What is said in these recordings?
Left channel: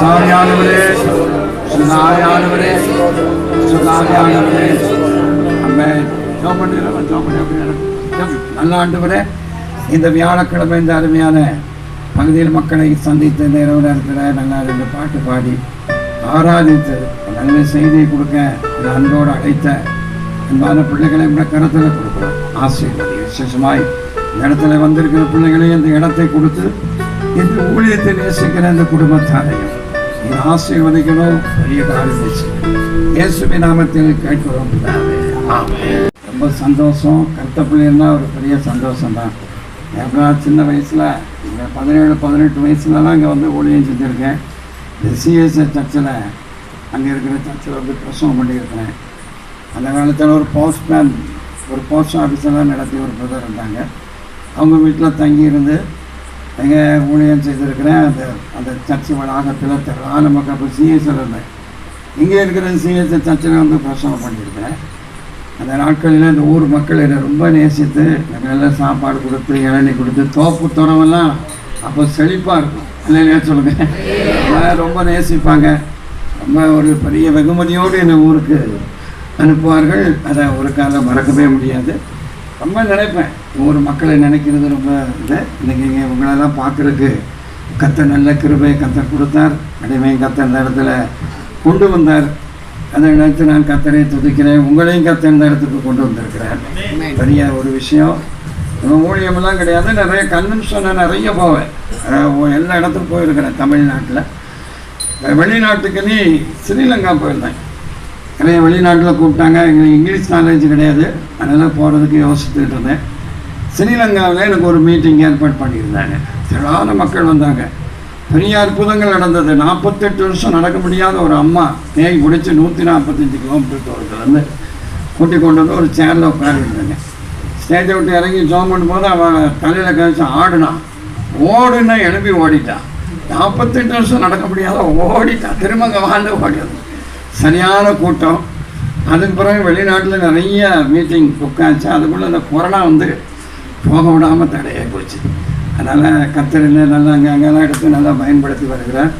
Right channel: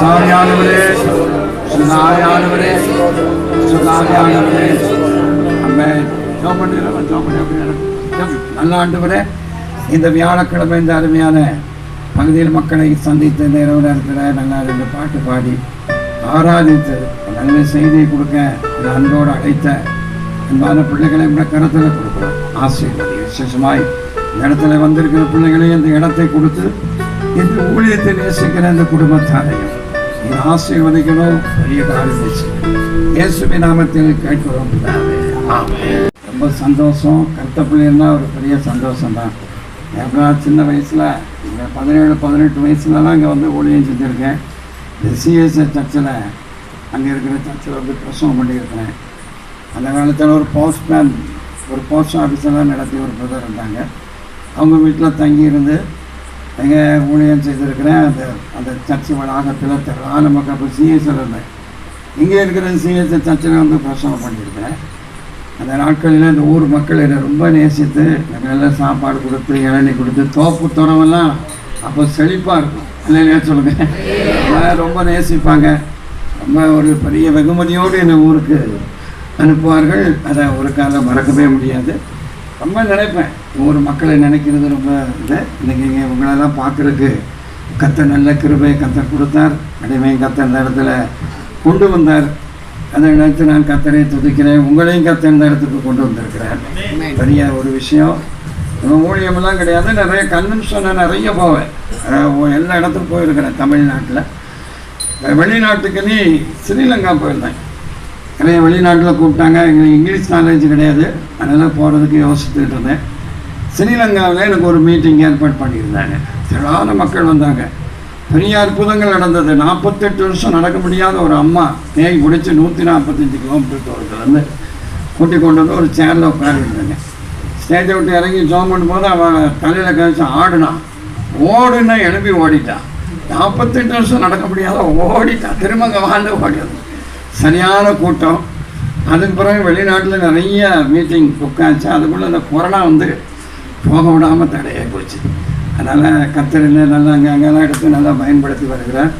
சுதாரியானவரே, சுதாரியானவரே, சுதாரியானவரே. ஆமென். ஜெபம் பண்ணுங்க. நல்ல ஆண்டவரே, இந்த வியாழக்கிழமை இந்த அருமையான பகுதியில் மக்களை சந்தித்து நேரம் இருக்கிற நல்லா ரெண்டு பாட்டு பாடி ஆராதித்து நல்ல செய்தியை கொடுக்க அன்போடு அழைத்த அன்பான பிள்ளைகளை இந்த கருத்தில் கொடுக்கிறோம். ஆசீர்வதி. விசேஷமாய் இந்த இடத்துல வந்திருக்கிற பிள்ளைகளையும் இந்த இடத்தை கொடுத்து இந்த ஊழியத்தை நேசிக்கிற இந்த குடும்பத்தாரையும் நீ ஆசீர்வதிக்கணும். பெரிய காரியம் இயேசுவின் நாமத்தில் கேட்கிறோம். ரொம்ப சந்தோஷம். கருத்த பிள்ளைன்னா ஒரு பெரிய சந்தோஷம் தான். எப்படா சின்ன வயசில் இந்த 17-18 வயசுலலாம் இங்கே வந்து ஊழியம் செஞ்சுருக்கேன். இந்த சிஎஸ்ஐ சர்ச்சில் அங்கே இருக்கிற சர்ச்சில் வந்து பிரசவம் பண்ணியிருக்கிறேன். அந்த காலத்தில் ஒரு போஸ்ட் ஆஃபீஸெல்லாம் நடத்தி ஒரு பிரதர் இருந்தாங்க. அவங்க வீட்டில் தங்கியிருந்து எங்கள் ஊழியம் செய்திருக்கிறேன். அந்த சர்ச்சு வளாகத்தில் திரளான நமக்கு அப்போ சிஎஸ்ஐ இருந்தேன். இங்கே இருக்கிற சிஎஸ்ஐ சர்ச்சில் வந்து பிரசவம் பண்ணியிருக்கிறேன். அந்த நாட்களில் இந்த ஊர் மக்கள் என்னை ரொம்ப நேசித்து எனக்கு எல்லாம் சாப்பாடு கொடுத்து இளநீ கொடுத்து தோப்பு துறவெல்லாம் அப்போ செழிப்பாக இருக்கும். இல்லையா சொல்லுங்கள். ரொம்ப நேசிப்பாங்க. ரொம்ப ஒரு பெரிய வெகுமதியோடு என்னை ஊருக்கு அனுப்புவார்கள். அதை ஒரு காலம் மறக்கவே முடியாது. ரொம்ப நினைப்பேன். ஊர் மக்களை நினைக்கிறது ரொம்ப இது. இன்றைக்கி இங்கே உங்களெல்லாம் பார்க்குறதுக்கு கர்த்தர் நல்ல கிருபை கர்த்தர் கொடுத்தார். அடிமை கர்த்தர் இந்த இடத்துல கொண்டு வந்தார். அதை நினைத்து நான் கர்த்தரை துதிக்கிறேன். உங்களையும் கர்த்தர் இந்த இடத்துக்கு கொண்டு வந்திருக்கிறேன். பெரிய ஒரு விஷயம். ஊழியமெல்லாம் கிடையாது. நிறைய கன்வென்ஷன் நிறைய போவேன். எல்லா இடத்துக்கும் போயிருக்கிறேன். தமிழ்நாட்டில் வெளிநாட்டுக்கு நீ ஸ்ரீலங்கா போயிருந்தேன். நிறைய வெளிநாட்டில் கூப்பிட்டாங்க. எங்களுக்கு இங்கிலீஷ் நாலேஜ் கிடையாது. அதனால் போகிறதுக்கு யோசிச்சுட்டு இருந்தேன். ஸ்ரீலங்காவில் எனக்கு ஒரு மீட்டிங் ஏற்பாடு பண்ணியிருந்தாங்க. திரளான மக்கள் வந்தாங்க. பெரிய அற்புதங்கள் நடந்தது. 48 வருஷம் நடக்க முடியாத ஒரு அம்மா தேய் பிடிச்சி 145 கிலோமீட்டர் தூரத்துலேருந்து கூட்டி கொண்டு வந்து ஒரு சேரில் உட்காந்துருந்தாங்க. ஸ்டேஜை விட்டு இறங்கி ஜோம் பண்ணும்போது அவன் தலையில் கழிச்சு ஆடுனான். ஓடுன்னா எழுப்பி ஓடிட்டான். 48 வருஷம் நடக்க முடியாத ஓடிட்டான். திரும்ப வாழ்ந்து ஓடிது. சரியான கூட்டம். அதுக்கு பிறகு வெளிநாட்டில் நிறைய மீட்டிங் உட்காந்துச்சு. அதுக்குள்ளே இந்த கொரோனா வந்து போக விடாமல் தடையாக போச்சு. அதனால் கர்த்தரில் நல்லா அங்கெல்லாம் எடுத்து நல்லா பயன்படுத்தி வருகிறேன்.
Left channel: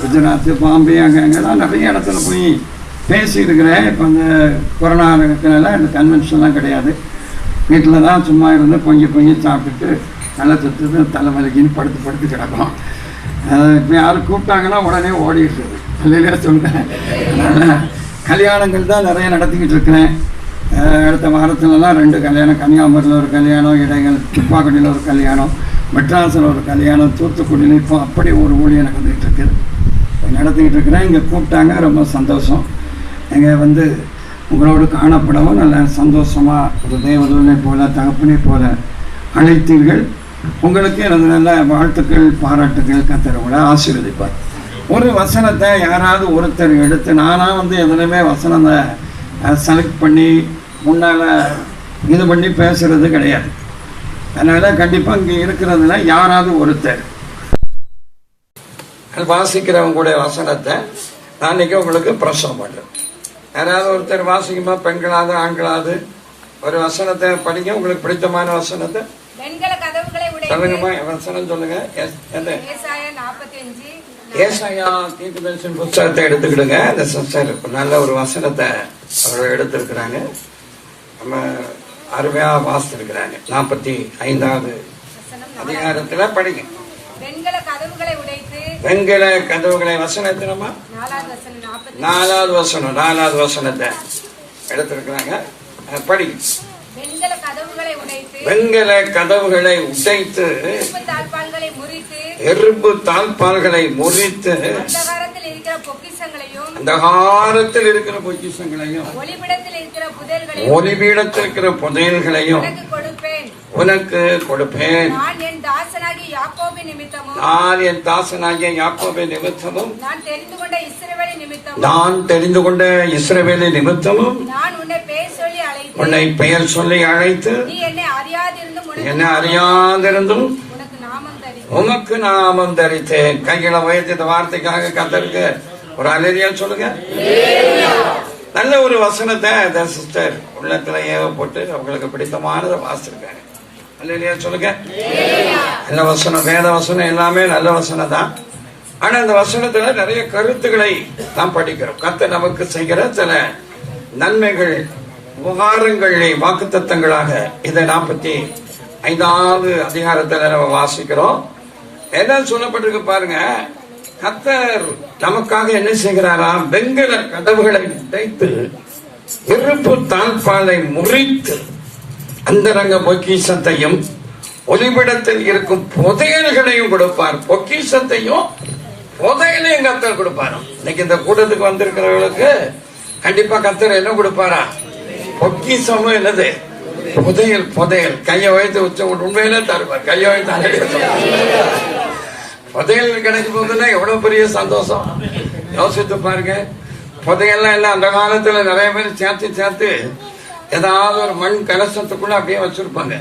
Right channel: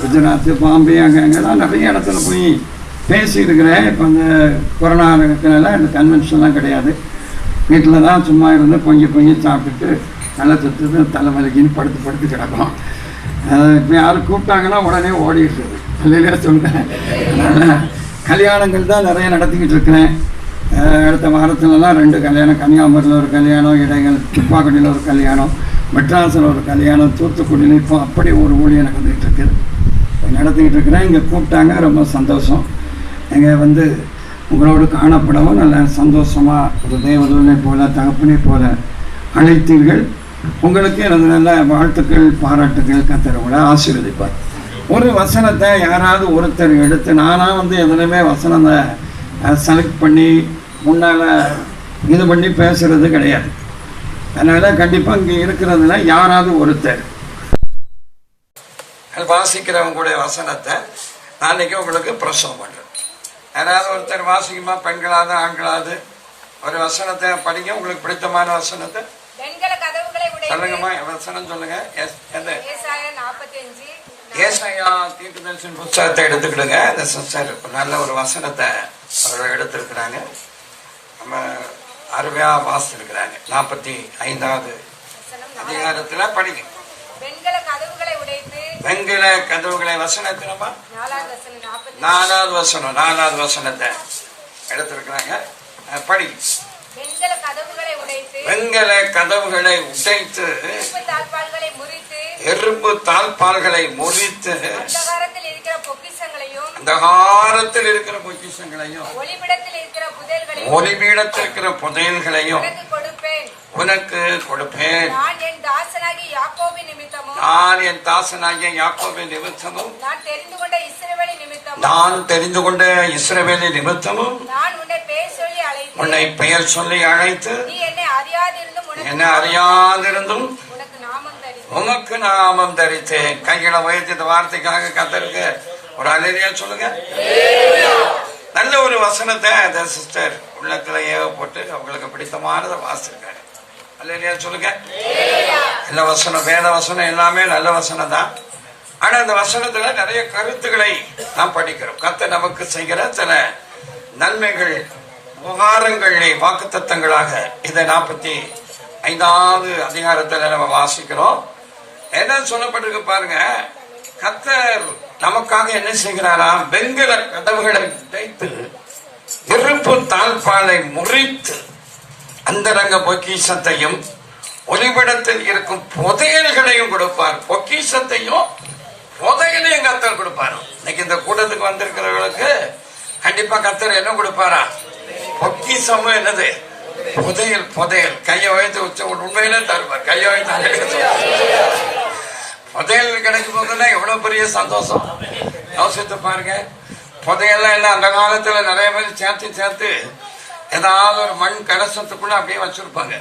குஜராத்து, பாம்பே அங்கெல்லாம் நிறைய இடத்துல போய் பேசியிருக்கிறேன். இப்போ இந்த கொரோனா இருக்கிறனால இந்த கன்வென்ஷன்லாம் கிடையாது. வீட்டில் தான் சும்மா இருந்து பொங்கி சாப்பிட்டுட்டு நல்லா சுற்றுது தலைமலைக்குன்னு படுத்து கிடக்கும். இப்போ யாரும் கூப்பிட்டாங்கன்னா உடனே ஓடிடுறது. இல்லையா சொல்கிறேன். அதனால் கல்யாணங்கள் தான் நிறைய நடத்திக்கிட்டு இருக்கிறேன். அடுத்த வாரத்துலலாம் 2 கல்யாணம். கன்னியாகுமரியில் ஒரு கல்யாணம், இடைகள் துப்பாக்குடியில் ஒரு கல்யாணம், மெட்ராஸில் ஒரு கல்யாணம், தூத்துக்குடியில் இப்போ அப்படி ஒரு ஊழியம் நடந்துகிட்டு இருக்குது. நடத்திக்கிட்டு இருக்கிறேன். இங்கே கூப்பிட்டாங்க. ரொம்ப சந்தோஷம். இங்கே வந்து உங்களோடு காணப்படவும் நல்ல சந்தோஷமாக ஒரு தேவதூனை போல தகப்பனை போல அழைத்தீர்கள். உங்களுக்கு எனது நல்ல வாழ்த்துக்கள் பாராட்டுக்கள். கர்த்தர் உங்களை ஆசீர்வதிப்பார். ஒரு வசனத்தை யாராவது ஒருத்தர் எடுத்து நானாக வந்து எதுலையுமே வசனத்தை செலக்ட் பண்ணி முன்னால் இது பண்ணி பேசுகிறது கிடையாது. அதனால் கண்டிப்பாக இங்கே இருக்கிறதுல யாராவது ஒருத்தர் வாசிக்கிறவங்க கூட வசனத்தை நான் இன்னைக்கு உங்களுக்கு பிரசவம் பண்ணுறேன். யாராவது ஒருத்தர் வாசிக்குமா? பெண்களாவது ஆண்களாவது ஒரு வசனத்தை படிங்க. உங்களுக்கு பிடித்தமான வசனத்தை சொல்லுங்கம்மா. வசனம் சொல்லுங்க. ஏசாயா தீர்க்கதரிசன புத்தகத்தை எடுத்துக்கிடுங்க. அந்த சிஸ்டர் நல்ல ஒரு வசனத்தை அவர்கள் எடுத்திருக்கிறாங்க. நம்ம அருமையா வாசிச்சிருக்கிறாங்க. 45வது அதிகாரத்துல படிங்க. வெண்கல கதவுகளை வசனத்தை நம்ம 4வது வசனத்தை எடுத்திருக்கிறாங்க. படி. வெண்கல கதவுகளை உடைத்து எறும்பு தாழ்பால்களை முறித்து அந்தகாரத்தில் இருக்கிற பொக்கிஷங்களையும் ஒளிபீடத்தில் இருக்கிற புதையல்களையும் உனக்கு கொடுப்பேன். நான் என் தாசனாகிய யாக்கோபின் நிமித்தமும் நான் தெரிந்து கொண்ட இஸ்ரவேலின் நிமித்தமும் நான் உன்னை பெயர் சொல்லி அழைத்து நீ என்னை அறியாதிருந்தும் உனக்கு நாமம் தரித்தேன். கைகளை உயர்த்தி இந்த வார்த்தைக்காக கர்த்தருக்கு ஒரு அல்லேலூயா சொல்லுங்க. நல்ல ஒரு வசனத்தை அந்த சிஸ்டர் உள்ளத்துல ஏவப்பட்டு அவங்களுக்கு பிடித்தமானதை வாசிச்சிருக்காங்க. அல்லேலூயா சொல்லுங்க. நல்ல வசனம், வேத வசனம் எல்லாமே நல்ல வசனம் தான். ஆனா அந்த வசனத்துல நிறைய கருத்துக்களை நாம் படிக்கிறோம். கர்த்தர் நமக்கு செய்கிற சில நன்மைகள், உபகாரங்கள், வாக்குத்தத்தங்களாக இதை 45வது அதிகாரத்துல நம்ம வாசிக்கிறோம். என்ன சொல்லப்பட்டிருக்கு பாருங்க. கர்த்தர் நமக்காக என்ன செய்கிறாரா? வெண்கல கதவுகளை உடைத்து இருப்பு தாழ்பாலை முறித்து அந்தரங்க பொக்கிஷத்தையும் ஒளிபிடத்தில் இருக்கும் புதையல்களையும் கொடுப்பார். பொக்கிஷத்தையும் புதையலையும் கர்த்தர் கொடுப்பார். இன்னைக்கு இந்த கூட்டத்துக்கு வந்திருக்கிறவர்களுக்கு கண்டிப்பா கர்த்தர் என்ன கொடுப்பாரா? பொக்கிஷமும் என்னது? புதையல். புதையல் கையை வைத்து உச்ச உண்மையிலே தருவார். கையை வைத்து புதையல் கிடைக்கும் போதுன்னா எவ்வளவு பெரிய சந்தோஷம். யோசித்து பாருங்க. புதையெல்லாம் என்ன, அந்த காலத்துல நிறைய பேர் சேர்த்து ஏதாவது ஒரு மண் கலசத்துக்குள்ள அப்படியே வச்சிருப்பாங்க.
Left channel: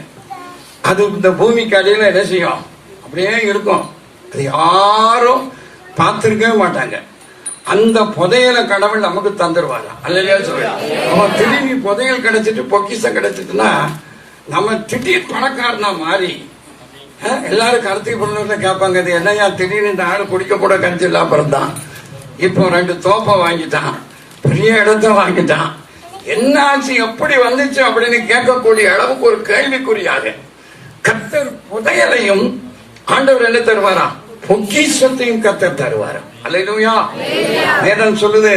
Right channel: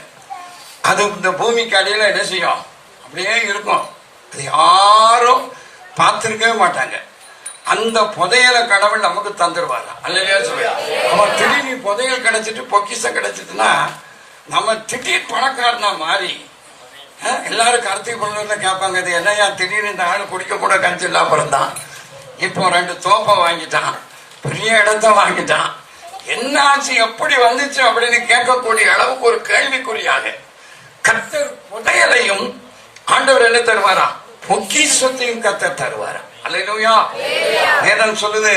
அது இந்த பூமிக்கு அடியில என்ன செய்யும்? அப்படியே இருக்கும். அது யாரும் பார்த்திருக்கவே மாட்டாங்க. அந்த புதையலை கடவுள் நமக்கு தந்துருவாங்க. அல்லையா சொல்லுங்க. திரும்பி புதையல் கிடைச்சிட்டு பொக்கிஷம் கிடைச்சிட்டுனா நம்ம திடீர் பணக்காரனா மாறி எல்லாரும் கருத்தை பொருள் கேட்பாங்க. அது என்னையா திடீர்னு இந்த ஆள் குடிக்க கூட கஞ்சி இல்லாம பிறந்தான், இப்போ 2 தோப்பை வாங்கிட்டான், பெரிய இடத்த வாங்கிட்டான், என்ன ஆச்சு, எப்படி வந்துச்சு அப்படின்னு கேட்கக்கூடிய அளவுக்கு ஒரு கேள்விக்குறியாக கர்த்தர் புதையலையும் ஆண்டவர் என்ன தருவாரா? பொக்கிஷத்தையும் கர்த்தர் தருவாரா? அல்லேலூயா. வேதம் சொல்லுது,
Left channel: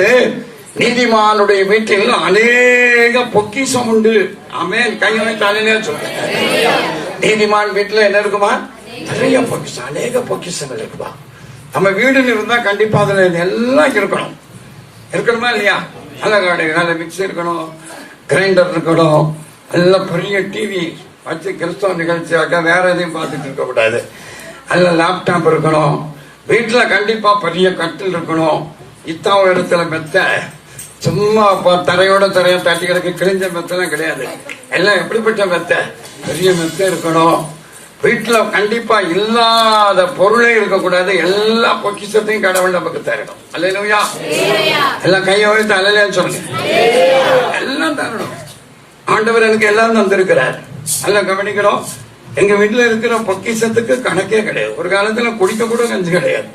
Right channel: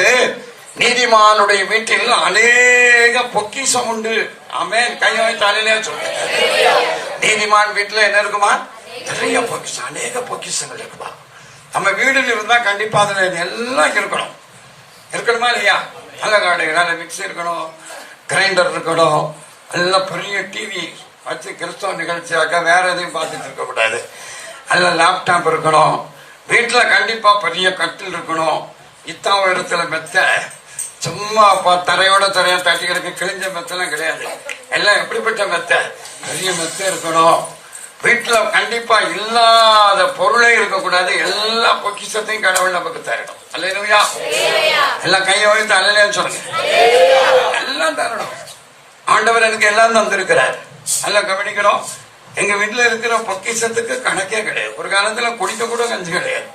நீதிமானுடைய வீட்டில் அநேக பொக்கிஷம் உண்டு. ஆமென். கையாலே சொல்லுங்க. நீதிமான் வீட்டுல என்ன இருக்குமா? நிறைய பொக்கிஷம், அநேக பொக்கிஷம் இருக்குமா? நம்ம வீடுன்னு இருந்தா கண்டிப்பா அதுல எல்லாம் இருக்கணும். இருக்கணுமா இல்லையா? நல்ல காடு, நல்ல மிக்சி இருக்கணும், கிரைண்டர் இருக்கணும், எல்லாம் பெரிய டிவி வச்சு கிறிஸ்தவ நிகழ்ச்சியாக வேற எதையும் பார்த்துட்டு இருக்க கூடாது. நல்ல லேப்டாப் இருக்கணும். வீட்டுல கண்டிப்பா பெரிய கட்டில் இருக்கணும். இத்தாவ இடத்துல மெத்த, சும்மா தரையோட தரையா தட்டி கிடக்கு கிழிஞ்ச மெத்தெல்லாம் கிடையாது. எல்லாம் எப்படிப்பட்ட மெத்த? பெரிய மெத்த இருக்கணும். வீட்டுல கண்டிப்பா இல்லாத பொருளே இருக்கக்கூடாது. எல்லா பொக்கிஷத்தையும் கடவுள் நமக்கு தரணும். அல்லேலூயா. எல்லாம் கையை வைத்து அல்லேலூயான்னு சொல்லுங்க. எல்லாம் தரணும். ஆண்டவர் எனக்கு எல்லாம் தந்திருக்கிறார். எல்லாம் கவனிக்கணும். எங்க வீட்டுல இருக்கிற பொக்கிஷத்துக்கு கணக்கே கிடையாது. ஒரு காலத்துல குடிக்க கூட கஞ்சி கிடையாது.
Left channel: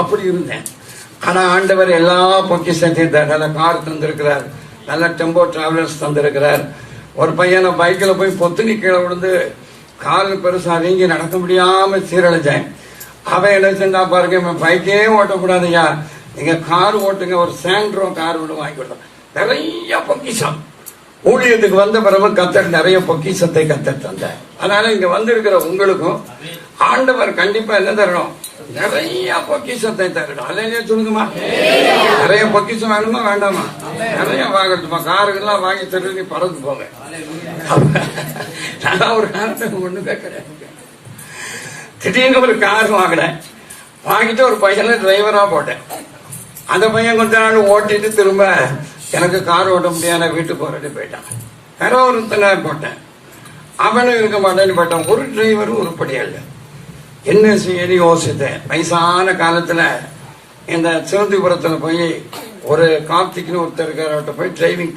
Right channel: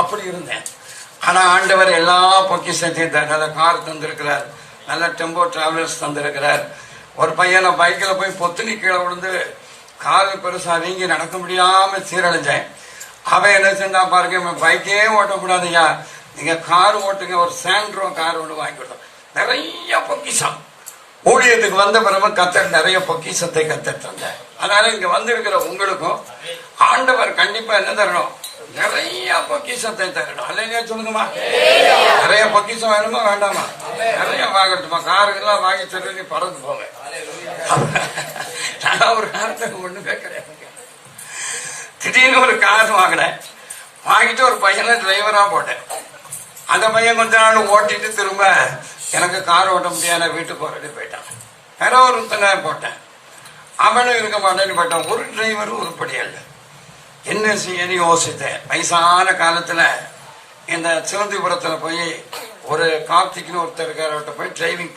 அப்படி இருந்தேன். ஆனா ஆண்டவர் எல்லா பொக்கிஷத்தையும் நல்ல கார் தந்திருக்கிறார், நல்ல டெம்போ டிராவலர்ஸ் தந்திருக்கிறார். ஒரு பையனை பைக்ல போய் பொத்துனி கீழே விழுந்து கால் பெருசா வீங்கி நடக்க முடியாம சீரழிஞ்சேன். அவன் என்ன செஞ்சா பாருங்க, பைக்கே ஓட்டக்கூடாதுயா, நீங்க கார் ஓட்டுங்க, ஒரு சாண்ட்ரோ கார் ஒன்று வாங்கி விட்டோம். நிறைய பொக்கிஷம். ஊழியத்துக்கு வந்த பிறகு கர்த்தர் நிறைய பொக்கிஷத்தை கர்த்தர் தந்தார். அதனால இங்க வந்திருக்கிற உங்களுக்கும் ஆண்டவர் கண்டிப்பா என்ன தரணும்? நிறைய பொக்கிஷத்தை தரணும். அல்லையா சொல்லுங்கம்மா. நிறைய பொக்கிஷம் வேணுமா வேண்டாமா? நிறைய வாங்கட்டுமா. காருக்கெல்லாம் வாங்கி சொல்லி பறந்து போங்க. நான் ஒரு காலத்துக்கு ஒண்ணு கேட்கிறேன். திடீர்னு ஒரு கார் வாங்கினேன். வாங்கிட்டு ஒரு பையனை டிரைவரா போட்டேன். அந்த பையன் கொஞ்ச நாள் ஓட்டிட்டு திரும்ப எனக்கு கார் ஓட்ட முடியாத வீட்டுக்கு போறேன்னு போயிட்டான். வேற ஒருத்தனை போட்டேன். அவனும் இருக்க மாட்டேன்னு போயிட்டான். ஒரு டிரைவரும் உருப்படியா இல்லை. என்ன செய்ய யோசித்தேன். வயசான காலத்துல இந்த சிவந்திபுரத்துல போய் ஒரு கார்த்திக்னு ஒருத்தர் இருக்கார்ட்ட போய் டிரைவிங்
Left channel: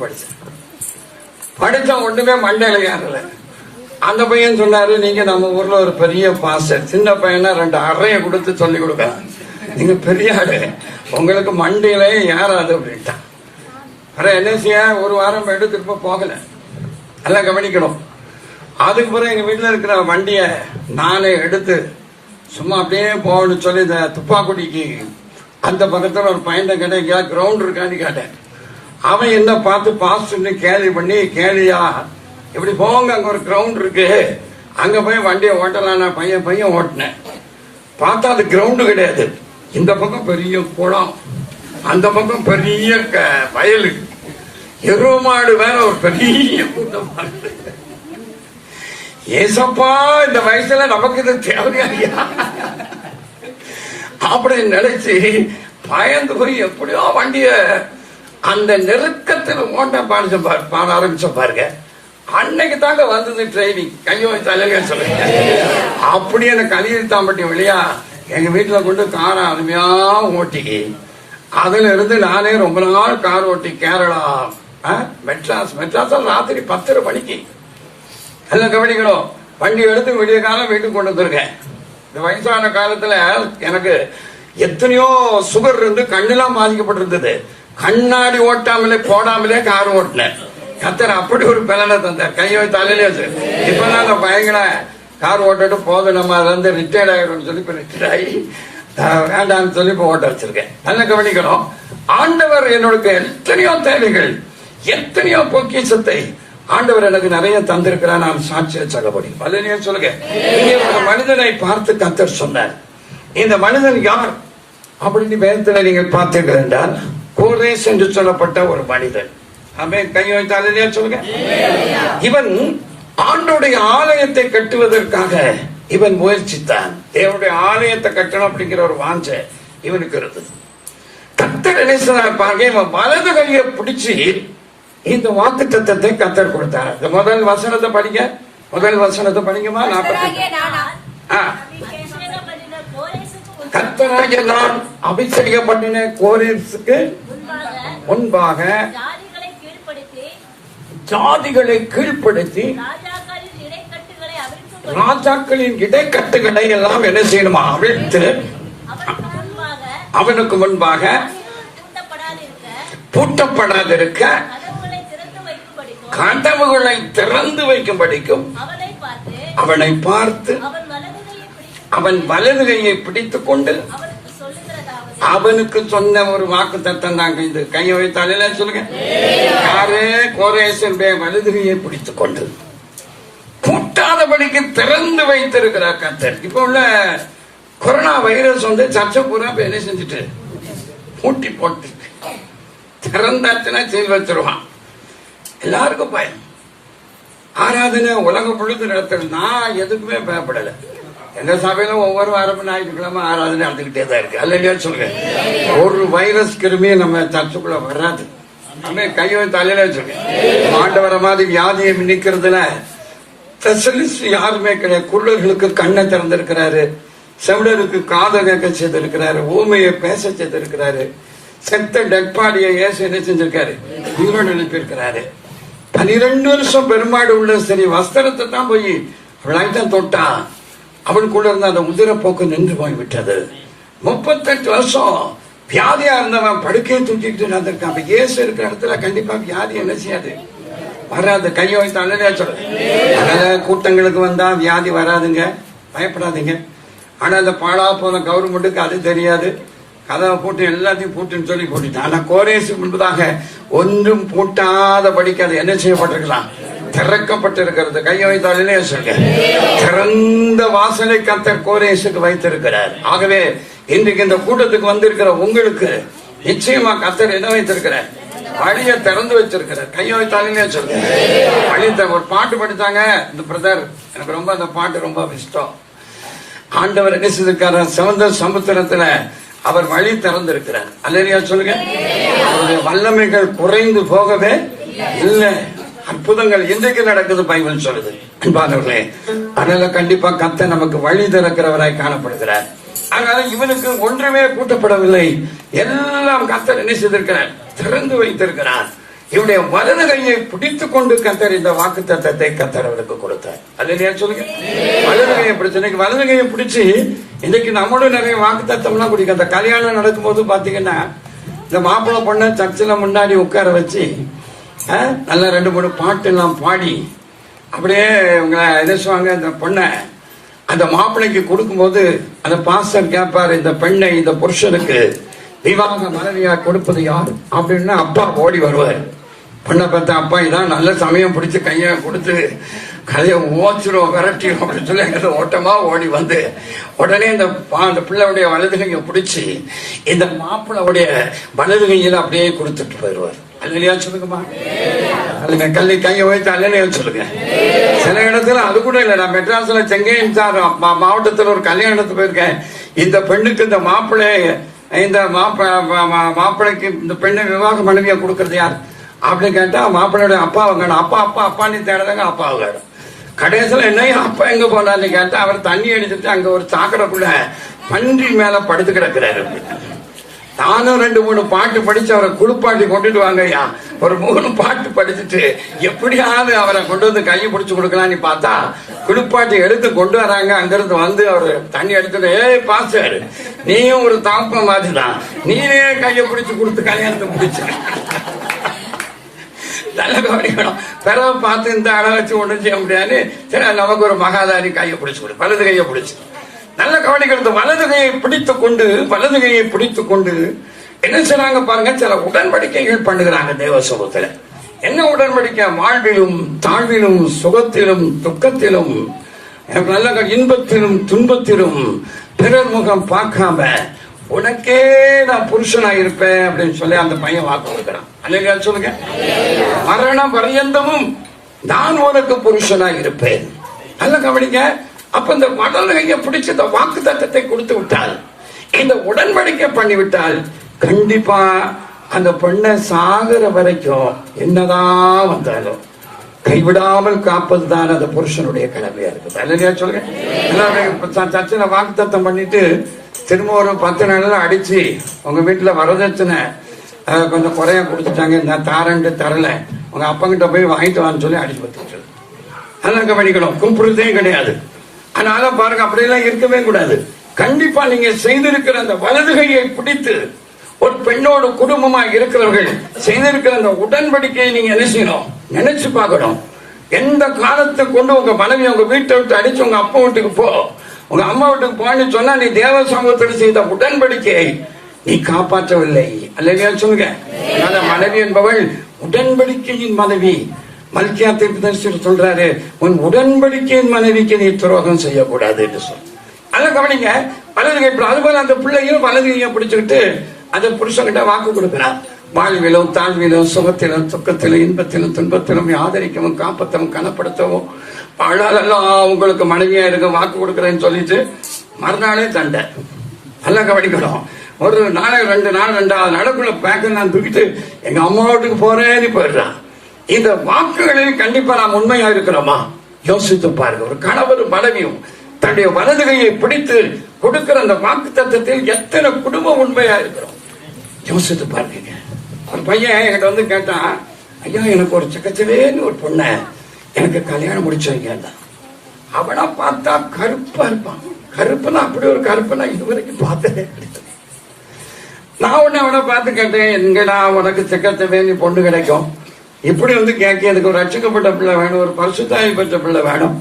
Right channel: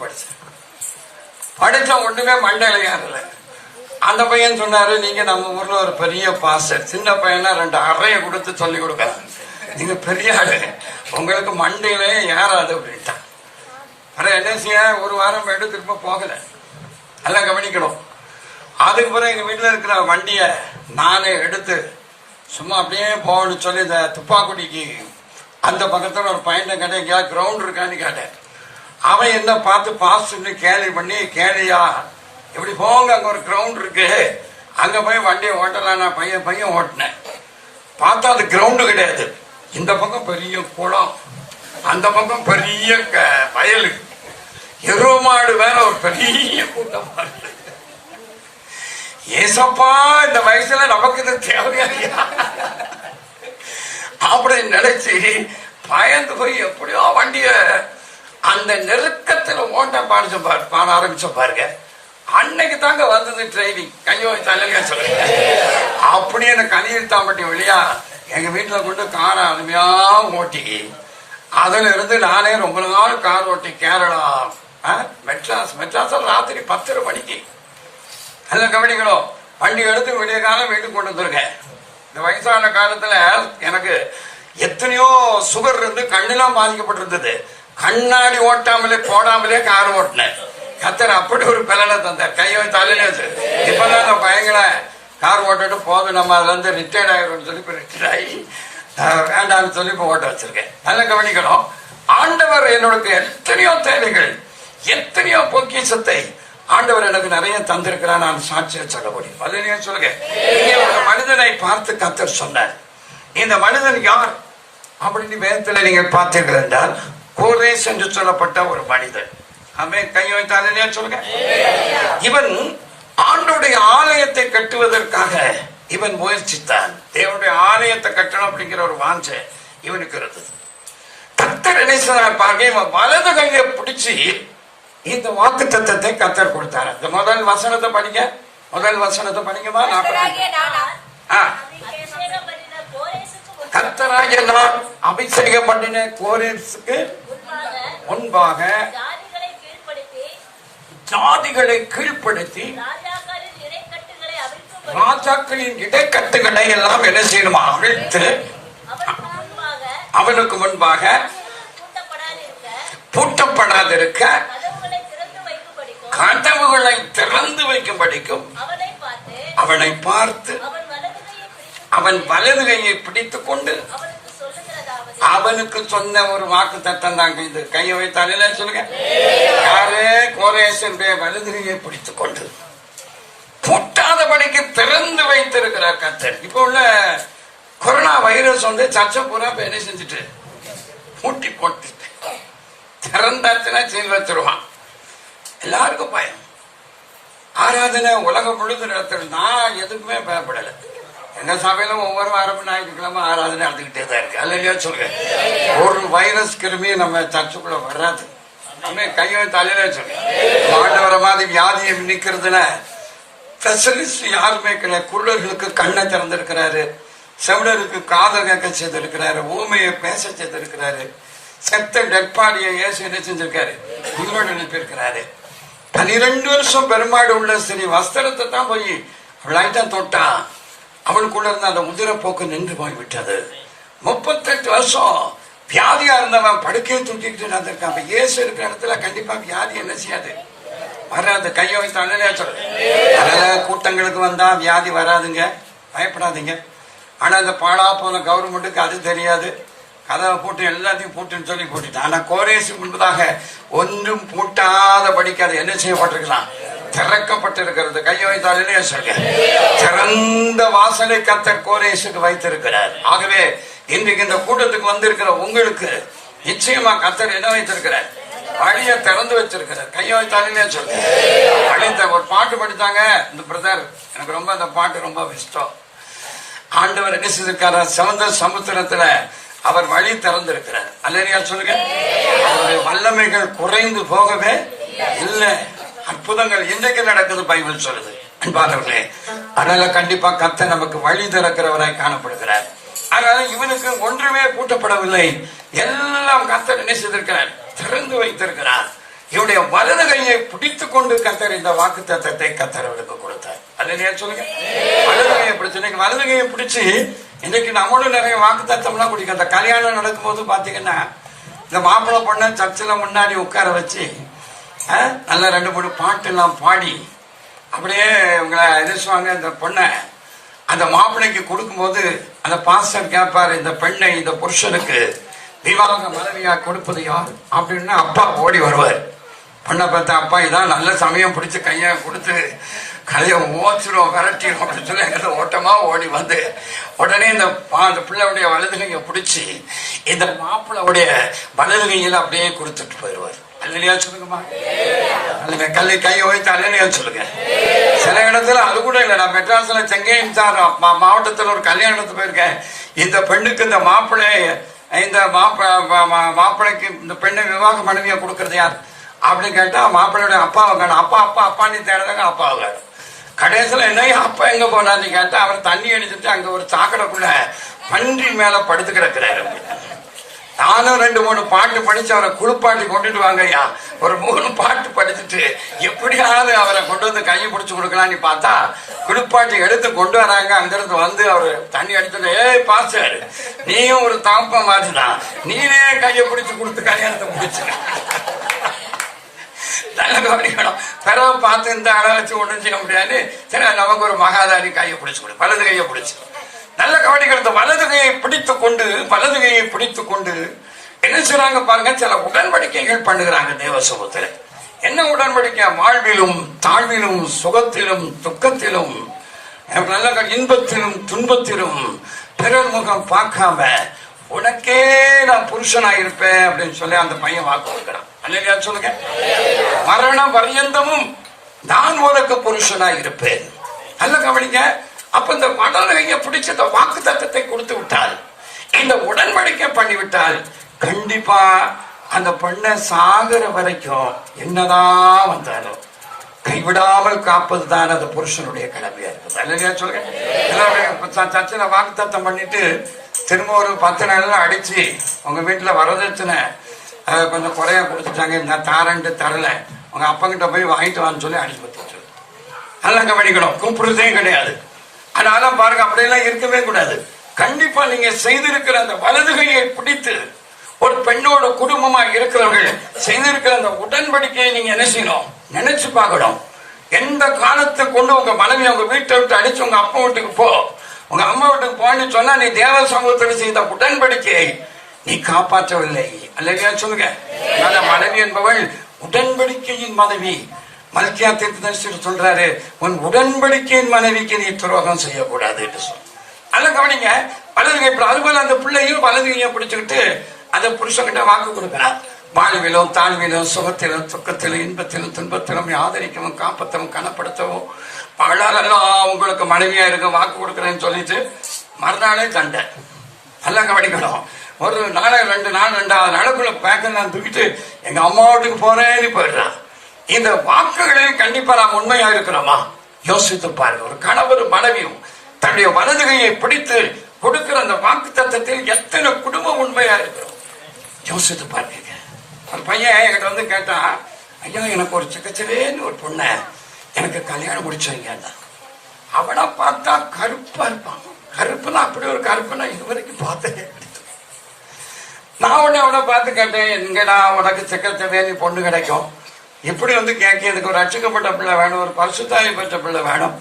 படிச்ச ஒண்ணுமே மண்டையில ஏறல. அந்த பையன் சொன்னாரு, நீங்க நம்ம ஊர்ல ஒரு பெரிய பாஸ்டர், சின்ன பையனா 2 அறையை கொடுத்து சொல்லி கொடுக்க, நீங்க பெரிய ஆளு, உங்களுக்கு மண்டையிலே ஏறாது அப்படின்ட்டான். அப்புறம் என்ன செய்ய, ஒரு வாரம் போயிட்டு திரும்ப போகல. எல்லாம் கவனிக்கணும். அதுக்கு பிறகு எங்க வீட்டுல இருக்கிற வண்டிய நானே எடுத்து சும்மா அப்படியே போகணும்னு சொல்லி இந்த துப்பாக்குடிக்கு அந்த பக்கத்துல ஒரு பையனை கேட்டேன், கிரவுண்ட் இருக்கான்னு கேட்டேன். அவன் என்ன பார்த்து பாஸ்ட்னு கேள்வி பண்ணி, கேளியா இப்படி போங்க, அங்க ஒரு கிரவுண்ட் இருக்கு, அங்க போய் வண்டியை ஓட்டலாம். நான் பையன் ஓட்டினேன். பார்த்தா அது கிரவுண்டு கிடையாது. இந்த பக்கம் பெரிய குளம், அந்த பக்கம் பெரிய வயலு, எருமாடு வேற ஒரு பெரிய கூட்டமா இருக்கு. ஏசப்பா, இந்த வயசுல நமக்கு இது தேவையா அப்படி நினைச்சு பயந்து போய் எப்படியோ வண்டிய அந்த நெருக்கத்துல ஓட்ட பாட ஆரம்பிச்ச பாருங்க. அன்னைக்கு தாங்க வந்தது ட்ரைனிங். கையோ தலையா சொல்லுங்க. அப்படி அந்த கலியத்தாம்பட்டி வழியா எங்க வீட்டுல கொண்டு காரை அருமையா ஓட்டி, அதுல இருந்து நானே ரொம்ப நாள் கார் ஓட்டி கேரளா, மெட்ராஸ் ராத்திரி 10:30 மணிக்கு எல்லாம் கவனிக்கணும். வண்டி எடுத்து விடிய காலம் வீட்டுக்கு கொண்டு வந்திருக்கேன். இந்த வயசான காலத்துல எனக்கு எத்தனையோ சுகர் இருந்து கண்ணெல்லாம் பாதிக்கப்பட்டிருந்தது. கண்ணாடி ஓட்டாமலே போடாமலே கார் ஓட்டினேன். கத்தர் அப்படி ஒரு பலனை தந்தார். கையை தலையிலே இப்பதான் பயங்கர கார் ஓட்டிட்டு போதும், நம்ம அதுல இருந்து ரிட்டையர்ட் ஆகிரும் சொல்லி இப்ப ரிட்டையர்ட் ஆகி வேண்டாம்னு சொல்லி இப்ப ஓட்ட வச்சிருக்கேன். நல்லா கவனிக்கணும். ஆண்டவர் என்னோட எத்தனையோ தேவைகள், எத்தனையோ பொக்கிஷத்தை ஆண்டவர் எனக்கு நிறைய தந்திருக்கிறார். நான் சாட்சியை சொல்ல முடியும். அதை நீங்க சொல்லுங்க. ஒரு மனிதனை பார்த்து கத்தர் சொன்னார். இந்த மனிதன் யார் அப்படின்னு வேதத்தில் நீங்கள் பார்த்தீர்கள் என்றால் கோரேஸ் என்று சொல்லப்பட்ட ஒரு மனிதன். அவன் கை வைத்தாலே சொல்லுங்க. இவன் ஆண்டோடைய ஆலயத்தை கட்டுவதற்காக இவன் முயற்சித்தான். தேவனுடைய ஆலயத்தை கட்டணும் அப்படிங்கிற ஒரு வாஞ்சை இவனுக்கு இருந்தது. கத்தர் என்ன சொன்னார் பாருங்க, இவன் வலது கையை பிடிச்சி இந்த வாக்கு தத்தத்தை கத்தர் கொடுத்தார். இந்த முதல் வசனத்தை படிங்க. முதல் வசனத்தை படிங்கம்மா. கர்த்தராகிய நான் அபிஷேகம் பண்ணின கோரேசுக்கு முன்பாக ஜாதிகளை கீழ்ப்படுத்தி ராஜாக்களின் இடைக்கட்டுகளை எல்லாம் என்ன செய்யணுமா அவிழ்த்து அவனுக்கு முன்பாக பூட்டப்படாதிருக்க கதவுகளை திறந்து வைக்கும்படிக்கும் அவனை பார்த்து அவன் வலது கையை பிடித்துக் கொண்டு அவனுக்கு சொன்ன ஒரு வாக்கு தத்தம் தாங்க. இது கையை வைத்தாலே சொல்லுங்க. யாரே கோரேசனுடைய வலது கையை பிடித்துக் கொண்டு பூட்டாதபடிக்கு திறந்து வைத்திருக்கிறார் கர்த்தர். இப்ப உள்ள கொரோனா வைரஸ் வந்து சர்ச்சை பூரா என்ன செஞ்சுட்டு பூட்டி போட்டு திறந்தாச்சுன்னா செய்து வச்சிருவான். எல்லாருக்கும் பயம். ஆராதனை உலகம் முழுக்க நடத்துறது. நான் எதுக்குமே பயப்படலை. எங்க சபையில ஒவ்வொரு வாரமும் ஞாயிற்றுக்கிழமை ஆராதனை நடந்துகிட்டே தான் இருக்கு. அல்லையா சொல்லுங்க. ஒரு வைரஸ் கிருமி நம்ம சர்ச்சுக்குள்ள வராது. நம்ம கையை தலையில வச்சுருக்க. ஆண்டவர மாதிரி வியாதியை நிக்கிறதுல ஸ்பெஷலிஸ்ட் யாருமே கிடையாது. குள்ளர்களுக்கு கண்ணை திறந்திருக்கிறாரு, செவிடருக்கு காதை கேட்க செய்திருக்கிறாரு, ஊமையை பேச செய்திருக்கிறாரு, செத்த டெட் பாடியை ஏசு என்ன செஞ்சிருக்காரு, உயிரோடு அனுப்பியிருக்கிறாரு. 12 வருஷம் பெரும்பாடு உள்ள சரி வஸ்திரத்தை தான் போய் தான் தொட்டா அவனுக்குள்ள இருந்த அந்த உதிர போக்கு நின்று போய்விட்டது. 38 வருஷம் வியாதியா இருந்தவன் படுக்கையை தூக்கிட்டு நடந்திருக்கான். இயேசு இருக்கிற இடத்துல கண்டிப்பா வியாதி என்ன செய்யாது, வராது. கையை வைத்து அண்ணனே சொல்ற கூட்டங்களுக்கு வந்தா வியாதி வராதுங்க, பயப்படாதீங்க. ஆனா அந்த பாழா போன கவர்மெண்ட்டுக்கு அது தெரியாது. கதவை போட்டு எல்லாத்தையும் பூட்டுன்னு சொல்லி போட்டுட்டான். ஆனா கோரேசுக்கு முன்பதாக ஒன்றும் பூட்டாத படிக்காது என்ன செய்யப்பட்டிருக்கலாம், திறக்கப்பட்டிருக்கிறது. கையை வைத்தாலே சொல்ல திறந்த வாசனை கர்த்தர் கோரேசுக்கு வைத்திருக்கிறார். ஆகவே இன்றைக்கு இந்த கூட்டத்துக்கு வந்திருக்கிற உங்களுக்கு நிச்சயமா கர்த்தர் என்ன வைத்திருக்கிறார், வழியை திறந்து வச்சிருக்கிறார். கையை வைத்தாலே சொல்ல ஒரு பாட்டு படித்தாங்க இந்த பிரதர். எனக்கு ரொம்ப அந்த பாட்டு ரொம்ப இஷ்டம். ஆண்டவர் என்ன செய்திருக்காரு, சமுத்திர சமுத்திரத்துல அவர் வழி திறந்திருக்கிறார். அல்லையா சொல்லுங்க. வல்லமைகள் குறைந்து போகவே இல்லை. அற்புதங்கள் இன்றைக்கு நடக்குது பைபிள் சொல்லுது. அன்பானவர்களே, அதனால கண்டிப்பா கர்த்தர் நமக்கு வழி திறக்கிறவராய் காணப்படுகிறார். அதனால இவனுக்கு ஒன்றுமே பூட்டப்படவில்லை. எல்லாம் கர்த்தர் என்ன செய்திருக்கிறார், திறந்து வைத்திருக்கிறார். இவனுடைய வலது கையை பிடித்துக் கொண்டு கர்த்தர் இந்த வாக்கு தத்தத்தை கர்த்தர் அவளுக்கு கொடுத்தார். அல்லையா சொல்லுங்க. வலது கையை பிடிச்சு வலது கையை பிடிச்சு இன்னைக்கு நம்மளும் நிறைய வாக்கு தத்தம்லாம் குடிக்கும். அந்த கல்யாணம் நடக்கும் போது பாத்தீங்கன்னா இந்த மாப்பிள்ளை பொண்ணு சர்ச்சில் முன்னாடி உட்கார வச்சு நல்லா 2-3 பாட்டு எல்லாம் பாடி அப்படியே உங்களை எதிர்சுவாங்க. அந்த பொண்ணை அந்த மாப்பிள்ளைக்கு கொடுக்கும் போது அந்த பாஸ்டர் கேட்பாரு, இந்த பெண்ணை இந்த புருஷனுக்கு விவாக மனைவியா கொடுப்பது யார் அப்படின்னு அப்பா ஓடி வருவார். பொண்ணை பார்த்தா அப்பா இதான் நல்ல சமயம் பிடிச்சி கையை கொடுத்து கதையை ஓச்சிரும் விரட்டிடும் அப்படின்னு சொல்லி எங்கிட்ட ஓட்டமா ஓடி வந்து உடனே இந்த பிள்ளையுடைய வலது கையை பிடிச்சி இந்த மாப்பிள்ளையுடைய வலது கையில அப்படியே கொடுத்துட்டு போயிடுவார். அல்லையா சொல்லுங்கம்மா. அல்ல கல்லை கையை வைத்து அல்லையா சொல்லுங்க. சில இடத்துல அது கூட இல்லை. நான் மெட்ராஸ்ல செங்கையின் சார் மாவட்டத்தில் ஒரு கல்யாணத்துக்கு போயிருக்கேன். இந்த பெண்ணுக்கு இந்த மாப்பிள்ளை இந்த மாப்பிள்ளைக்கு இந்த பெண்ணை விவாக மனைவியா கொடுக்கறது யார் அப்படின்னு கேட்டா மாப்பிள்ளையுடைய அப்பாவை காணும். அப்பா அப்பா அப்பான்னு தேடுறாங்க, அப்பாவை கடைசியில் என்ன அப்பா எங்க போனான்னு கேட்டா அவர் தண்ணி அடிச்சுட்டு அங்க ஒரு சாக்கடைக்குள்ள பன்றி மேல படுத்து கிடக்கிறாரு. நானும் 2-3 பாட்டு படிச்சு அவரை குளிப்பாட்டி கொண்டுட்டு வாங்க ஐயா. ஒரு 3 பாட்டு படிச்சுட்டு எப்படியாவது அவரை கொண்டு வந்து கையை பிடிச்சு கொடுக்கலான்னு பார்த்தா குளிப்பாட்டி எடுத்து கொண்டு வராங்க. அங்கிருந்து வந்து அவரு தண்ணி எடுத்துட்டு, ஏய் பாஸ்டர், நீயும் ஒரு தாப்ப மாதிரிதான், நீனே கையை பிடிச்சு கொடுத்து கல்யாணத்துக்கு பிடிச்ச நல்ல கவனிக்கணும். பிறவை பார்த்து இந்த அளவு வச்சு ஒண்ணும் செய்ய முடியாது. சரி, நமக்கு ஒரு மகாதாரி கையை பிடிச்சு கொடு, வலது கையை பிடிச்சு நல்ல கவனிக்கிறது. வலது கையை பிடித்துக் கொண்டு என்ன செய்றாங்க பாருங்க, சில உடன்படிக்கைகள் பண்ணுகிறாங்க தேவ சமூகத்துல. என்ன உடன்படிக்கை? வாழ்விலும் தாழ்விலும் சுகத்திலும் துக்கத்திலும் நல்ல இன்பத்திலும் துன்பத்திலும் பிறர் முகம் பார்க்காம உனக்கே நான் புருஷனா இருப்பேன் அப்படின்னு சொல்லி அந்த பையன் வாக்கு கொடுக்கிறான். அல்லையா சொல்லுங்க. மரண பரியந்தமும் நான் உனக்கு புருஷனா இருப்பேன். நல்ல கவனிங்க. அப்ப இந்த வடலையை பிடிச்ச இந்த வாக்கு தத்தத்தை கொடுத்து விட்டால், இந்த உடன்படிக்கை பண்ணிவிட்டால், கண்டிப்பா அந்த பெண்ணை சாகிற வரைக்கும் என்னதான் வந்தாலும் கைவிடாமல் காப்பது தான் அந்த புருஷனுடைய கடமையா இருக்குது. அல்லையா சொல்லுங்க. சச்சின வாக்கு தத்தம் பண்ணிட்டு திரும்ப ஒரு 10 நாள்ல அடிச்சு உங்க வீட்டுல வரதட்சணை கொஞ்சம் குறையா கொடுத்துட்டாங்க, நான் தாரன்ட்டு தரல, உங்க அப்பங்கிட்ட போய் வாங்கிட்டு வான்னு சொல்லி அடிச்சு பத்து. அதெல்லாம் கவனிக்கணும். கூப்பிடுறதே கிடையாது. அதனால பாருங்க, அப்படியெல்லாம் இருக்கவே கூடாது. கண்டிப்பா நீங்க செய்திருக்கிற அந்த வலதுகையை பிடித்து ஒரு பெண்ணோட குடும்பமா இருக்கிறவர்கள் செய்திருக்கிற அந்த உடன்படிக்கையை நீங்க என்ன செய்யணும், நினைச்சு பார்க்கணும். எந்த காலத்தை கொண்டு உங்க மனைவி உங்க வீட்டை விட்டு அடிச்சு உங்க அப்பா வீட்டுக்கு போ, உங்க அம்மா வீட்டுக்கு போன்னு சொன்னா நீ தேவ சமூகத்தில் செய்த உடன்படிக்கையை நீ காப்பாற்றவில்லை. அல்லையா சொல்லுங்க. மனைவி என்பவள் உடன்படிக்கையின் மனைவி. மல்கியா தீர்க்கதரிசி சொல்றாரு, உன் உடன்படிக்கையின் மனைவிக்கு நீ துரோகம் செய்யக்கூடாது என்று சொல்ல. நல்ல கவனிங்க. வலதுகை அதுபோல அந்த பிள்ளையும் வலதுகையை பிடிச்சுக்கிட்டு அந்த புருஷன்கிட்ட வாக்கு கொடுக்கிறார். வாழ்விலும் தாழ்விலும் சுகத்திலும் துக்கத்திலும் இன்பத்திலும் துன்பத்திலும் ஆதரிக்கவும் காப்பத்தவும் கனப்படுத்தவும் அழகெல்லாம் உங்களுக்கு மனைவியா இருக்க வாக்கு கொடுக்கறேன்னு சொல்லிட்டு மறுநாளே தண்டை. நல்லா கவனிக்கணும். ஒரு நாளைக்கு 2 நாள் 2வது நாளுக்குள்ள பேக்க நான் தூக்கிட்டு எங்க அம்மா வீட்டுக்கு போறேன்னு போயிடுறான். இந்த வாக்குகளில் கண்டிப்பா நாம் உண்மையா இருக்கிறோமா யோசித்து பாருங்க. ஒரு கணவர் மனைவியும் தன்னுடைய வலதுகையை பிடித்து கொடுக்கிற அந்த வாக்கு தத்தத்தில் எத்தனை குடும்பம் உண்மையா இருக்கிறோம் யோசித்து பாருங்க. ஒரு பையன் என்கிட்ட வந்து கேட்டான், ஐயா எனக்கு ஒரு சிக்கச்சிலேன்னு ஒரு பொண்ணை எனக்கு கல்யாணம் முடிச்சவங்க. அவனா பார்த்தா கருப்பா இருப்பான். கருப்புனா அப்படி ஒரு கருப்புனா இதுவரைக்கும் பார்த்தேன். நான் உடனே அவனை பார்த்து கேட்டேன், எங்கடா உனக்கு சிக்கச்சிலேன்னு பொண்ணு கிடைக்கும்? இப்படி வந்து கேட்க, எனக்கு ஒரு ரட்சிக்கப்பட்ட பிள்ளை வேணும், ஒரு பரிசுத்தாய் பெற்ற பிள்ளை வேணும்,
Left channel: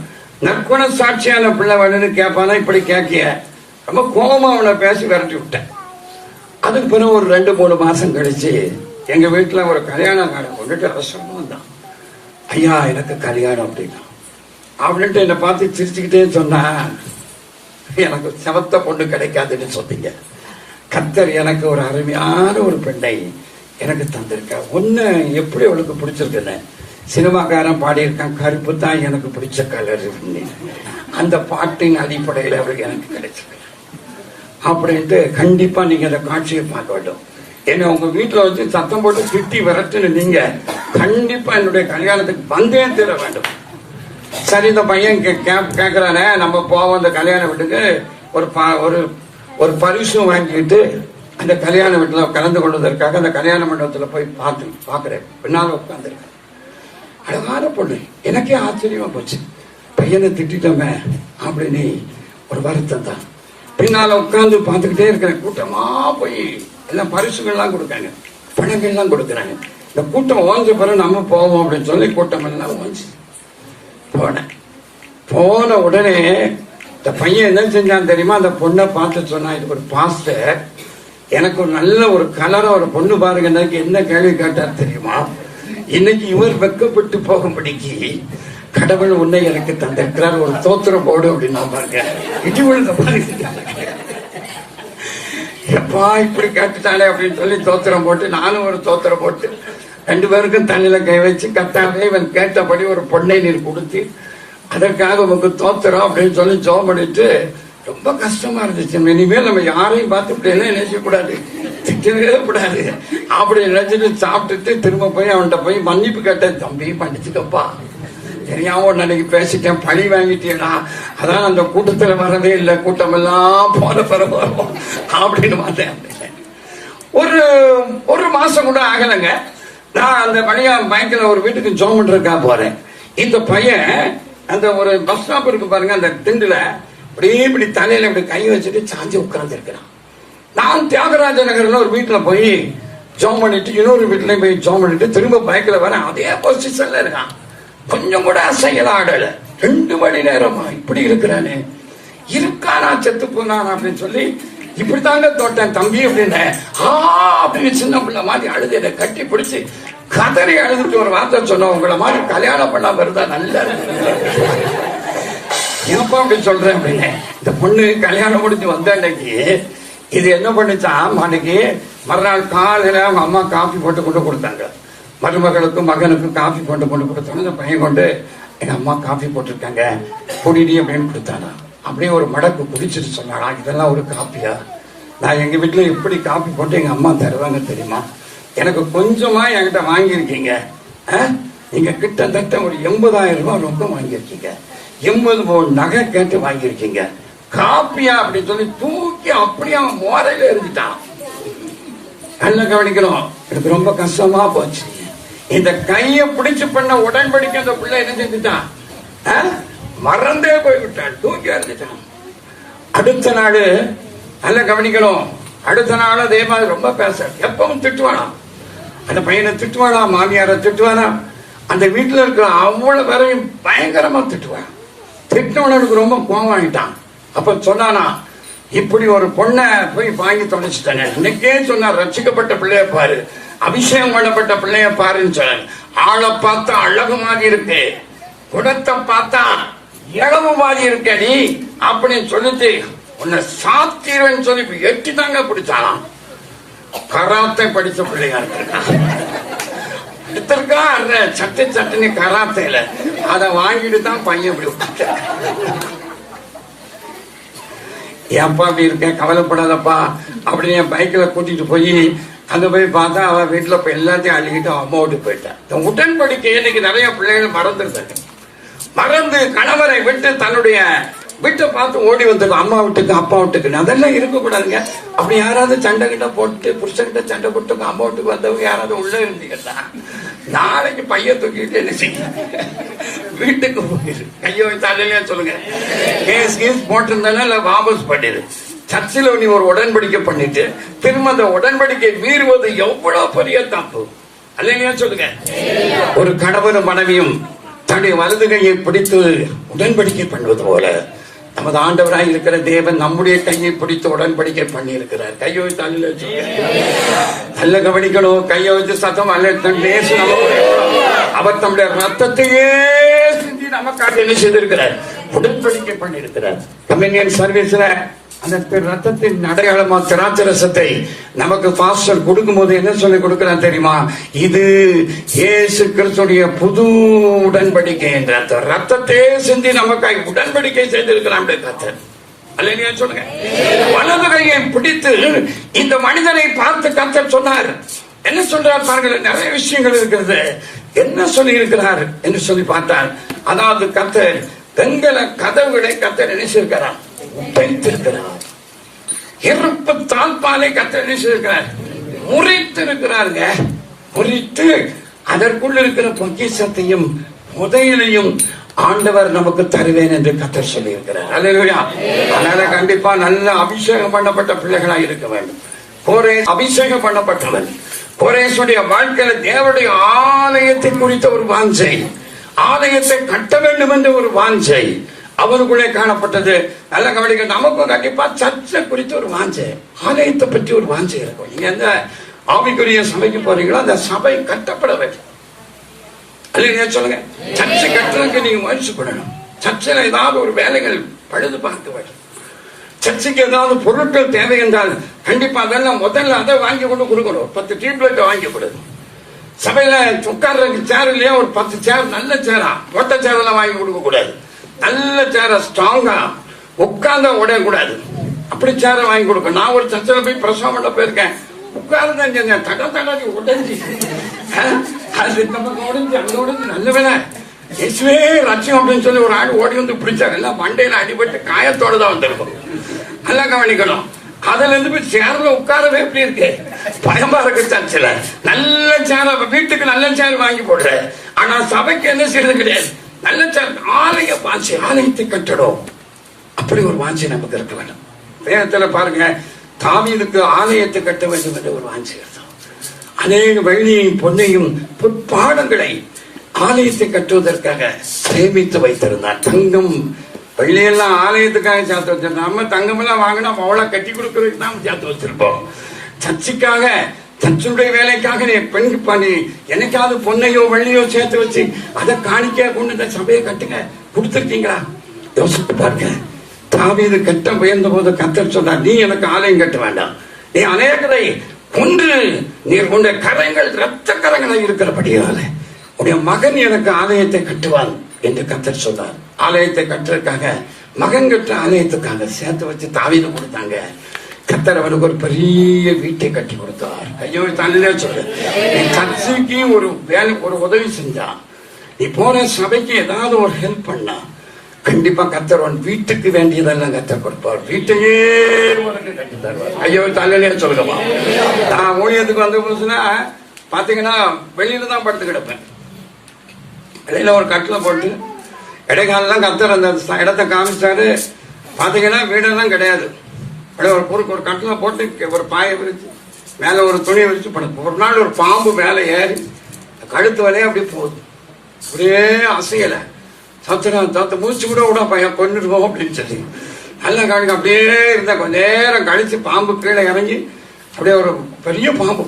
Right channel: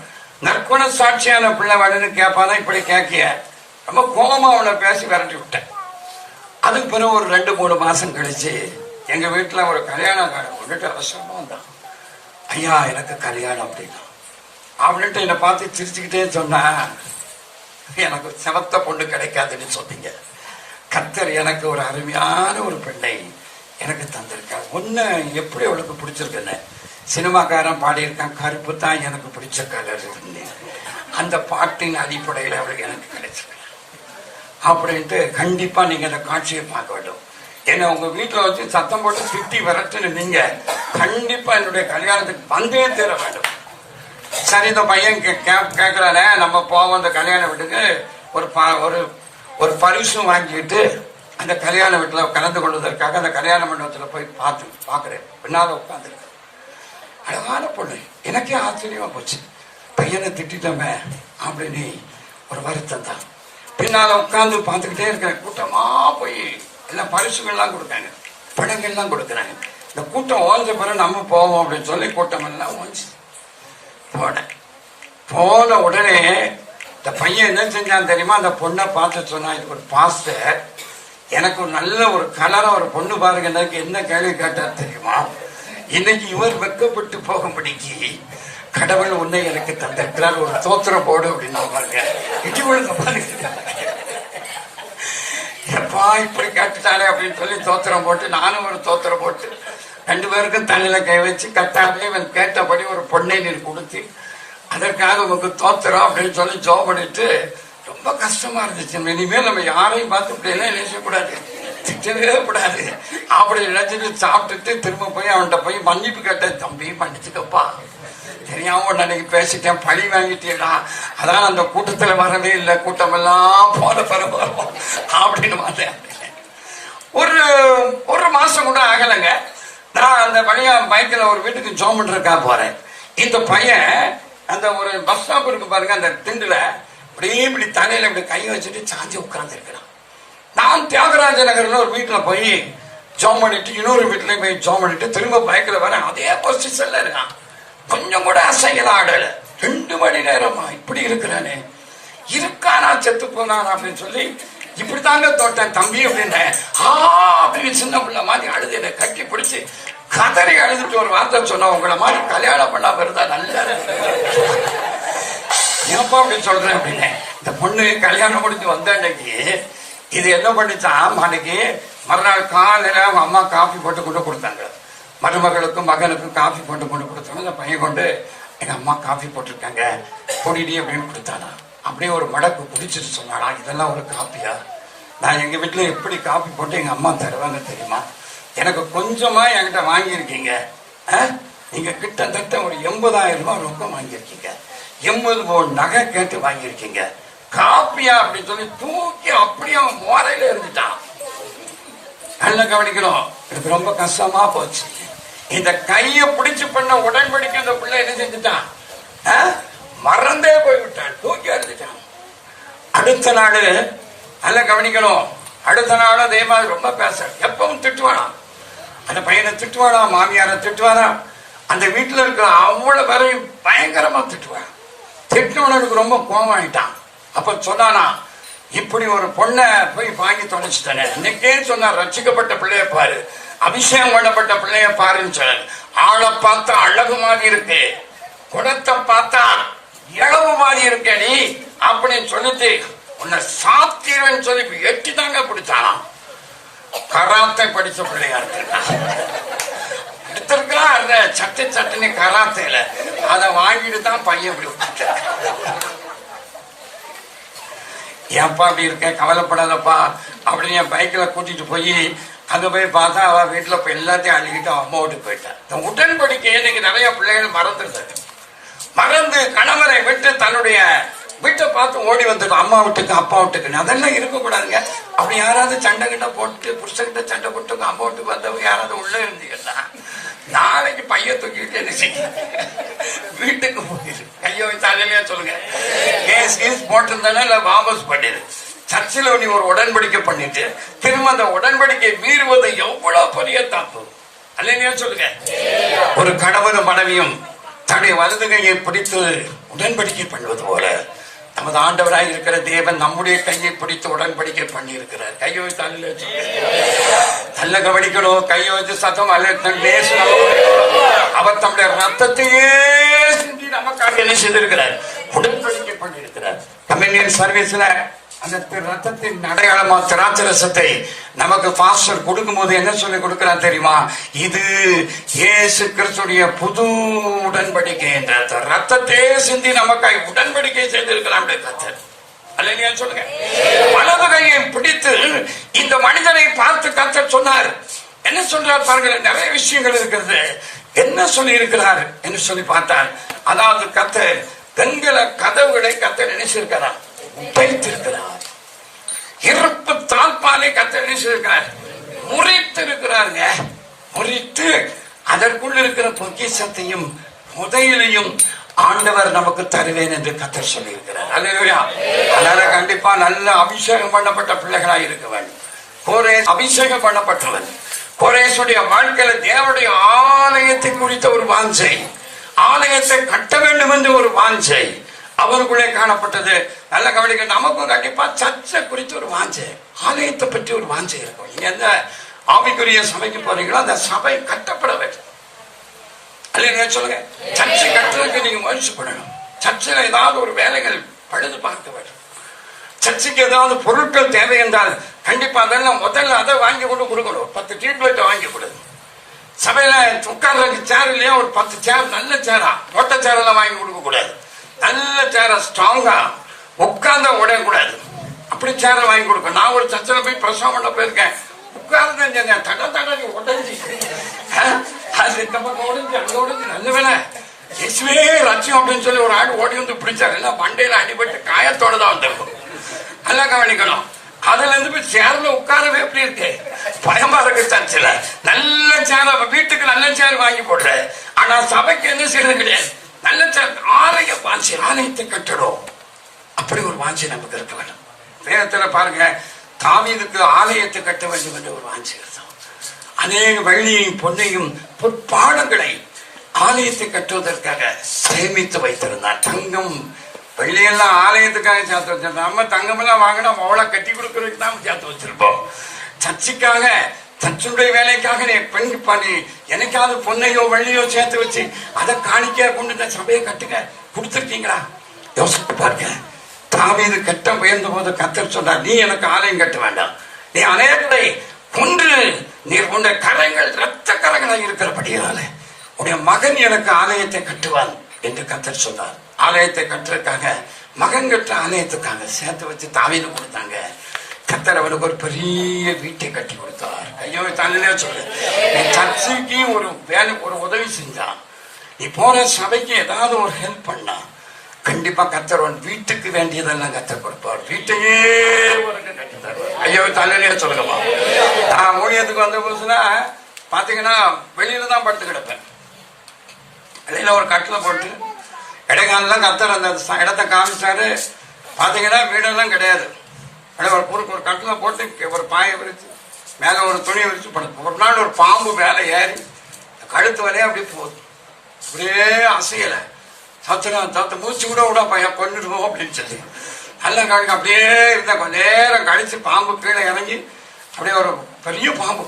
நற்குண சாட்சியான பிள்ளை வேணும்னு கேட்பானா. இப்படி கேட்கிய ரொம்ப கோபமா அவனை பேசி விரட்டி விட்டேன். அதுக்கு பிறகு ஒரு 2-3 மாசம் கழிச்சு எங்க வீட்டுல ஒரு கல்யாணம் கொண்டுட்டு அவசரமா வந்தான். ஐயா எனக்கு கல்யாணம் அப்படின்ட்டு என்னை பார்த்து சிரிச்சுக்கிட்டே சொன்னா, எனக்கு சிவத்த பொண்ணு கிடைக்காதுன்னு சொன்னீங்க. கர்த்தர் எனக்கு ஒரு அருமையான ஒரு பெண்ணை எனக்கு தந்திருக்க. ஒண்ணு எப்படி அவளுக்கு பிடிச்சிருக்குன்னு சினிமாக்காரன் பாடியிருக்கான், கருப்பு தான் எனக்கு பிடிச்ச கலர். அந்த பாட்டின் அடிப்படையில் அவளுக்கு எனக்கு கிடைச்சிருக்கு அப்படின்ட்டு கண்டிப்பா நீங்க அந்த காட்சியை பார்க்க வேண்டும். என்ன உங்க வீட்டுல வச்சு சத்தம் போட்டு திட்டி விரட்டுன்னு நீங்க கண்டிப்பா என்னுடைய கல்யாணத்துக்கு வந்தே தீர வேண்டும். சரி, இந்த பையன் கேட்கிறானே, நம்ம போவோம் அந்த கல்யாண வீட்டுக்கு. ஒரு பரிசும் வாங்கிட்டு அந்த கல்யாண வீட்டுல கலந்து கொள்வதற்காக அந்த கல்யாண மண்டபத்துல போய் பாக்குறேன். பின்னால உட்காந்துருக்கேன். அழகான பொண்ணு. எனக்கே ஆச்சரியமா போச்சு. பையனை திட்டமே அப்படின்னு ஒரு வருத்தம் தான். பின்னால உட்காந்து பார்த்துக்கிட்டே இருக்கேன். கூட்டமா போய் எல்லாம் பரிசுகள்லாம் கொடுக்காங்க, பணங்கள்லாம் கொடுக்குறாங்க. இந்த கூட்டம் ஓஞ்ச பிறகு நம்ம போவோம் அப்படின்னு சொல்லி கூட்டம் எல்லாம் ஓஞ்சி போன உடனே இந்த பையன் என்ன செஞ்சான் தெரியுமா? அந்த பொண்ணை பார்த்து சொன்னா, ஒரு பாஸ்டர் எனக்கு ஒரு நல்ல ஒரு கலரா ஒரு பொண்ணு பாருங்க. என்ன கேள்வி கேட்டார் தெரியுமா? இன்னைக்கு இவர் வெக்கப்பட்டு போகும்படிக்கு கடவுள் உன்னை எனக்கு தந்திருக்கிறார், ஒரு தோத்திரம் போடு அப்படின்னு எப்பா இப்படி கேட்டுட்டாலே அப்படின்னு சொல்லி தோத்திரம் போட்டு, நானும் ஒரு தோத்திரம் போட்டு 2 பேருக்கும் தலையில கை வச்சு, கத்தாவே இவன் கேட்டபடி ஒரு பொண்ணை நீர் கொடுத்து அதற்காக உங்க தோத்திரம் அப்படின்னு சொல்லி ஜோம் பண்ணிட்டு ரொம்ப கஷ்டமா இருந்துச்சு. இனிமேல் நம்ம யாரையும் பார்த்துட்டு நினைக்கக்கூடாது, திட்டவே கூடாது அப்படி நினைச்சிட்டு சாப்பிட்டுட்டு திரும்ப போய் அவன்கிட்ட போய் மன்னிப்பு கேட்டேன். தம்பி மன்னிச்சுக்கப்பா, தெரியாம அன்னைக்கு பேசிட்டேன், பழி வாங்கிட்டேனா, அதான் அந்த கூட்டத்துல வரவே இல்லை, கூட்டம் எல்லாம் போன பிறகு அப்படின்னு மாட்டேன். ஒரு மாசம் கூட ஆகலைங்க. நான் அந்த பையா பைக்ல ஒரு வீட்டுக்கு ஜோம் பண்றதுக்கா போறேன். இந்த பையன் அந்த ஒரு பஸ் ஸ்டாப் இருக்கு பாருங்க, அந்த திண்டுல அப்படியே இப்படி தலையில இப்படி கை வச்சுட்டு சாஞ்சி உட்கார்ந்து இருக்கிறான். நான் தியாகராஜ நகர்ல ஒரு வீட்டுல போய் ஜோம் பண்ணிட்டு இன்னொரு வீட்டுல போய் ஜோம் பண்ணிட்டு திரும்ப பைக்ல வரேன். அதே பொசிஷன்ல இருக்கான். கொஞ்சம் கூட அசையல ஆடல. 2 மணி நேரமா இப்படி இருக்கிறானே, இருக்கானா செத்து போனானா அப்படின்னு சொல்லி இப்படித்தாங்க தோட்டம் தம்பி அப்படின்னு அப்படின்னு சின்ன பிள்ளை மாதிரி அழுது என்னை கட்டி பிடிச்சு கதறி அழுதுட்டு ஒரு வார்த்தை சொன்ன, உங்களை மாதிரி கல்யாணம் பண்ணாம இருந்தா நல்லா ஏப்பா அப்படின்னு சொல்றேன் அப்படின்னு. இந்த பொண்ணு கல்யாணம் முடிஞ்சு வந்த அன்னைக்கு இது என்ன பண்ணிச்சான், அன்னைக்கு மறுநாள் காலையில அவங்க அம்மா காஃபி போட்டு கொண்டு கொடுத்தாங்க. மருமகளுக்கும் மகனுக்கும் காஃபி கொண்டு கொடுத்தாங்க. இந்த பையன் கொண்டு எங்க அம்மா காஃபி போட்டிருக்காங்க குடிடி அப்படின்னு கொடுத்தானா. அப்படியே ஒரு மடக்கு குடிச்சிட்டு சொன்னாரா, இதெல்லாம் ஒரு காப்பியா? நான் எங்க வீட்டுல எப்படி காப்பி போட்டு எங்க அம்மா தருவாங்க தெரியுமா? எனக்கு கொஞ்சமா என்கிட்ட வாங்கியிருக்கீங்க. நீங்க கிட்டத்தட்ட ஒரு 80,000 ரூபாய் ரொக்கம் வாங்கியிருக்கீங்க. 80 நகை கேட்டு வாங்கியிருக்கீங்க. காப்பியா அப்படின்னு சொல்லி தூக்கி அப்படியே அவன் மோரையில எழுதிட்டான். நல்ல கவனிக்கணும். எனக்கு ரொம்ப கஷ்டமா போச்சு. இந்த கைய பிடிச்சு பண்ண உடன்படிக்கை அந்த பிள்ளை என்ன செஞ்சுட்டான், மறந்தே போய்விட்டான், தூக்கி அறிஞ்சிட்டான். அடுத்த நாள் நல்ல கவனிக்கணும். அடுத்த நாள் அதே மாதிரி ரொம்ப பேச, எப்பவும் திட்டுவானா, அந்த பையனை திட்டுவானா, மாமியார திட்டுவானா, அந்த வீட்டுல இருக்கிற அவ்வளவு வரையும் பயங்கரமா திட்டுவான். திட்டவனுக்கு ரொம்ப கோபம் ஆயிட்டான். அப்ப சொன்னானா, இப்படி ஒரு பொண்ணை போய் வாங்கி தொலைச்சிட்டானே. இன்னைக்கே சொன்னார், ரட்சிக்கப்பட்ட பிள்ளைய பாரு, அபிஷேகம் பண்ணப்பட்ட பிள்ளைய பாருன்னு சொன்னார். ஆளை பார்த்தா அழகு மாதிரி இருக்கு, குடத்தை பார்த்தா இளவு மாதிரி இருக்கடி அப்படின்னு சொல்லிட்டு உன்னை சாத்திரன்னு சொல்லி எட்டி தாங்க பிடிச்சாலாம். கராத்தை படிச்ச பிள்ளையா எடுத்திருக்கலாம். அந்த சட்டுன்னு கராத்தையில அதை வாங்கிட்டு தான் பையன் இப்படி ஏன்பா அப்படி இருக்கேன், கவலைப்படாதப்பா அப்படின்னு என் பைக்ல கூட்டிட்டு போய் அங்க போய் பார்த்தா அவ வீட்டுல இப்ப எல்லாத்தையும் அழுகிட்டு அம்மா வீட்டுக்கு போயிட்டான். உடன்படிக்கை எனக்கு நிறைய பிள்ளைகள் மறந்து கணவரை விட்டு தன்னுடைய வீட்டை பார்த்து ஓடி வந்துடும், அம்மா வீட்டுக்கு அப்பா வீட்டுக்கு. அதெல்லாம் இருக்கக்கூடாதுங்க. அப்படி யாராவது சண்டை கிட்ட போட்டு புருஷன்கிட்ட சண்டை போட்டு அம்மா வீட்டுக்கு வந்தவங்க யாராவது உள்ள இருந்துக்கிட்டா நாளைக்கு பையன் தூக்கிட்டு என்ன செய்ய, வீட்டுக்கு போயிரு, கையோ தலையா சொல்லுங்க, கேஸ் போட்டிருந்தானே இல்ல வாபஸ் பண்ணிடு. சர்ச்சில் நீ ஒரு உடன்படிக்கை பண்ணிட்டு திரும்ப அந்த உடன்படிக்கை மீறுவது எவ்வளவு பெரிய தப்பு அல்லையா சொல்லுங்க. ஒரு கணவனும் மனைவியும் தன்னுடைய வலது கையை பிடித்து உடன்படிக்கை பண்ணுவது போல நமது ஆண்டவராக இருக்கிற தேவன் நம்முடைய கையை பிடித்து உடன்படிக்கை பண்ணி இருக்கிறார். கையை வச்சு அல்ல வச்சு நல்ல கவனிக்கணும். கையை வச்சு சத்தம் அல்ல, அவர் தம்முடைய ரத்தத்தையே செஞ்சு நமக்காக என்ன செய்திருக்கிறார், உடன்படிக்கை பண்ணி இருக்கிறார். கம்யூனியன் சர்வீஸ்ல அந்த ரத்தத்தின் அடையாளமா திராட்சை ரசத்தை நமக்கு பாஸ்டர் கொடுக்கும் போது என்ன சொல்லி கொடுக்கிறான் தெரியுமா, இது இயேசு கிறிஸ்துடைய புது உடன்படிக்கை என்ற ரத்தத்தையே செஞ்சு நமக்காக உடன்படிக்கை செய்திருக்கிறான் கர்த்தர். அல்லேலூயா சொல்லுங்க. வலது கையை பிடித்து இந்த மனிதனை பார்த்து கர்த்தர் சொன்னார். என்ன சொல்றார் பாருங்க, நிறைய விஷயங்கள் இருக்கிறது. என்ன சொல்லி இருக்கிறார் என்று சொல்லி பார்த்தார். அதாவது கர்த்தர் கண்களை கதவுகளை கர்த்தர் என்ன செய்கிறார், உடைத்திருக்கிறார். இருப்பு தாழ்பாலை கர்த்தர் என்ன செய்திருக்கிறார், முறித்து இருக்கிறாருங்க. முறித்து அதற்குள்ள இருக்கிற பொக்கிஷத்தையும் புதையலையும் ஆண்டவர் நமக்கு தருவேன் என்று கர்த்தர் சொல்லி இருக்கிறார். அல்லேலூயா. அதனால கண்டிப்பா நல்ல அபிஷேகம் பண்ணப்பட்ட பிள்ளைகளாக இருக்க வேண்டும். கோரேஸ் அபிஷேகம் பண்ணப்பட்டவன். கோரேசுடைய வாழ்க்கையில் தேவனுடைய ஆலயத்தை குறித்த ஒரு வாஞ்சை, ஆலயத்தை கட்ட வேண்டும் என்று ஒரு வாஞ்சை அவனுக்குள்ளே காணப்பட்டது. நல்ல கவனிக்க. நமக்கும் கண்டிப்பா சர்ச்சை குறித்து ஒரு வாஞ்சை, ஆலயத்தை பற்றி ஒரு வாஞ்சை இருக்கும். நீங்க எந்த ஆவிக்குரிய சபைக்கு போறீங்களோ அந்த சபை கட்டப்பட வேண்டும். அல்லைங்க சொல்லுங்க. சர்ச்சை கட்டுறதுக்கு நீங்க முயற்சி பண்ணணும். சர்ச்சையில ஏதாவது ஒரு வேலைகள் பழுது பார்க்க வேண்டும். சர்ச்சைக்கு ஏதாவது பொருட்கள் தேவை என்றால் கண்டிப்பா அதெல்லாம் முதல்ல அதை வாங்கி கொண்டு கொடுக்கணும். 10 டியூப்லைட் வாங்கி கொடுக்கணும். சபையில உட்கார்றதுக்கு சேர் இல்லையா, ஒரு 10 சேர் நல்ல சேரா, மொட்டை சேர் எல்லாம் வாங்கி கொடுக்க கூடாது. நல்ல சேர ஸ்ட்ராங்கா உட்கார்ந்தா உடையக்கூடாது, அப்படி சேர வாங்கி கொடுக்க. நான் ஒரு சர்ச்சில் போய் பிரசவம் பண்ண போயிருக்கேன். உட்கார்ந்து தடை உடைஞ்சி அது இந்த பக்கம் உடைஞ்சு அங்க உடைஞ்சு நல்ல வேலை இயேசுவே லட்சம் அப்படின்னு சொல்லி ஒரு ஆள் ஓடி வந்து பிடிச்சாங்க. எல்லாம் மண்டையில அடிபட்டு காயத்தோட தான் வந்திருக்கும். நல்லா கவனிக்கணும். அதுல இருந்து போய் சேர்ல உட்காரவே எப்படி இருக்கு, பயமா இருக்கு. சர்ச்சில் நல்ல சேர், வீட்டுக்கு நல்ல சேர் வாங்கி போடுற, ஆனா சபைக்கு என்ன செய்யறது கிடையாது. நல்ல சேர், ஆலய வாஞ்சி, ஆலயத்தை கட்டணும், அப்படி ஒரு வாஞ்சி நமக்கு இருக்க வேண்டும். வேதத்துல பாருங்க, தாவீதுக்கு ஆலயத்தை கட்ட வேண்டும் என்ற ஒரு வாஞ்சி. அநேக வெள்ளியையும் பொன்னையும் பொற்பாடங்களை ஆலயத்தை கட்டுவதற்காக சேமித்து வைத்திருந்தார். தங்கம் வெள்ளியெல்லாம் ஆலயத்துக்காக சேர்த்து வச்சிருந்தோம். நம்ம தங்கமெல்லாம் வாங்கினா அவளை கட்டி கொடுக்கறதுக்கு தான் சேர்த்து வச்சிருப்போம். சர்ச்சுக்காக, சர்ச்சுடைய வேலைக்காக பெண் பண்ணி எனக்காவது பொன்னையோ வெள்ளியோ சேர்த்து வச்சு அதை காணிக்கையா கொண்டு சபையை கட்டுங்க கொடுத்துருக்கீங்களா? யோசித்து பாருங்க. தாவீது கட்ட உயர்ந்த போது கர்த்தர் சொன்னார், நீ எனக்கு ஆலயம் கட்ட வேண்டாம், நீ அநேகரை கொன்று நீர் கொண்ட கரங்கள் ரத்த கரங்களாக இருக்கிறபடியால உடைய மகன் எனக்கு ஆலயத்தை கட்டுவான் என்று கர்த்தர் சொன்னார். ஆலயத்தை கட்டுறதுக்காக, மகன் கட்ட ஆலயத்துக்காக சேர்த்து வச்சு தாவீது கொடுத்தாங்க. கர்த்தர் அவனுக்கு ஒரு பெரிய வீட்டை கட்டி கொடுத்தார். ஐயோ தள்ள சொல்லு, சர்ச்சைக்கு ஒரு வேலை, ஒரு உதவி செஞ்சான், நீ போற சபைக்கு ஏதாவது ஒரு ஹெல்ப் பண்ணா கண்டிப்பா கர்த்தர் உன் வீட்டுக்கு வேண்டியதெல்லாம் கர்த்தர் கொடுப்பார். வீட்டையே உனக்கு கட்டி தருவார். ஐயோ தள்ளையே சொல்லுங்கம்மா. நான் ஊழியத்துக்கு வந்த புதுசுனா பாத்தீங்கன்னா வெளியில தான் படுத்து கிடப்பேன். வெளியில ஒரு கட்டில போட்டு இடைக்காலெல்லாம் கர்த்தர் அந்த இடத்தை காமிச்சாரு. பாத்தீங்கன்னா வீடெல்லாம் கிடையாது. ஒரு பொறுப்பு ஒரு கட்டில போட்டு ஒரு பாயை விரிச்சு மேல ஒரு துணியை விரிச்சு படுப்போம். ஒரு நாள் ஒரு பாம்பு மேல ஏறி கழுத்து வரையே அப்படி போகுது, ஒரே அசையல. சத்த மூச்சு கூட விட பையன் கொண்டுடுவோம் அப்படின்னு சொல்லி நல்லா கவனிக்க. அப்படியே இருந்தா கொஞ்ச நேரம் கழிச்சு பாம்பு கீழே இறங்கி அப்படியே ஒரு பெரிய பாம்பு.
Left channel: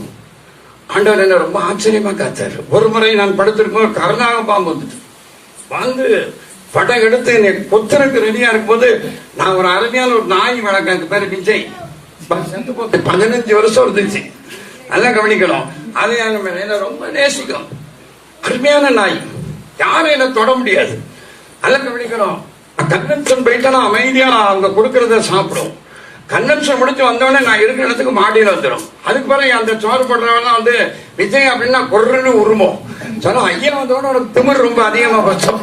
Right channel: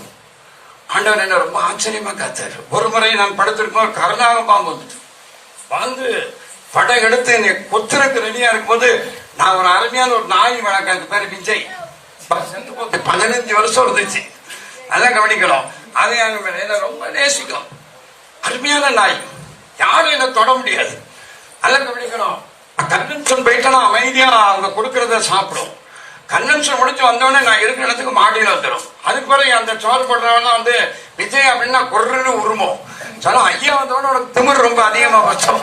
ஆண்டவர் என்ன ரொம்ப ஆச்சரியமா காத்தாரு. ஒரு முறை நான் படுத்திருக்கும் ஒரு கருணாக பாம்பு வந்துட்டு வந்து படம் எடுத்து என்னை கொத்தனுக்கு ரெடியா இருக்கும்போது, நான் ஒரு அருமையான ஒரு நாய் வழக்கு, பேரு விஜய், 15 வருஷம் இருந்துச்சு. நல்லா கவனிக்கணும். அது என்ன ரொம்ப நேசிக்கும், அருமையான நாய், யாரும் என்ன தொட முடியாது. நல்லா கவனிக்கணும். கன்வென்ஷன் போயிட்டா அமைதியா நான் அவங்க கொடுக்கறத சாப்பிடும். கன்வென்ஷன் முடிச்சு வந்தோடனே நான் இருக்கிற இடத்துக்கு மாடியில வந்துடும். அதுக்கு பிறகு அந்த சோறு போடுறவெல்லாம் வந்து விஜய் அப்படின்னா கொர்றன்னு உருமோம். சொன்னா ஐயா வந்தோட உனக்கு திமிர் ரொம்ப அதிகமா வச்சோம்.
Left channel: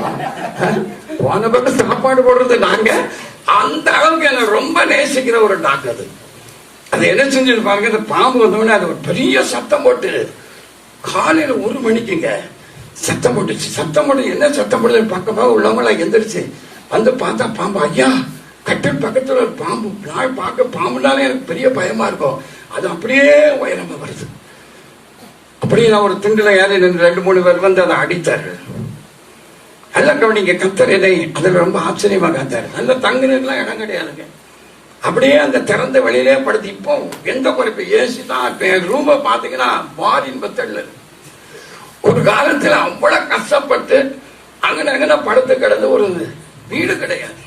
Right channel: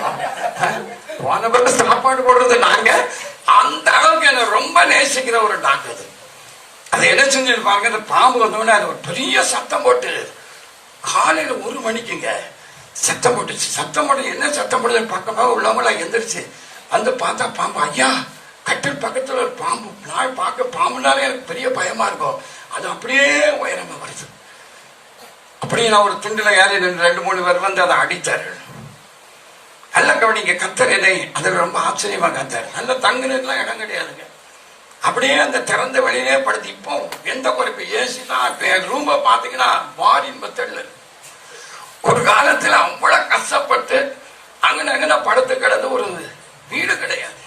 போன பிறகு சாப்பாடு போடுறது நாங்க. அந்த அளவுக்கு என்ன ரொம்ப நேசிக்கிற ஒரு டாக்டர் அது. அது என்ன செஞ்சு பாருங்க, இந்த பாம்பு வந்தோடனே அது ஒரு பெரிய சத்தம் போட்டு காலையில 1 மணிக்குங்க சத்தம் போட்டுச்சு. சத்தம் போட்டு என்ன சத்தம் போடுறது பக்கமாக உள்ளவங்கள எந்திரிச்சு வந்து பார்த்தா பாம்பு. ஐயா கட்டில் பக்கத்துல ஒரு பாம்பு. நான் பார்க்க பாம்புனாலே எனக்கு பெரிய பயமா இருக்கும். அது அப்படியே உயரமா வருது. அப்படியே நான் ஒரு திண்டுல ஏறி 2-3 பேர் வந்து அதை அடித்தாரு. நல்ல கவனிங்க, கர்த்தர் என்னை அதுல ரொம்ப ஆச்சரியமா காத்தாரு. நல்ல தங்குறதுலாம் இடம் கிடையாதுங்க. அப்படியே அந்த திறந்த வெளியிலே படுத்து. இப்போ எந்த குறைப்பு ஏசி தான். என் ரூமை பாத்தீங்கன்னா மாறின் பத்தல்ல. ஒரு காலத்துல அவ்வளவு கஷ்டப்பட்டு அங்கன படுத்து கிடந்து ஒரு வீடு கிடையாது.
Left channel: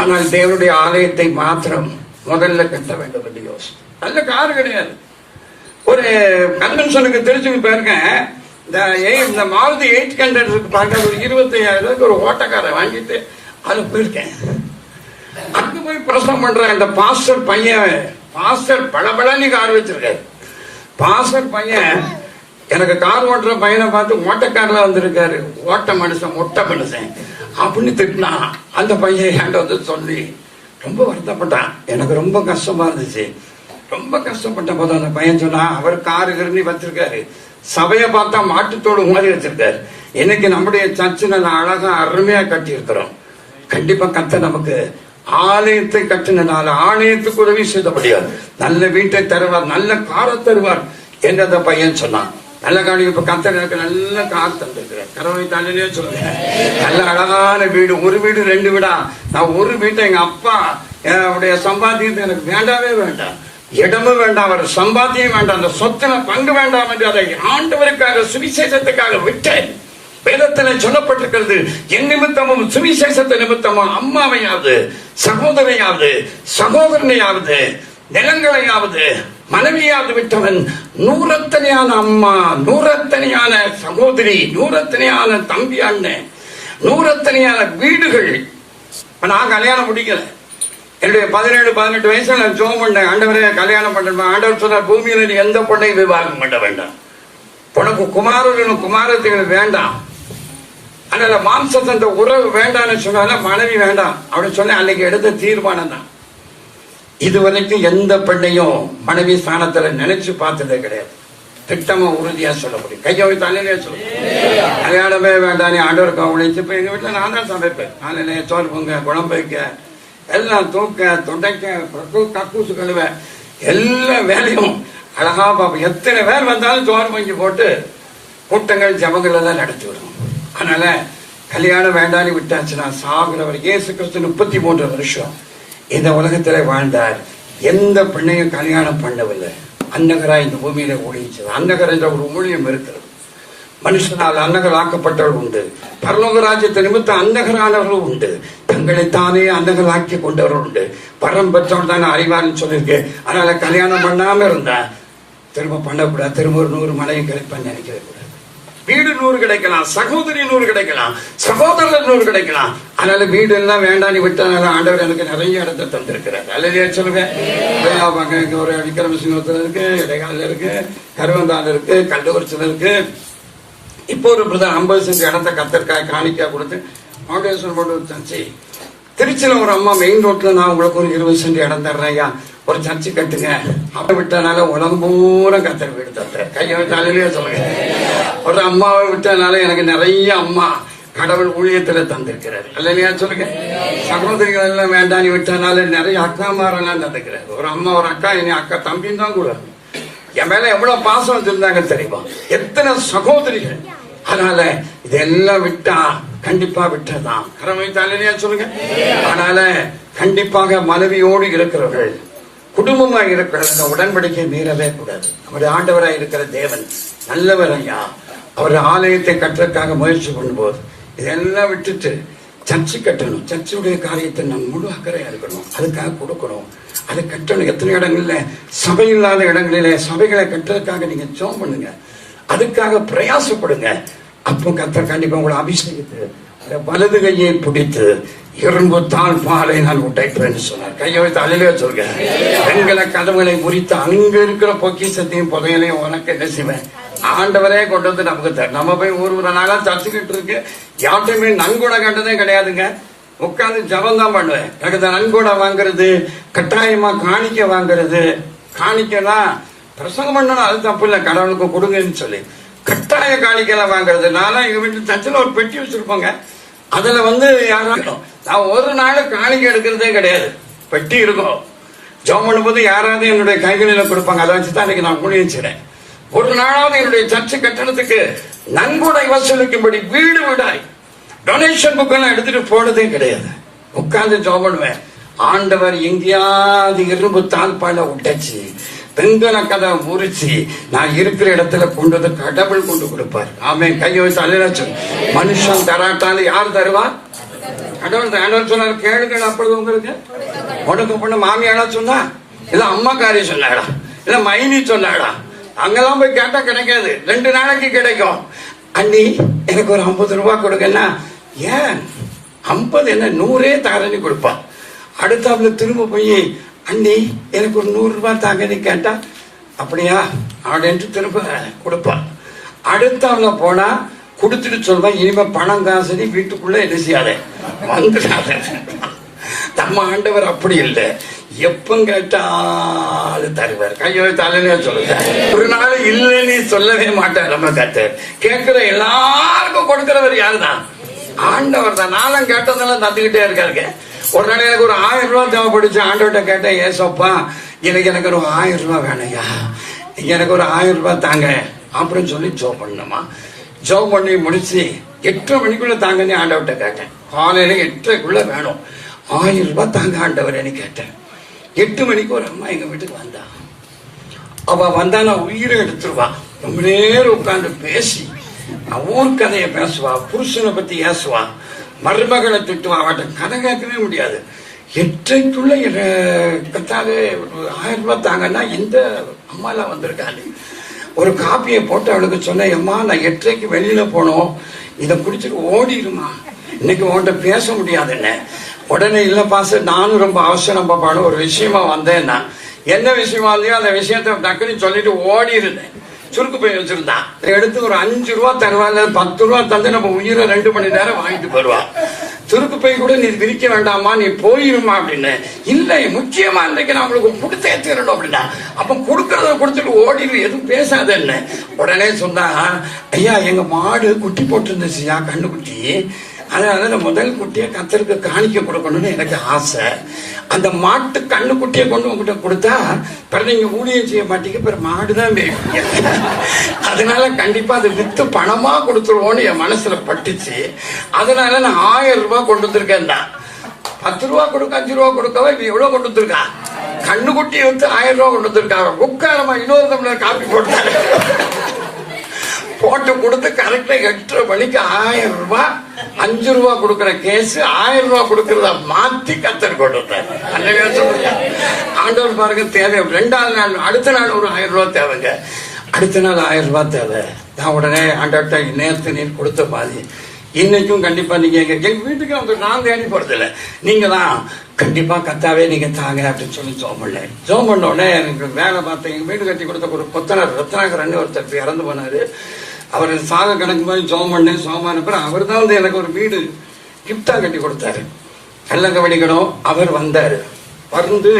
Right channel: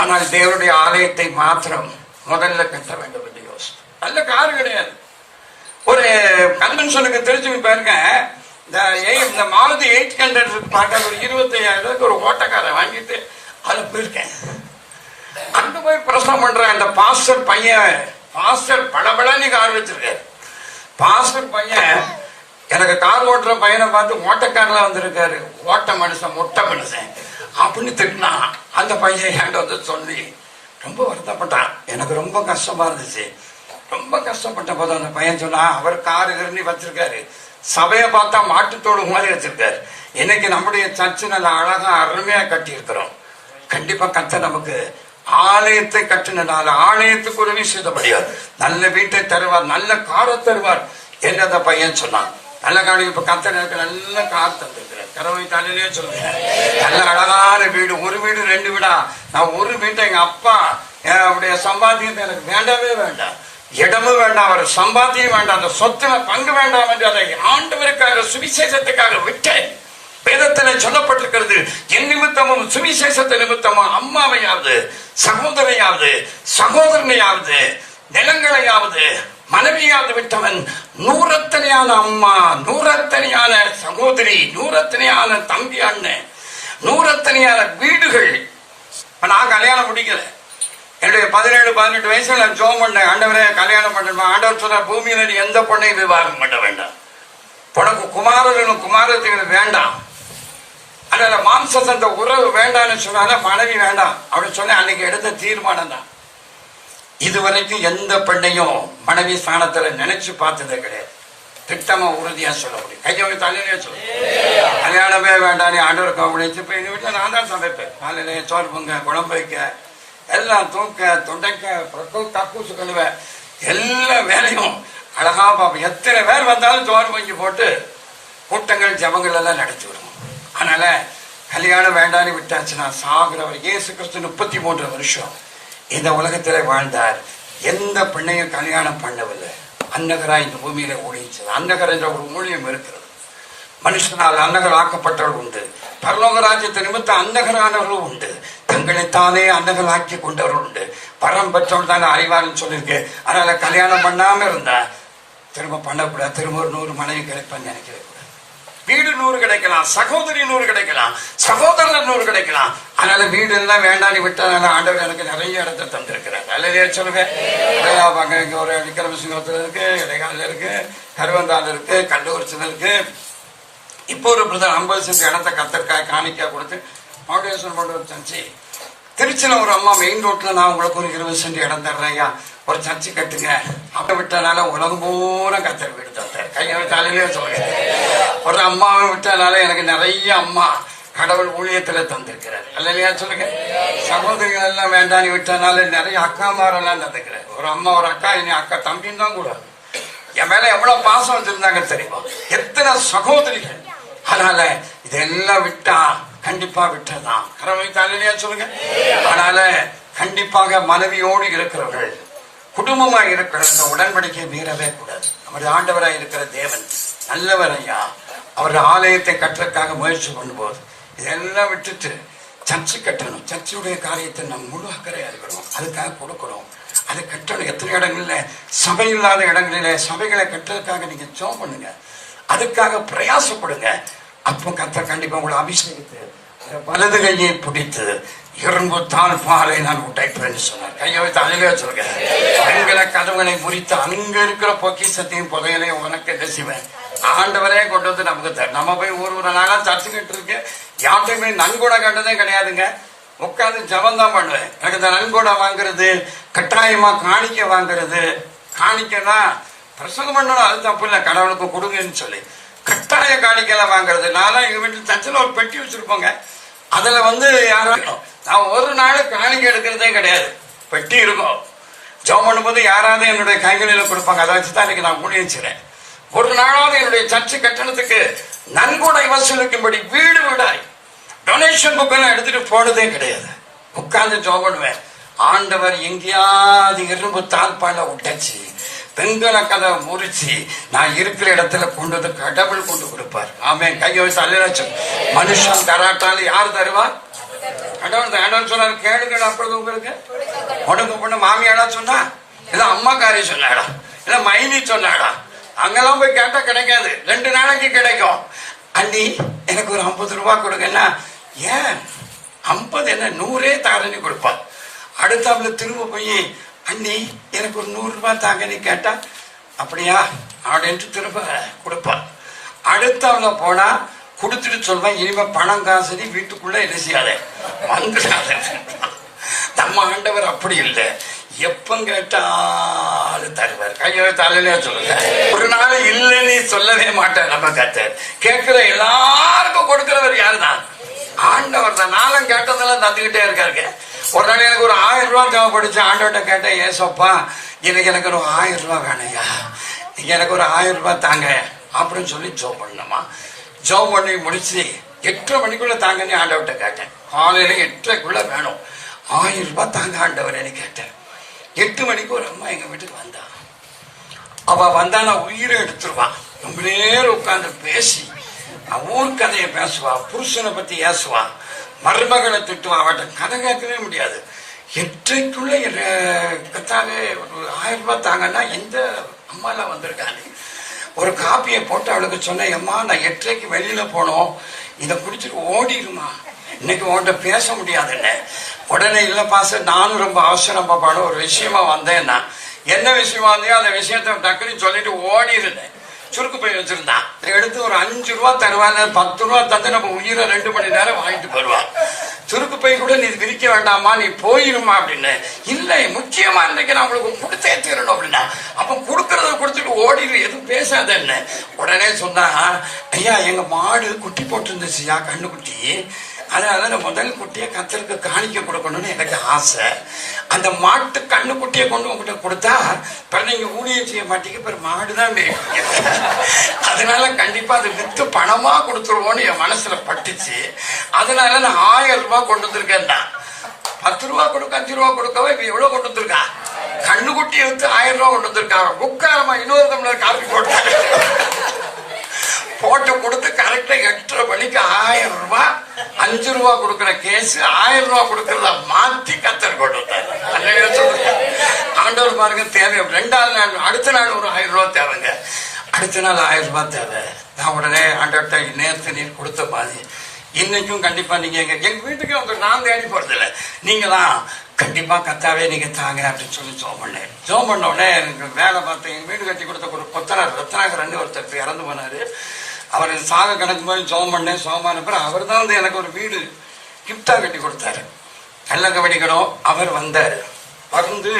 ஆனால் தேவனுடைய ஆலயத்தை மாத்திரம் முதல்ல கட்ட வேண்டும் என்று யோசிச்சு. நல்ல கார் கிடையாது. ஒரு கன்வென்ஷனுக்கு தெரிஞ்சு பாருங்க, இந்த மாருதி 800 இருக்கு பாருங்க, ஒரு 25,000 ஒரு ஓட்டக்காரை வாங்கிட்டு அது போயிருக்கேன். அங்க போய் பிரசவம் பண்றேன். இந்த பாஸ்டர் பையன், பாஸ்டர் பளபளன்னு கார் வச்சிருக்காரு. பாஸ்டர் பையன் எனக்கு கார் ஓட்டுற பையனை பார்த்து ஓட்டக்காரில் வந்திருக்காரு, ஓட்ட மனுஷன், மொட்டை மனுஷன் அப்படின்னு திட்டினா. அந்த பையன் என்கிட்ட வந்து சொல்லி ரொம்ப வருத்தப்பட்டான். எனக்கு ரொம்ப கஷ்டமா இருந்துச்சு. ரொம்ப கஷ்டப்பட்ட போது அந்த பையன் சொன்னா, அவர் காரு கருணி வச்சிருக்காரு, சபையை பார்த்தா மாட்டுத்தோடு மாதிரி வச்சிருக்காரு. இன்னைக்கு நம்முடைய சர்ச்சு நல்ல அழகா அருமையா கட்டி இருக்கிறோம். கண்டிப்பா கர்த்தர் நமக்கு ஆலயத்தை கட்டினால ஆலயத்துக்கு உதவி செய்த முடியாது, நல்ல வீட்டை தருவார், நல்ல காரை தருவார் என்று அந்த பையன் சொன்னான். நல்ல காரணம். இப்ப கர்த்தர் எனக்கு நல்ல கார் தந்திருக்கிறார். கரவை தாண்டிலே சொல்றேன். நல்ல அழகான வீடு. ஒரு வீடு 2 வீடா. நான் ஒரு வீட்டை எங்க அப்பா அவருடைய சம்பாத்தியத்தை எனக்கு வேண்டாமே வேண்டாம், இடமும் வேண்டாம், அவர் சம்பாத்தியம் வேண்டாம், அந்த சொத்துல பங்கு வேண்டாம் என்று அதை ஆண்டவருக்காக சுவிசேஷத்துக்காக விட்டேன். வேதத்தில் சொல்லப்பட்டிருக்கிறது, என் நிமித்தமும் சுவிசேஷத்தை நிமித்தமும் அம்மாவையாவது சகோதரையாவது சகோதரனையாவது நிலங்களையாவது மனைவியாவது விட்டவன் 100 அம்மா, 100 சகோதரி, 100 தம்பி அண்ணன், 100 வீடுகள். இப்ப நான் கல்யாணம் முடிக்கல. என்னுடைய 17-18 வயசுல நான் ஜோம் பண்ணேன். ஆண்டவரே கல்யாணம் பண்ண. ஆண்டவர் சொன்ன, பூமியில நீ எந்த பொண்ணையும் விவாகம் பண்ண வேண்டாம், உனக்கு குமாரர்களும் குமாரத்திகள் வேண்டாம், அதனால மாம்சத்தந்த உறவு வேண்டாம்னு சொன்னால மனைவி வேண்டாம் அப்படின்னு சொன்ன. அன்னைக்கு எடுத்த தீர்மானம் தான். இதுவரைக்கும் எந்த பெண்ணையும் மனைவி ஸ்தானத்துல நினைச்சு பார்த்ததே கிடையாது. திட்டமா உறுதியா சொல்ல முடியும். கையை தலையிலே சொல்லு, கல்யாணமே வேண்டாம் ஆண்டவர் கோவணிச்சு. இப்ப எங்க வீட்டுல நான் தான் சமைப்பேன். காலையில சோறு பொங்க, குழம்பு வைக்க, எல்லாம் தூக்க, தொண்டைக்க, கக்கூசு கழுவ, எல்லா வேலையும் அழகா பார்ப்போம். எத்தனை பேர் வந்தாலும் சோறு பொங்கி போட்டு கூட்டங்கள் ஜபங்களை தான் நடத்தி விடும். அதனால கல்யாணம் வேண்டான்னு விட்டாச்சுன்னா சாகுற வரைக்கும். இயேசு கிறிஸ்து 33 வருஷம் இந்த உலகத்திலே வாழ்ந்தார். எந்த பெண்ணையும் கல்யாணம் பண்ணவில்லை. அன்னகரா இந்த பூமியிலே ஊழியது. அன்னகர் என்ற ஒரு ஊழியம் இருக்கிறது. மனுஷனால் அன்னகர் ஆக்கப்பட்டவர்கள் உண்டு. பரலோக ராஜ்யத்தை நிமித்தம் அன்னகரானவர்களும் உண்டு. தங்களைத்தானே அன்னகர் ஆக்கி கொண்டவர்கள் உண்டு. பரம் பெற்றவர்கள் தானே அறிவார்னு சொல்லியிருக்கு. அதனால கல்யாணம் பண்ணாம இருந்தா திரும்ப பண்ணக்கூடாது. திரும்ப ஒரு 100 மனைவி கிடைப்பான்னு நினைக்கிறது. வீடு 100 கிடைக்கலாம், சகோதரி 100 கிடைக்கலாம், சகோதரர் 100 கிடைக்கலாம். அதனால வீடு எல்லாம் வேண்டான்னு விட்டனால ஆண்டவர் எனக்கு நிறைய இடத்தை தந்திருக்கிறார். அல்லதே சொல்லுவேன். இங்க ஒரு விக்ரமசிங்கத்தில் இருக்கு, இடைக்காலில் இருக்கு, கருவந்தால் இருக்கு, கள்ளக்குறிச்சியில் இருக்கு. இப்போ ஒரு பிரதர் 50 சென்ட் இடத்தை கத்திற்காக காணிக்கா கொடுத்து ஃபவுண்டேஷன் போட்டு ஒரு சர்ச்சை. திருச்சியில ஒரு அம்மா மெயின் ரோட்ல நான் உங்களுக்கு ஒரு 20 சென்ட் இடம் தர்றேன், ஒரு சர்ச்சை கட்டுங்க. அவ விட்டனால உலகம் பூரா கத்தர் வீடு தர்றேன். கையில காலையிலே சொல்றேன். ஒரு அம்மாவை விட்டனால எனக்கு நிறைய அம்மா கடவுள் ஊழியத்துல தந்திருக்கிறாரு. இல்லையா சொல்லுங்க. சகோதரிகள் எல்லாம் வேண்டான்னு விட்டனால நிறைய அக்காமாரெல்லாம் தந்திருக்கிறாரு. ஒரு அம்மா ஒரு அக்கா, இனி அக்கா தம்பின்னு தான் கூட என் மேல எவ்வளவு பாசம் வச்சிருந்தாங்க தெரியுமா? எத்தனை சகோதரிகள். அதனால இதெல்லாம் விட்டா கண்டிப்பா விட்டதான். கடவுளையா சொல்லுங்க. அதனால கண்டிப்பாக மனைவியோடு இருக்கிறவர்கள், குடும்பமா இருக்கிறது, இந்த உடன்படிக்கை மீறவே கூடாது. நம்முடைய ஆண்டவராய் இருக்கிற தேவன் நல்லவர் ஐயா. அவர் ஆலயத்தை கட்டுறதுக்காக முயற்சி பண்ணும்போது இதெல்லாம் விட்டுட்டு சர்ச்சை கட்டணும். சர்ச்சையுடைய காரியத்தை நம்ம முழு அக்கறையா இருக்கணும். அதுக்காக கொடுக்கணும். அதை கட்டணும். எத்தனை இடங்கள்ல சபை இல்லாத இடங்களில சபைகளை கட்டுறதுக்காக நீங்க ஜெபம் பண்ணுங்க. அதுக்காக பிரயாசப்படுங்க. அப்போ கர்த்தர் கண்டிப்பா உங்களை அபிஷேகித்து வலது கையை பிடித்து இரும்பு தான் பாறை நான் உடைப்பேன்னு சொன்னார். கையை வைத்து அழுக சொல்றேன். பெண்களை கதவுகளை முறித்து அங்க இருக்கிற பொக்கிஷத்தையும் புதையலையும் உனக்கு என்ன செய்வேன்? ஆண்டவரே கொண்டு வந்து நமக்கு தர. நம்ம போய் ஒரு நாளா தச்சுக்கிட்டு இருக்கு. யார்ட்டையுமே நன்கொடை கண்டதே கிடையாதுங்க. உட்கார்ந்து ஜபம் தான் பண்ணுவேன். எனக்கு நன்கொடை வாங்குறது, கட்டாயமா காணிக்க வாங்குறது. காணிக்கனா பிரசங்கம் பண்ணணும், அது தப்பு இல்லை. கடவுளுக்கு கொடுங்கன்னு சொல்லி கட்டாய காணிக்கலாம் வாங்குறது. நானும் எங்க வீட்டு தச்சுல ஒரு பெட்டி வச்சிருப்போங்க. அதுல யாரும் நான் ஒரு நாள் காணிக்க எடுக்கிறதே கிடையாது. பெட்டி இருக்கும். ஜெபம் பண்ணும்போது யாராவது என்னுடைய கைகளில கொடுப்பாங்க. அதை வச்சுதான் இன்னைக்கு நான் ஊழியச்சிறேன். ஒரு நாளாவது என்னுடைய சர்ச்சை கட்டணத்துக்கு நன்கொடை வசூலிக்கும்படி வீடு விடாய் டொனேஷன் புக் எடுத்துட்டு போனதே கிடையாது. உட்கார்ந்து ஜெபம் பண்ணுவேன். ஆண்டவர் எங்கேயாவது இரும்பு தாழ்பால உடைச்சு பெண்களை கதை முறிச்சு நான் இருக்கிற இடத்துல கொண்டு வந்து கடவுள் கொண்டு கொடுப்பார். ஆமே. கையை வச்சு அல்லாச்சு. மனுஷன் கராட்டால யார் தருவார்? கடவுள். ஆண்டவர் சொன்னார், கேளுங்கள் அப்பொழுது உங்களுக்கு உனக்கு பொண்ணு மாமியாரா சொன்னா, இல்ல அம்மா காரி சொன்னாடா, இல்ல மைனி சொன்னாடா. அங்கெல்லாம் போய் கேட்டா கிடைக்காது. 2 நாளைக்கு கிடைக்கும். அண்ணி எனக்கு ஒரு 50 ரூபாய் கொடுங்கன்னா, ஏன் 50 என்ன 100 தாரன்னு கொடுப்பா. அடுத்த திரும்ப போய் அண்ணி எனக்கு ஒரு 100 ரூபாய் தாங்கன்னு கேட்டா, அப்படியா அப்படின்ட்டு திரும்ப கொடுப்பா. அடுத்தவங்க போனா கொடுத்துட்டு சொல்வேன், இனிமே பணம் காசு வீட்டுக்குள்ள என்ன செய்யாத வந்துடாத. நம்ம ஆண்டவர் அப்படி இல்லை. எப்ப கேட்டாலும் தருவார். கையை தலையிலே சொல்லுங்க. ஒரு நாள் இல்லைன்னு சொல்லவே மாட்டார். நம்ம கேட்கிற எல்லாருக்கும் கொடுக்கிறவர் யாருதான்? ஆண்டவர் தான். நானும் கேட்டதெல்லாம் தந்துகிட்டே இருக்காருங்க. ஒரு நாள் எனக்கு ஒரு 1000 ரூபாய் தேவைப்படுச்சு. ஆண்டவர்கிட்ட கேட்டேன், ஏசப்பா எனக்கு ஒரு 1000 ரூபாய் வேணுங்க, எனக்கு ஒரு 1000 ரூபாய் தாங்க அப்படின்னு சொல்லி ஜெபம் பண்ணணுமா. ஜெபம் பண்ணி முடிச்சு 8 மணிக்குள்ள தாங்கன்னு ஆண்டவர்கிட்ட கேட்டேன். காலையில 8:30க்குள்ள வேணும், 1000 ரூபாய் தாங்க ஆண்டவர்னு கேட்டேன். 8 மணிக்கு ஒரு அம்மா எங்க வீட்டுக்கு வந்தா. அவ வந்தா நான் உயிரை எடுத்துருவா. ரொம்ப நேரம் உட்கார்ந்து பேசி ஊர் கதையை பேசுவா, புருஷனை பத்தி ஏசுவா, மருமகளை திட்டுவா. அவட்ட கதை கேட்கவே முடியாது. 8:30க்குள்ள கத்தாவே 1000 ரூபாய் தாங்கன்னா எந்த அம்மாலாம் வந்திருக்காங்க. ஒரு காப்பியை போட்டு அவளுக்கு சொன்னேன், அம்மா நான் 8:30க்கு வெளியில போனோம், இதை குடிச்சிட்டு ஓடிடுமா, இன்னைக்கு உன்கிட்ட பேச முடியாதுன்னு. உடனே இல்ல பாச, நானும் ரொம்ப அவசரமான ஒரு விஷயமா வந்தேன்னா, என்ன விஷயமா இருந்தோ அந்த விஷயத்த டக்குன்னு சொல்லிட்டு ஓடிடுனேன். சுருக்கு பை வச்சிருந்தான். எடுத்து ஒரு 5 ரூபா தருவாங்க, 10 ரூபா தந்து நம்ம உயிரை 2 மணி நேரம் வாங்கிட்டு போடுவான். சுருக்கு பை கூட நீ விரிக்க வேண்டாமா, நீ போயிருமா அப்படின்னு. இல்லை, முக்கியமா இருந்துக்கு நான் உங்களுக்கு கொடுத்தே தரணும் அப்படின்னா. அப்ப கொடுக்கறத கொடுத்துட்டு ஓடி எதுவும் பேசாதன்னு உடனே சொன்னா, ஐயா எங்க மாடு குட்டி போட்டுருந்துச்சுயா, கண்ணு குட்டி. அதனால முதல் குட்டியை கத்தருக்கு காணிக்க கொடுக்கணும்னு எனக்கு ஆசை. அந்த மாட்டு கண்ணு குட்டியை கொண்டு உங்ககிட்ட கொடுத்தா நீங்க ஊழியம் செய்ய மாட்டீங்க, பிற மாடுதான் மேய்ப்பீங்க. அதனால கண்டிப்பா அதை வித்து பணமா கொடுத்துருவோம்னு என் மனசுல பட்டுச்சு. அதனால நான் 1000 ரூபாய் கொண்டு வந்திருக்கேன். 10 ரூபா கொடுக்க 5 ரூபா கொடுக்கவே இப்ப எவ்வளவு கொண்டு வந்திருக்கா? கண்ணு குட்டியை வித்து 1000 ரூபாய் கொண்டு வந்திருக்காங்க. உட்காரமா இன்னொரு தமிழர் காப்பி போட்டாங்க. போட்டு கொடுத்து கரெக்டா 8:30 மணிக்கு 1000 ரூபாய் 5 ரூபா கொடுக்கிற கேஸ் 1000 ரூபாய் கொடுக்கறத மாத்தி கத்தர் கொண்டு ஆண்டவர் பாருங்க. தேவை 2வது நாள், அடுத்த நாள் ஒரு 1000 ரூபாய் தேவைங்க. அடுத்த நாள் 1000 ரூபாய் தேவை. நான் உடனே ஆண்டவர்கிட்ட நேரத்து நீர் கொடுத்த பாதி இன்னைக்கும் கண்டிப்பா நீங்க எங்க வீட்டுக்கு அவங்க நான் தேடி போறது இல்லை, நீங்க தான் கண்டிப்பா கத்தாவே நீங்க தாங்க அப்படின்னு சொல்லி ஜோம் பண்ணேன். ஜோம் பண்ண உடனே எனக்கு வேலை பார்த்தேன். எங்க வீடு கட்டி கொடுத்த ஒரு ரத்னாகரன் ஒருத்தர் இறந்து போனாரு. அவர் சாக கணக்கு மாதிரி ஜோம் பண்ணேன். சோமான பிறகு அவர் தான் வந்து எனக்கு ஒரு வீடு கிஃப்டா கட்டி கொடுத்தாரு. எல்லாம் கவனிக்கணும். அவர் வந்தாரு. வந்து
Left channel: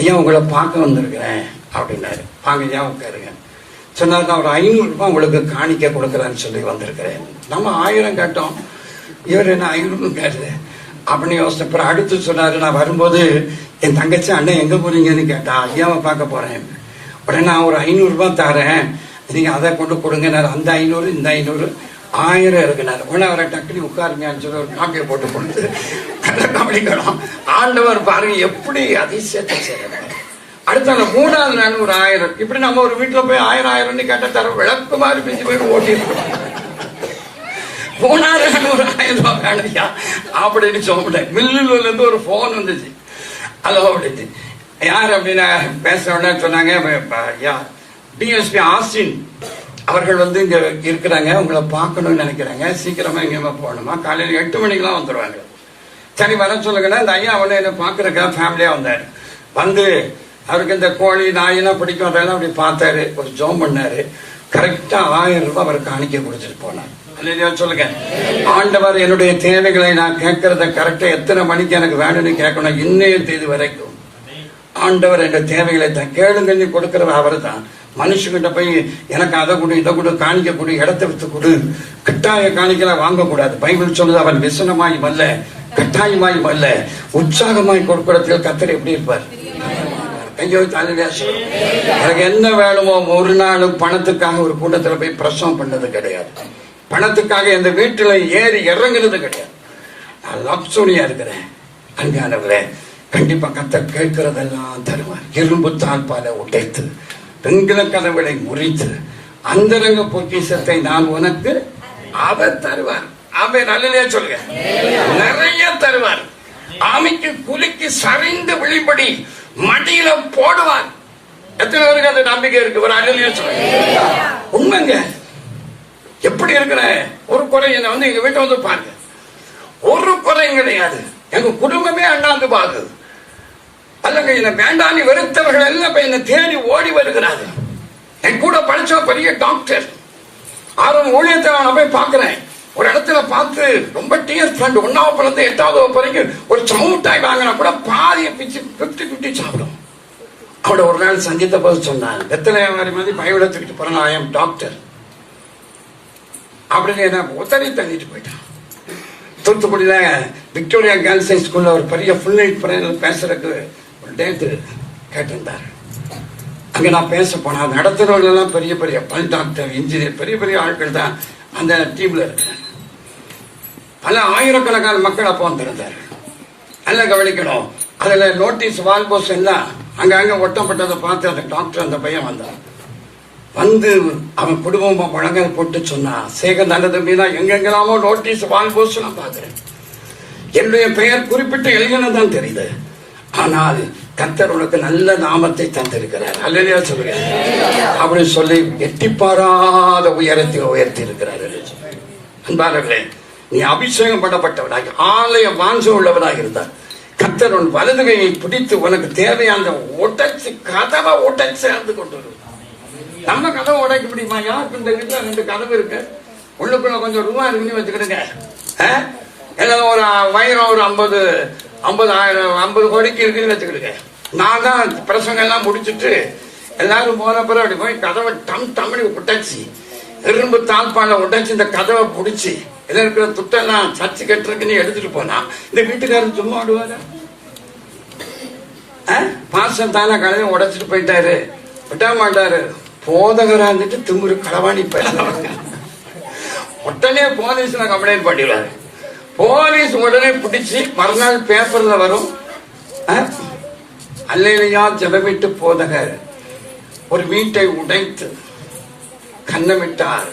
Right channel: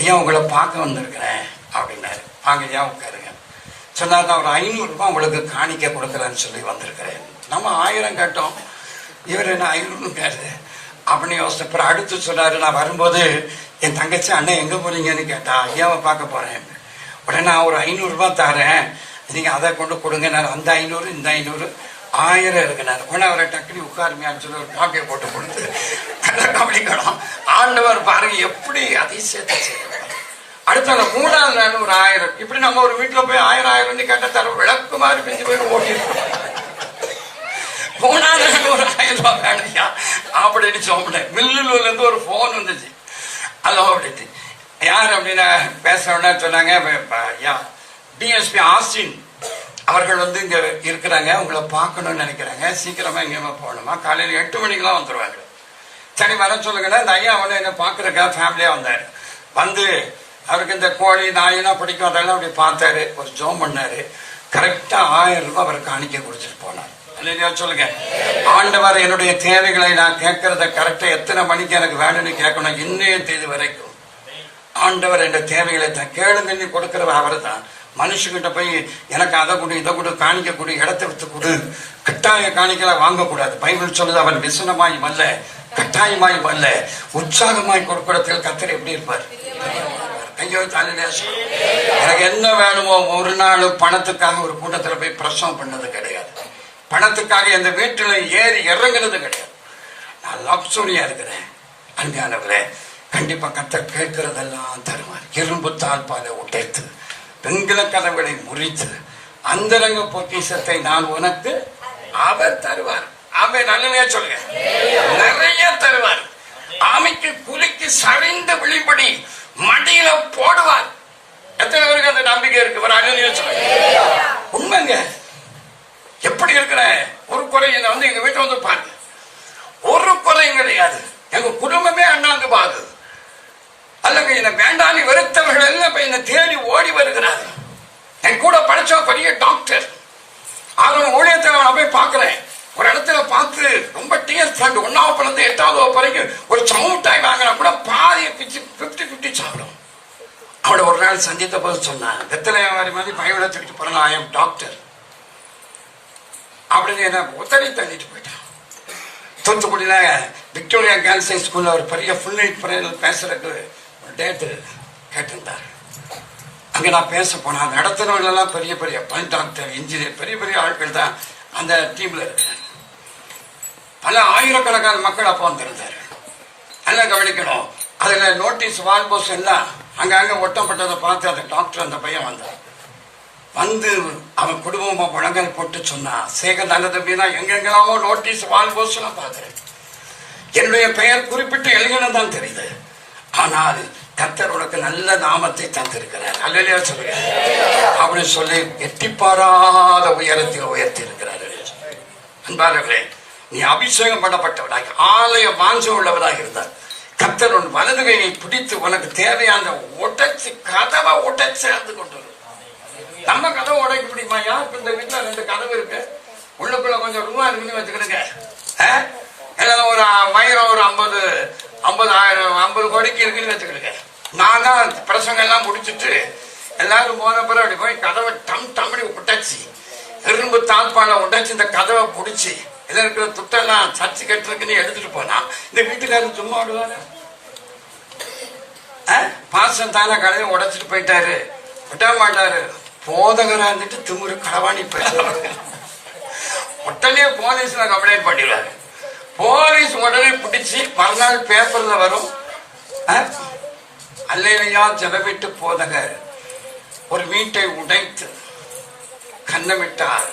ஐயா உங்களை பார்க்க வந்திருக்கிறேன் அப்படின்னாரு. வாங்க ஐயா உட்காருங்க சொன்னார். நான் ஒரு 500 ரூபாய் உங்களுக்கு காணிக்க கொடுக்கறான்னு சொல்லி வந்திருக்கிறேன். நம்ம 1000 கேட்டோம், இவர் என்ன 500 கேட்டது அப்படின்னு யோசிச்ச. அடுத்து சொன்னாரு, நான் வரும்போது என் தங்கச்சி அண்ணன் எங்க போறீங்கன்னு கேட்டா, ஐயாவை பார்க்க போறேன். உடனே நான் ஒரு 500 ரூபாய் தரேன், நீங்க அதை கொண்டு கொடுங்க. அந்த 500 இந்த 500 1000 இருக்குனாரு. உடனே அவரை டக்குனு உட்காருங்கன்னு சொல்லி ஒரு காப்பியை போட்டு கொடுத்து கவனிக்கணும். ஆண்டவர் பாருங்க எப்படி அதிசயத்தை செய்யணும். அடுத்த 3வது நாள் ஒரு 1000. இப்படி நம்ம ஒரு வீட்டுல போய் 1000 கேட்ட தர விளக்கு மாதிரி பேசி போய் ஓடி 3வது நாள் ஒரு 1000 ரூபாய் காணிக்கா அப்படின்னு சொன்னேன். மில்லுல இருந்து ஒரு போன் வந்துச்சு. அதோ அப்படின்னு யார் அப்படின்னா பேசுறவனா சொன்னாங்க, டிஎஸ்பி ஆஸ்டின் அவர்கள் வந்து இங்க இருக்கிறாங்க, உங்களை பார்க்கணும்னு நினைக்கிறாங்க, சீக்கிரமா இங்க போகணுமா, காலையில 8 மணிக்கெல்லாம் வந்துருவாங்க. சரி வர சொல்லுங்கன்னா இந்த ஐயா அவனை என்ன பாக்குறக்கா ஃபேமிலியா வந்தாரு. வந்து அவருக்கு இந்த கோழி நாயெல்லாம் பிடிக்கும், அதெல்லாம் அப்படி பார்த்தாரு, ஒரு ஜோம் பண்ணாரு. கரெக்டா 1000 ரூபாய் அவருக்கு காணிக்க கொடுத்துட்டு போனார். சொல்லுங்க, ஆண்டவர் என்னுடைய தேவைகளை நான் கேட்கறத கரெக்டா எத்தனை மணிக்கு எனக்கு வேணும்னு கேட்கணும். இன்னைய தேதி வரைக்கும் ஆண்டவர் என்ற தேவைகளை தான் கேளுங்க கொடுக்கிறவர் அவர் தான். மனுஷங்கிட்ட போய் எனக்கு அதை கொடு இதை கொடு காணிக்க கொடு இடத்த விட்டு கொடு கட்டாய காணிக்கலாம் வாங்கக்கூடாது. பைபிள் சொல்லுது, அவன் விசனமாய் அல்ல கட்டாயமாய் அல்ல உற்சாகமாய் கொடுக்கிறதுக்கு கர்த்தர் எப்படி இருப்பார்? கையோ எனக்கு என்ன வேணுமோ. ஒரு நாள் பணத்துக்காக ஒரு கூட்டத்துல போய் பிரசவம் பண்ணது கிடையாது. பணத்துக்காக எந்த வீட்டுல ஏறி இறங்குறது கிடையாது. நான் லப்சோனியா இருக்கிறேன். அன்பானவர்களே, கண்டிப்பா கர்த்தர் கேட்கிறதெல்லாம் தருவார். இரும்பு தாழ்பால உடைத்து பெண்கள கதவுகளை முறித்து அந்தரங்க பொக்கிஷத்தை நான் உனக்கு அவர் தருவார். அவர் நல்லதே சொல்லுங்க, நிறைய தருவார். ஆமைக்கு குலுக்கி சரிந்து விழிபடி மடியில போடுவார். எத்தனை பேருக்கு அந்த நம்பிக்கை இருக்கு? ஒரு அழகிய சொல்லுங்க. உண்மைங்க. எப்படி இருக்கிற ஒரு குறை வந்து எங்க வீட்டை வந்து பாருங்க, ஒரு குறையும் கிடையாது. எங்க குடும்பமே அண்ணாந்து பாக்குது. அல்லங்க என்ன வேண்டாம் வெறுத்தவர்கள் எல்லாம் என்னை தேடி ஓடி வருகிறார்கள். என் கூட படிச்ச பெரிய டாக்டர் ஆர்வம் ஊழியத்தை நான் போய் பாக்குறேன். ஒரு இடத்துல பார்த்து ரொம்ப டிஎஸ் ஃபண்ட் 1வது 8வது வரைக்கும் ஒரு சமூட்டாய் வாங்கினா கூட பாதியை பிச்சு 50-50 சாப்பிடும். அவட ஒரு நாள் சந்தித்த போது சொன்னான், வெத்தலையா மாதிரி பயவிடத்துக்கிட்டு போறேன், ஐ எம் டாக்டர் அப்படின்னு என்ன ஒத்தனை தள்ளிட்டு போயிட்டேன். தூத்துக்குடியில விக்டோரியா கேர்ள்ஸ் ஹை ஸ்கூல்ல ஒரு பெரிய ஃபுல் நைட் பேசுறதுக்கு டேட்டு கேட்டிருந்தார். அங்க நான் பேச போனேன். நடத்துறவங்க எல்லாம் பெரிய பெரிய பல் டாக்டர், இன்ஜினியர், பெரிய பெரிய ஆட்கள் தான் அந்த டீம்ல இருக்கு. பல ஆயிரக்கணக்கான மக்கள் அப்போ வந்திருந்தாரு. நல்லா கவனிக்கணும். அதுல நோட்டீஸ் வால் போஸ்ட் எல்லாம் அங்க ஒட்டப்பட்டதை பார்த்து அந்த டாக்டர் அந்த பையன் வந்தான். வந்து அவன் குடும்பமா முழங்கால் போட்டு சொன்னா, சேகர் நல்ல தம்பினா எங்கெங்கெல்லாமோ நோட்டீஸ் வால் போஸ்ட் எல்லாம் பார்த்தேன். என்னுடைய பெயர் குறிப்பிட்டு எழுதினது தான் தெரியுது. ஆனால் கர்த்தர் உனக்கு நல்ல நாமத்தை தந்திருக்கிறார். அல்லையா சொல்லுங்க அப்படின்னு சொல்லி எட்டிப்பாராத உயரத்தில் உயர்த்தி இருக்கிறார்கள். அன்பானவர்களே, நீ அபிஷேகம் பண்ணப்பட்டவனாக ஆலய வாஞ்ச உள்ளவனாக இருந்தார். கர்த்தர் உன் வலதுகையை பிடித்து உனக்கு தேவையான உடைச்சு கதவை உடைச்சு கொண்டு நம்ம கதவை உடைக்க முடியுமா? யாருக்கு இந்த வீட்டுல 2 கதவு இருக்கு, உள்ளுக்குள்ள கொஞ்சம் ரூபா இருக்குன்னு வச்சுக்கிடுங்க. ஏதாவது ஒரு வயிறம் ஒரு 50 கோடிக்கு இருக்குன்னு வச்சுக்கிடுங்க. நான் தான் பிரசங்கம் எல்லாம் முடிச்சுட்டு எல்லாரும் போன பிறகு அப்படி போய் கதவை டம்னு உடைச்சி, இரும்பு தாழ்பால உடைச்சு இந்த கதவை பிடிச்சி இதுல இருக்கிற துட்டெல்லாம் சர்ச்சு கட்டுறதுக்குன்னு எடுத்துட்டு போனா இந்த வீட்டுக்காரர் சும்மா ஆடுவாரு? பாசம் தானே கடையை உடைச்சிட்டு போயிட்டாரு, விட்ட மாட்டாரு. போதகரா இருந்துட்டு திமுரு களவாணி உடனே போலீஸ்ல கம்ப்ளைண்ட் பண்ணிடுவாரு. போலீஸ் உடனே பிடிச்சி மறுநாள் பேப்பர்ல வரும், அல்லேலூயா ஜெபமிட்டு போதகர் ஒரு வீட்டை உடைத்து கண்ணமிட்டார்,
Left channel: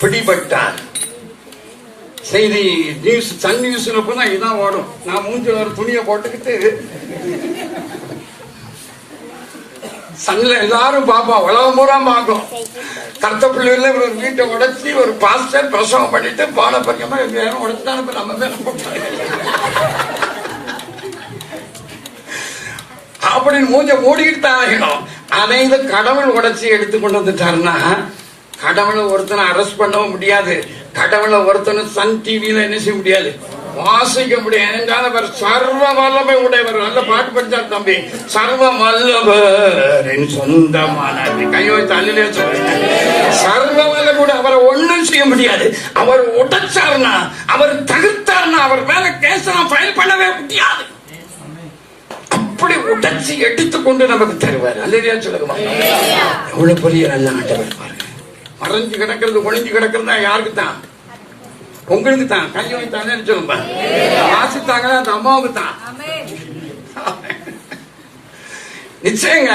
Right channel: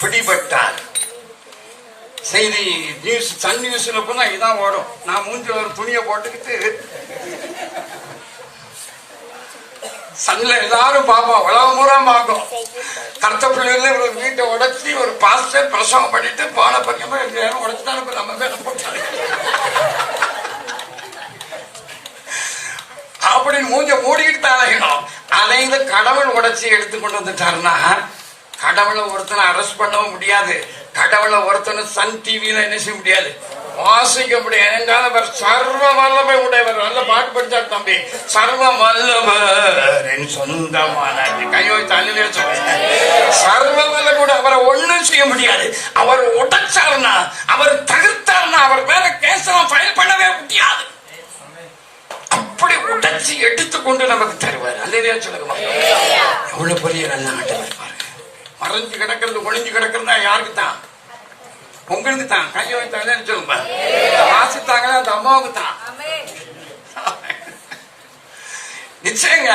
பிடிபட்டார். செய்தி நியூஸ், சன் நியூஸ்ல போனா இதான் வரும். நான் மூஞ்சில ஒரு துணியை போட்டுக்கிட்டு சன்ல எல்லாரும் பாப்பா, உலகம் பூரா பார்க்கும். கருத்த பிள்ளைல ஒரு வீட்டை உடைச்சி ஒரு பாஸ்டர் பிரசவம் பண்ணிட்டு பான பக்கமா யாரும் உடைச்சுட்டாங்க, நம்ம மேல போட்டாங்க அப்படின்னு மூஞ்ச மூடிக்கிட்டு தான் இருக்கணும். அதை இந்த கடவுள் உடைச்சி எடுத்து கொண்டு வந்துட்டாருன்னா கடவுளை ஒருத்தனை அரெஸ்ட் பண்ணவும் முடியாது, கடவுளை ஒருத்தனை சன் டிவியில என்ன செய்ய முடியாது, வாசிக்க முடியாது. என்றால் அவர் சர்வ வல்லமை உடையவர். நல்ல பாட்டு படிச்சார் தம்பி, சர்வ வல்லவர் என் சொந்தமான கையோ தள்ளிலே சொல்லுங்க. சர்வ வல்லமை அவரை ஒண்ணும் செய்ய முடியாது. அவர் உடைச்சார்னா, அவர் தடுத்தார்னா அவர் மேல கேஸ் ஃபைல் பண்ணவே முடியாது. அப்படி உடைச்சி எடுத்துக்கொண்டு நமக்கு தருவார். அல்லையா சொல்லுங்க, எவ்வளவு பெரிய நல்ல ஆண்டவர் பாருங்க. மறைஞ்சு கிடக்கிறது ஒளிஞ்சு கிடக்கிறதா யாருக்கு தான்? உங்களுக்கு தான். கையை வைத்தாங்கன்னு சொல்லுங்க, வாசித்தாங்க அந்த அம்மாவுக்கு தான். நிச்சயங்க,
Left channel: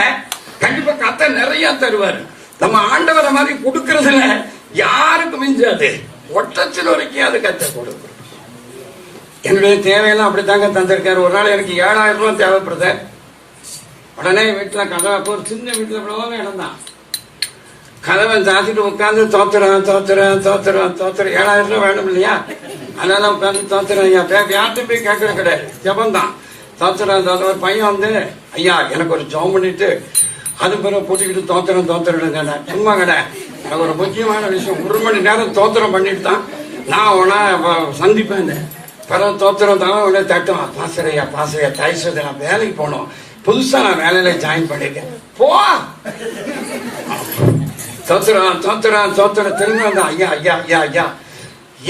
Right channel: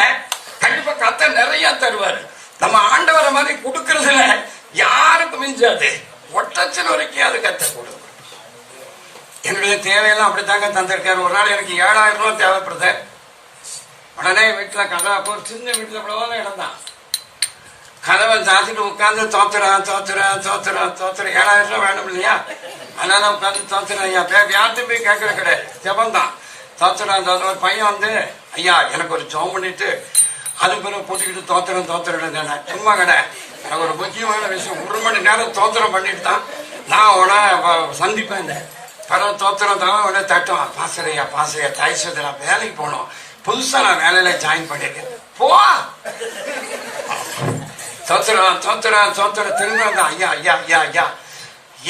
கண்டிப்பா கத்த நிறைய தருவார். நம்ம ஆண்டவரை மாதிரி கொடுக்கறதுல யாருக்கு மிஞ்சாது, ஒட்டச்சல் வரைக்கும் அது கத்த கொடுக்கும். என்னுடைய தேவையெல்லாம் அப்படித்தாங்க தந்திருக்காரு. ஒரு நாள் எனக்கு 7000 ரூபாய் தேவைப்படுது. உடனே வீட்டுல கதவை, ஒரு சின்ன வீட்டுல கூட இடம் தான், கதவை சாத்திட்டு உட்காந்து தோத்துறான் 7000 ரூபாய் வேணும் இல்லையா, அதனால உட்காந்து தோத்துறான். ஐயா யார்ட்டும் போய் கேட்கற கிடையாது, ஜபந்தான் தோத்துறான். ஒரு பையன் வந்து, ஐயா எனக்கு ஒரு ஜோம் பண்ணிட்டு அது பிறகு பூட்டிக்கிட்டு தோத்துறேன் எம்மா கடை, எனக்கு ஒரு முக்கியமான விஷயம், 1 மணி நேரம் தோத்திரம் பண்ணிட்டு தான் நான் உன சந்திப்பேன். பிறகு தோத்திரம் தான் உடனே தட்டும், பாசையா கைசத்தை நான் வேலைக்கு போனோம், புதுசா நான் வேலையில ஜாயின் பண்ணிட்டேன். போ தோத்துறான் திரும்ப வந்தான். ஐயா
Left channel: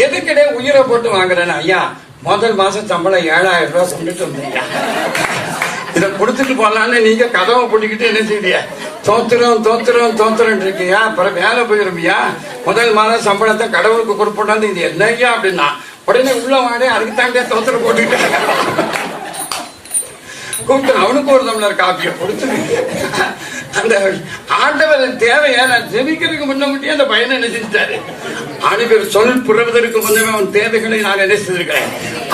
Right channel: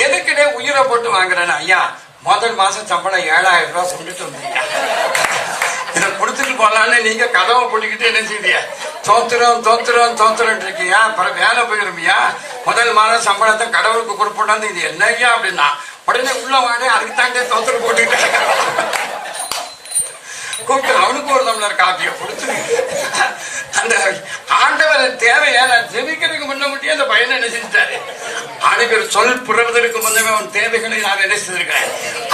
எதுக்கிட்டே உயிரை போட்டு வாங்குறேன்னு, ஐயா முதல் மாசம் சம்பளம் 7000 ரூபாய் கொண்டுட்டு வந்தீங்க, இதை கொடுத்துட்டு போலான்னு நீங்க கதவை போட்டுக்கிட்டு என்ன செய்ய, தோத்துறோம் இருக்கீங்க. அப்புறம் வேலை போயிருப்பியா, முதல் மாதம் சம்பளத்தை கடவுளுக்கு கொடுப்போட்டாந்து இது என்னையா அப்படின்னா, உடனே உள்ள வாடே அதுக்கு தாண்டே தோத்துற போட்டுக்கிட்டு கூப்பிட்டு அவனுக்கு ஒரு டம்ளர் காப்பியை கொடுத்து அந்த ஆண்டவர் தேவையா நான் ஜெபிக்கிறதுக்கு முன்ன முடியும். அந்த பையனை என்ன செஞ்சாரு, ஆண்டவர் சொல் புறவதற்கு முன்னமே அவன் தேவைகளை நான் என்ன செஞ்சிருக்கிறேன்,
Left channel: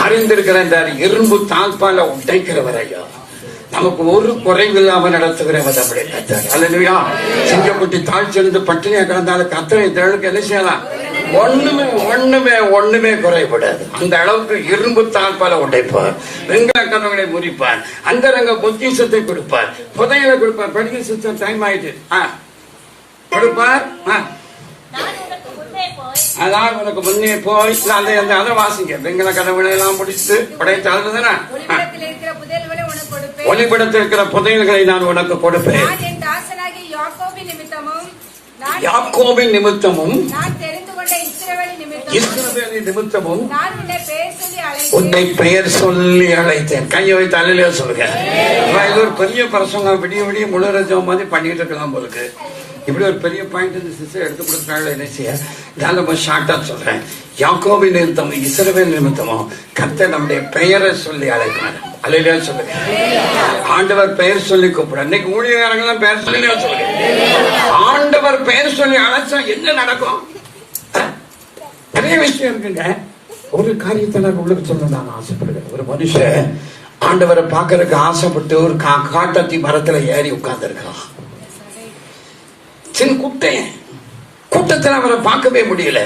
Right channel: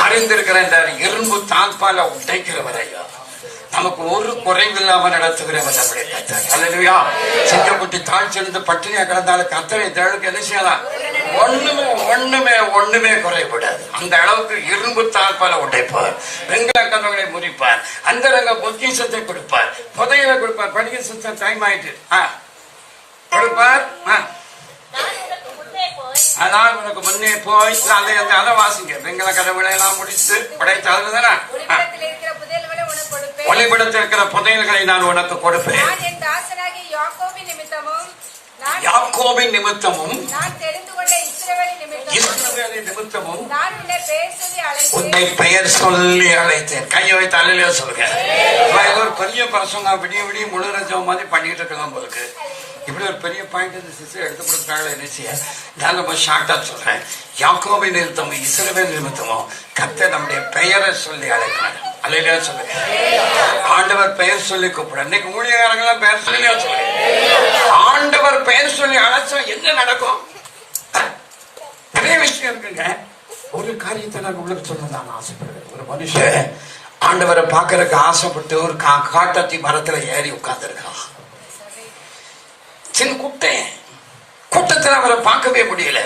அறிந்திருக்கிறேன். இரும்பு தாழ்பால உடைக்கிறவர் ஐயா, நமக்கு ஒரு குறைவில்லாம நடத்துகிறவர். அல்லதுயா சிங்கக்குட்டி தாழ்ச்சிருந்து பட்டினியா கிடந்தாலும் கத்தனை தழுக்கு என்ன செய்யலாம், ஒண்ணுமே குறைபடாது. அந்த அளவுக்கு இரும்பு தாழ்பால உடைப்பார், வெங்கல கதவுகளை முறிப்பார், அந்தரங்க பொக்கிஷத்தை கொடுப்பார், புதையலை கொடுப்பார். படிக்க சுத்தம் டைம் ஆயிட்டு கொடுப்பார். அதான் உனக்கு முன்னே போய் அதை வாசிங்க. வெங்கல கதவுகளை எல்லாம் முடிச்சு படைத்து அதுதானே ஒளிபடத்தில் இருக்கிற புதையல்களை நான் உனக்கு கொடுப்பேன். யாக்கோபின் நிமித்தமும் நான் தெரிந்து கொண்ட இஸ்ரவேலின் நிமித்தமும் நான் உன்னை பெயர் சொல்லி அழைத்தேன். கையை வைத்து அலையில சொல்லுங்க. ஒரு பெரிய பிரசங்கம் விடிய முழு ரஜம் மாதிரி பண்ணிட்டு இருக்கலாம் போலுக்கு. இப்படி ஒரு பெரிய பாயிண்ட் இந்த சிஸ்டர் எடுத்து கொடுத்தாங்க. என்ன செய்ய நான் ரொம்ப ஷார்ட்டா சொல்றேன். யாக்கோபின் நிமித்தமும் இஸ்ரவேல் நிமித்தமும் கர்த்தர் நம்முடைய பெயரை சொல்லி அழைத்தாங்க. அலையில சொல்லுங்க. ஆண்டவர் பெயர் சொல்லி கூப்பிட. இன்னைக்கு ஊழியக்காரங்களாம் பெயர் சொல்லி சொல்லுங்க. ஆண்டவர் பெயர் சொல்லி அழைச்சா என்ன நடக்கும்? நிறைய விஷயம் இருக்குங்க. ஒரு காரியத்தை நான் உங்களுக்கு சொல்ல நான் ஆசைப்படுகிறேன். ஒரு மனுஷன் ஆண்டவரை பார்க்கறதுக்கு ஆசைப்பட்டு ஒரு காட்டாத்தி மரத்துல ஏறி உட்கார்ந்து இருக்கலாம். சின்ன கூட்டத்தில் அவரை பார்க்கவே முடியல.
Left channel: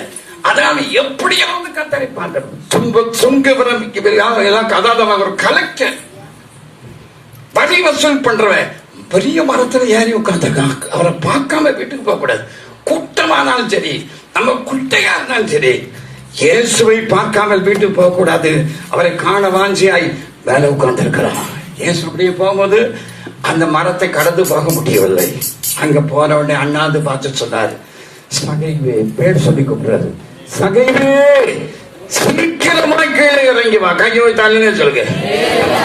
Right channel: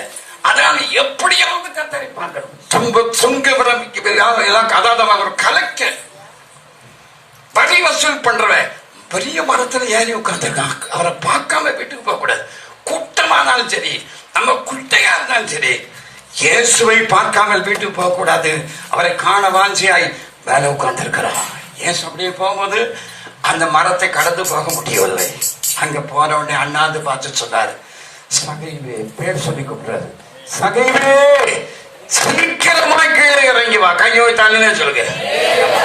அதனால எப்படியாவது கர்த்தரை பார்க்கணும். சுங்கவரம் கலெக்டர் வரி வசூல் பண்றவன் பெரிய மரத்துல ஏறி உட்கார்ந்துருக்கான். அவரை பார்க்காம வீட்டுக்கு போக கூடாது. கூட்டமானாலும் சரி, நம்ம குட்டையா இருந்தாலும் சரி, இயேசுவை பார்க்காமல் வீட்டுக்கு போக கூடாது. அவரை காண வாஞ்சியாய் வேலை உட்கார்ந்து இருக்கிறான். இயேசு அப்படியே போகும்போது அந்த மரத்தை கடந்து போக முடியவில்லை. அங்க போற உடனே அண்ணாந்து பார்த்து சொன்னாரு, சகைவே, பேர் சொல்லி கூப்பிடுறாரு, சகைவே சீக்கிரமா கீழே இறங்கி வா. கையோ தானே சொல்லுங்க.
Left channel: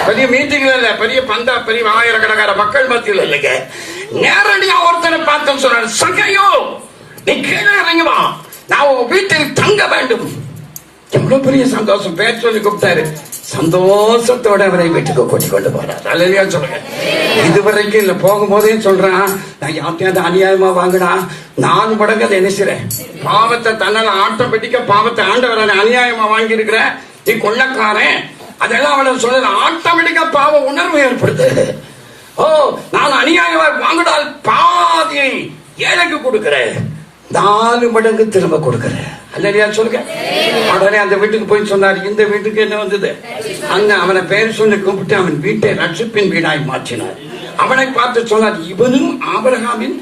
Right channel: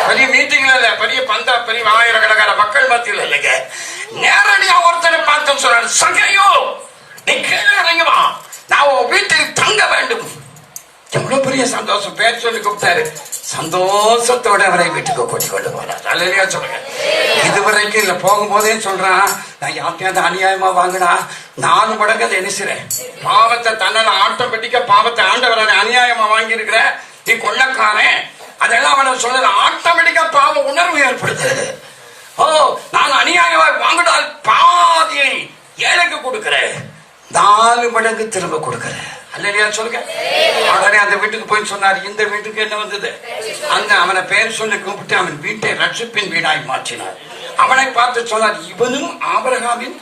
பெரிய மீட்டிங் இல்ல, பெரிய பந்தா, பெரிய ஆயிரக்கணக்கான மக்கள் மத்தியில் இல்லைங்க. நேரடியா ஒருத்தனை பார்த்தோம் சொல்ற, சகையோ நீ கீழே இறங்கி வா, நான் உன் வீட்டில் தங்க வேண்டும். எவ்வளவு பெரிய சந்தோஷம். பேர் சொல்லி கூப்பிட்டாரு. சந்தோஷத்தோட அவரை வீட்டுக்கு கொண்டு கொண்டு போறார். அல்லையா சொல்லுங்க. இதுவரைக்கும் இல்ல, போகும்போதே சொல்றான், நான் யார்ட்டையாவது அநியாயமா வாங்கினா 4 மடங்கு அதை என்ன செய்றேன், பாவத்தை தன்னால ஆட்டோமேட்டிக்கா பாவத்தை ஆண்டவரை அநியாயமா வாங்கி இருக்கிற நீ கொள்ளக்காரன், அதெல்லாம் அவனை சொல்ற ஆட்டோமேட்டிக்கா பாவ உணர்வு ஏற்படுது. ஓ, நான் அநியாயமா வாங்கினால் பாதியை ஏழைக்கு கொடுக்கிறேன், 4 மடங்கு திரும்ப கொடுக்கிறேன். அல்லையா சொல்லுங்க. உடனே அந்த வீட்டுக்கு போய் சொன்னார். இந்த வீட்டுக்கு என்ன வந்தது? அங்க அவனை பேர் சொல்லி கூப்பிட்டு அவன் வீட்டை ரட்சிப்பின் வீடாய் மாற்றினார். அவனை பார்த்து சொன்னார், இவனும் ஆபிரகாமின்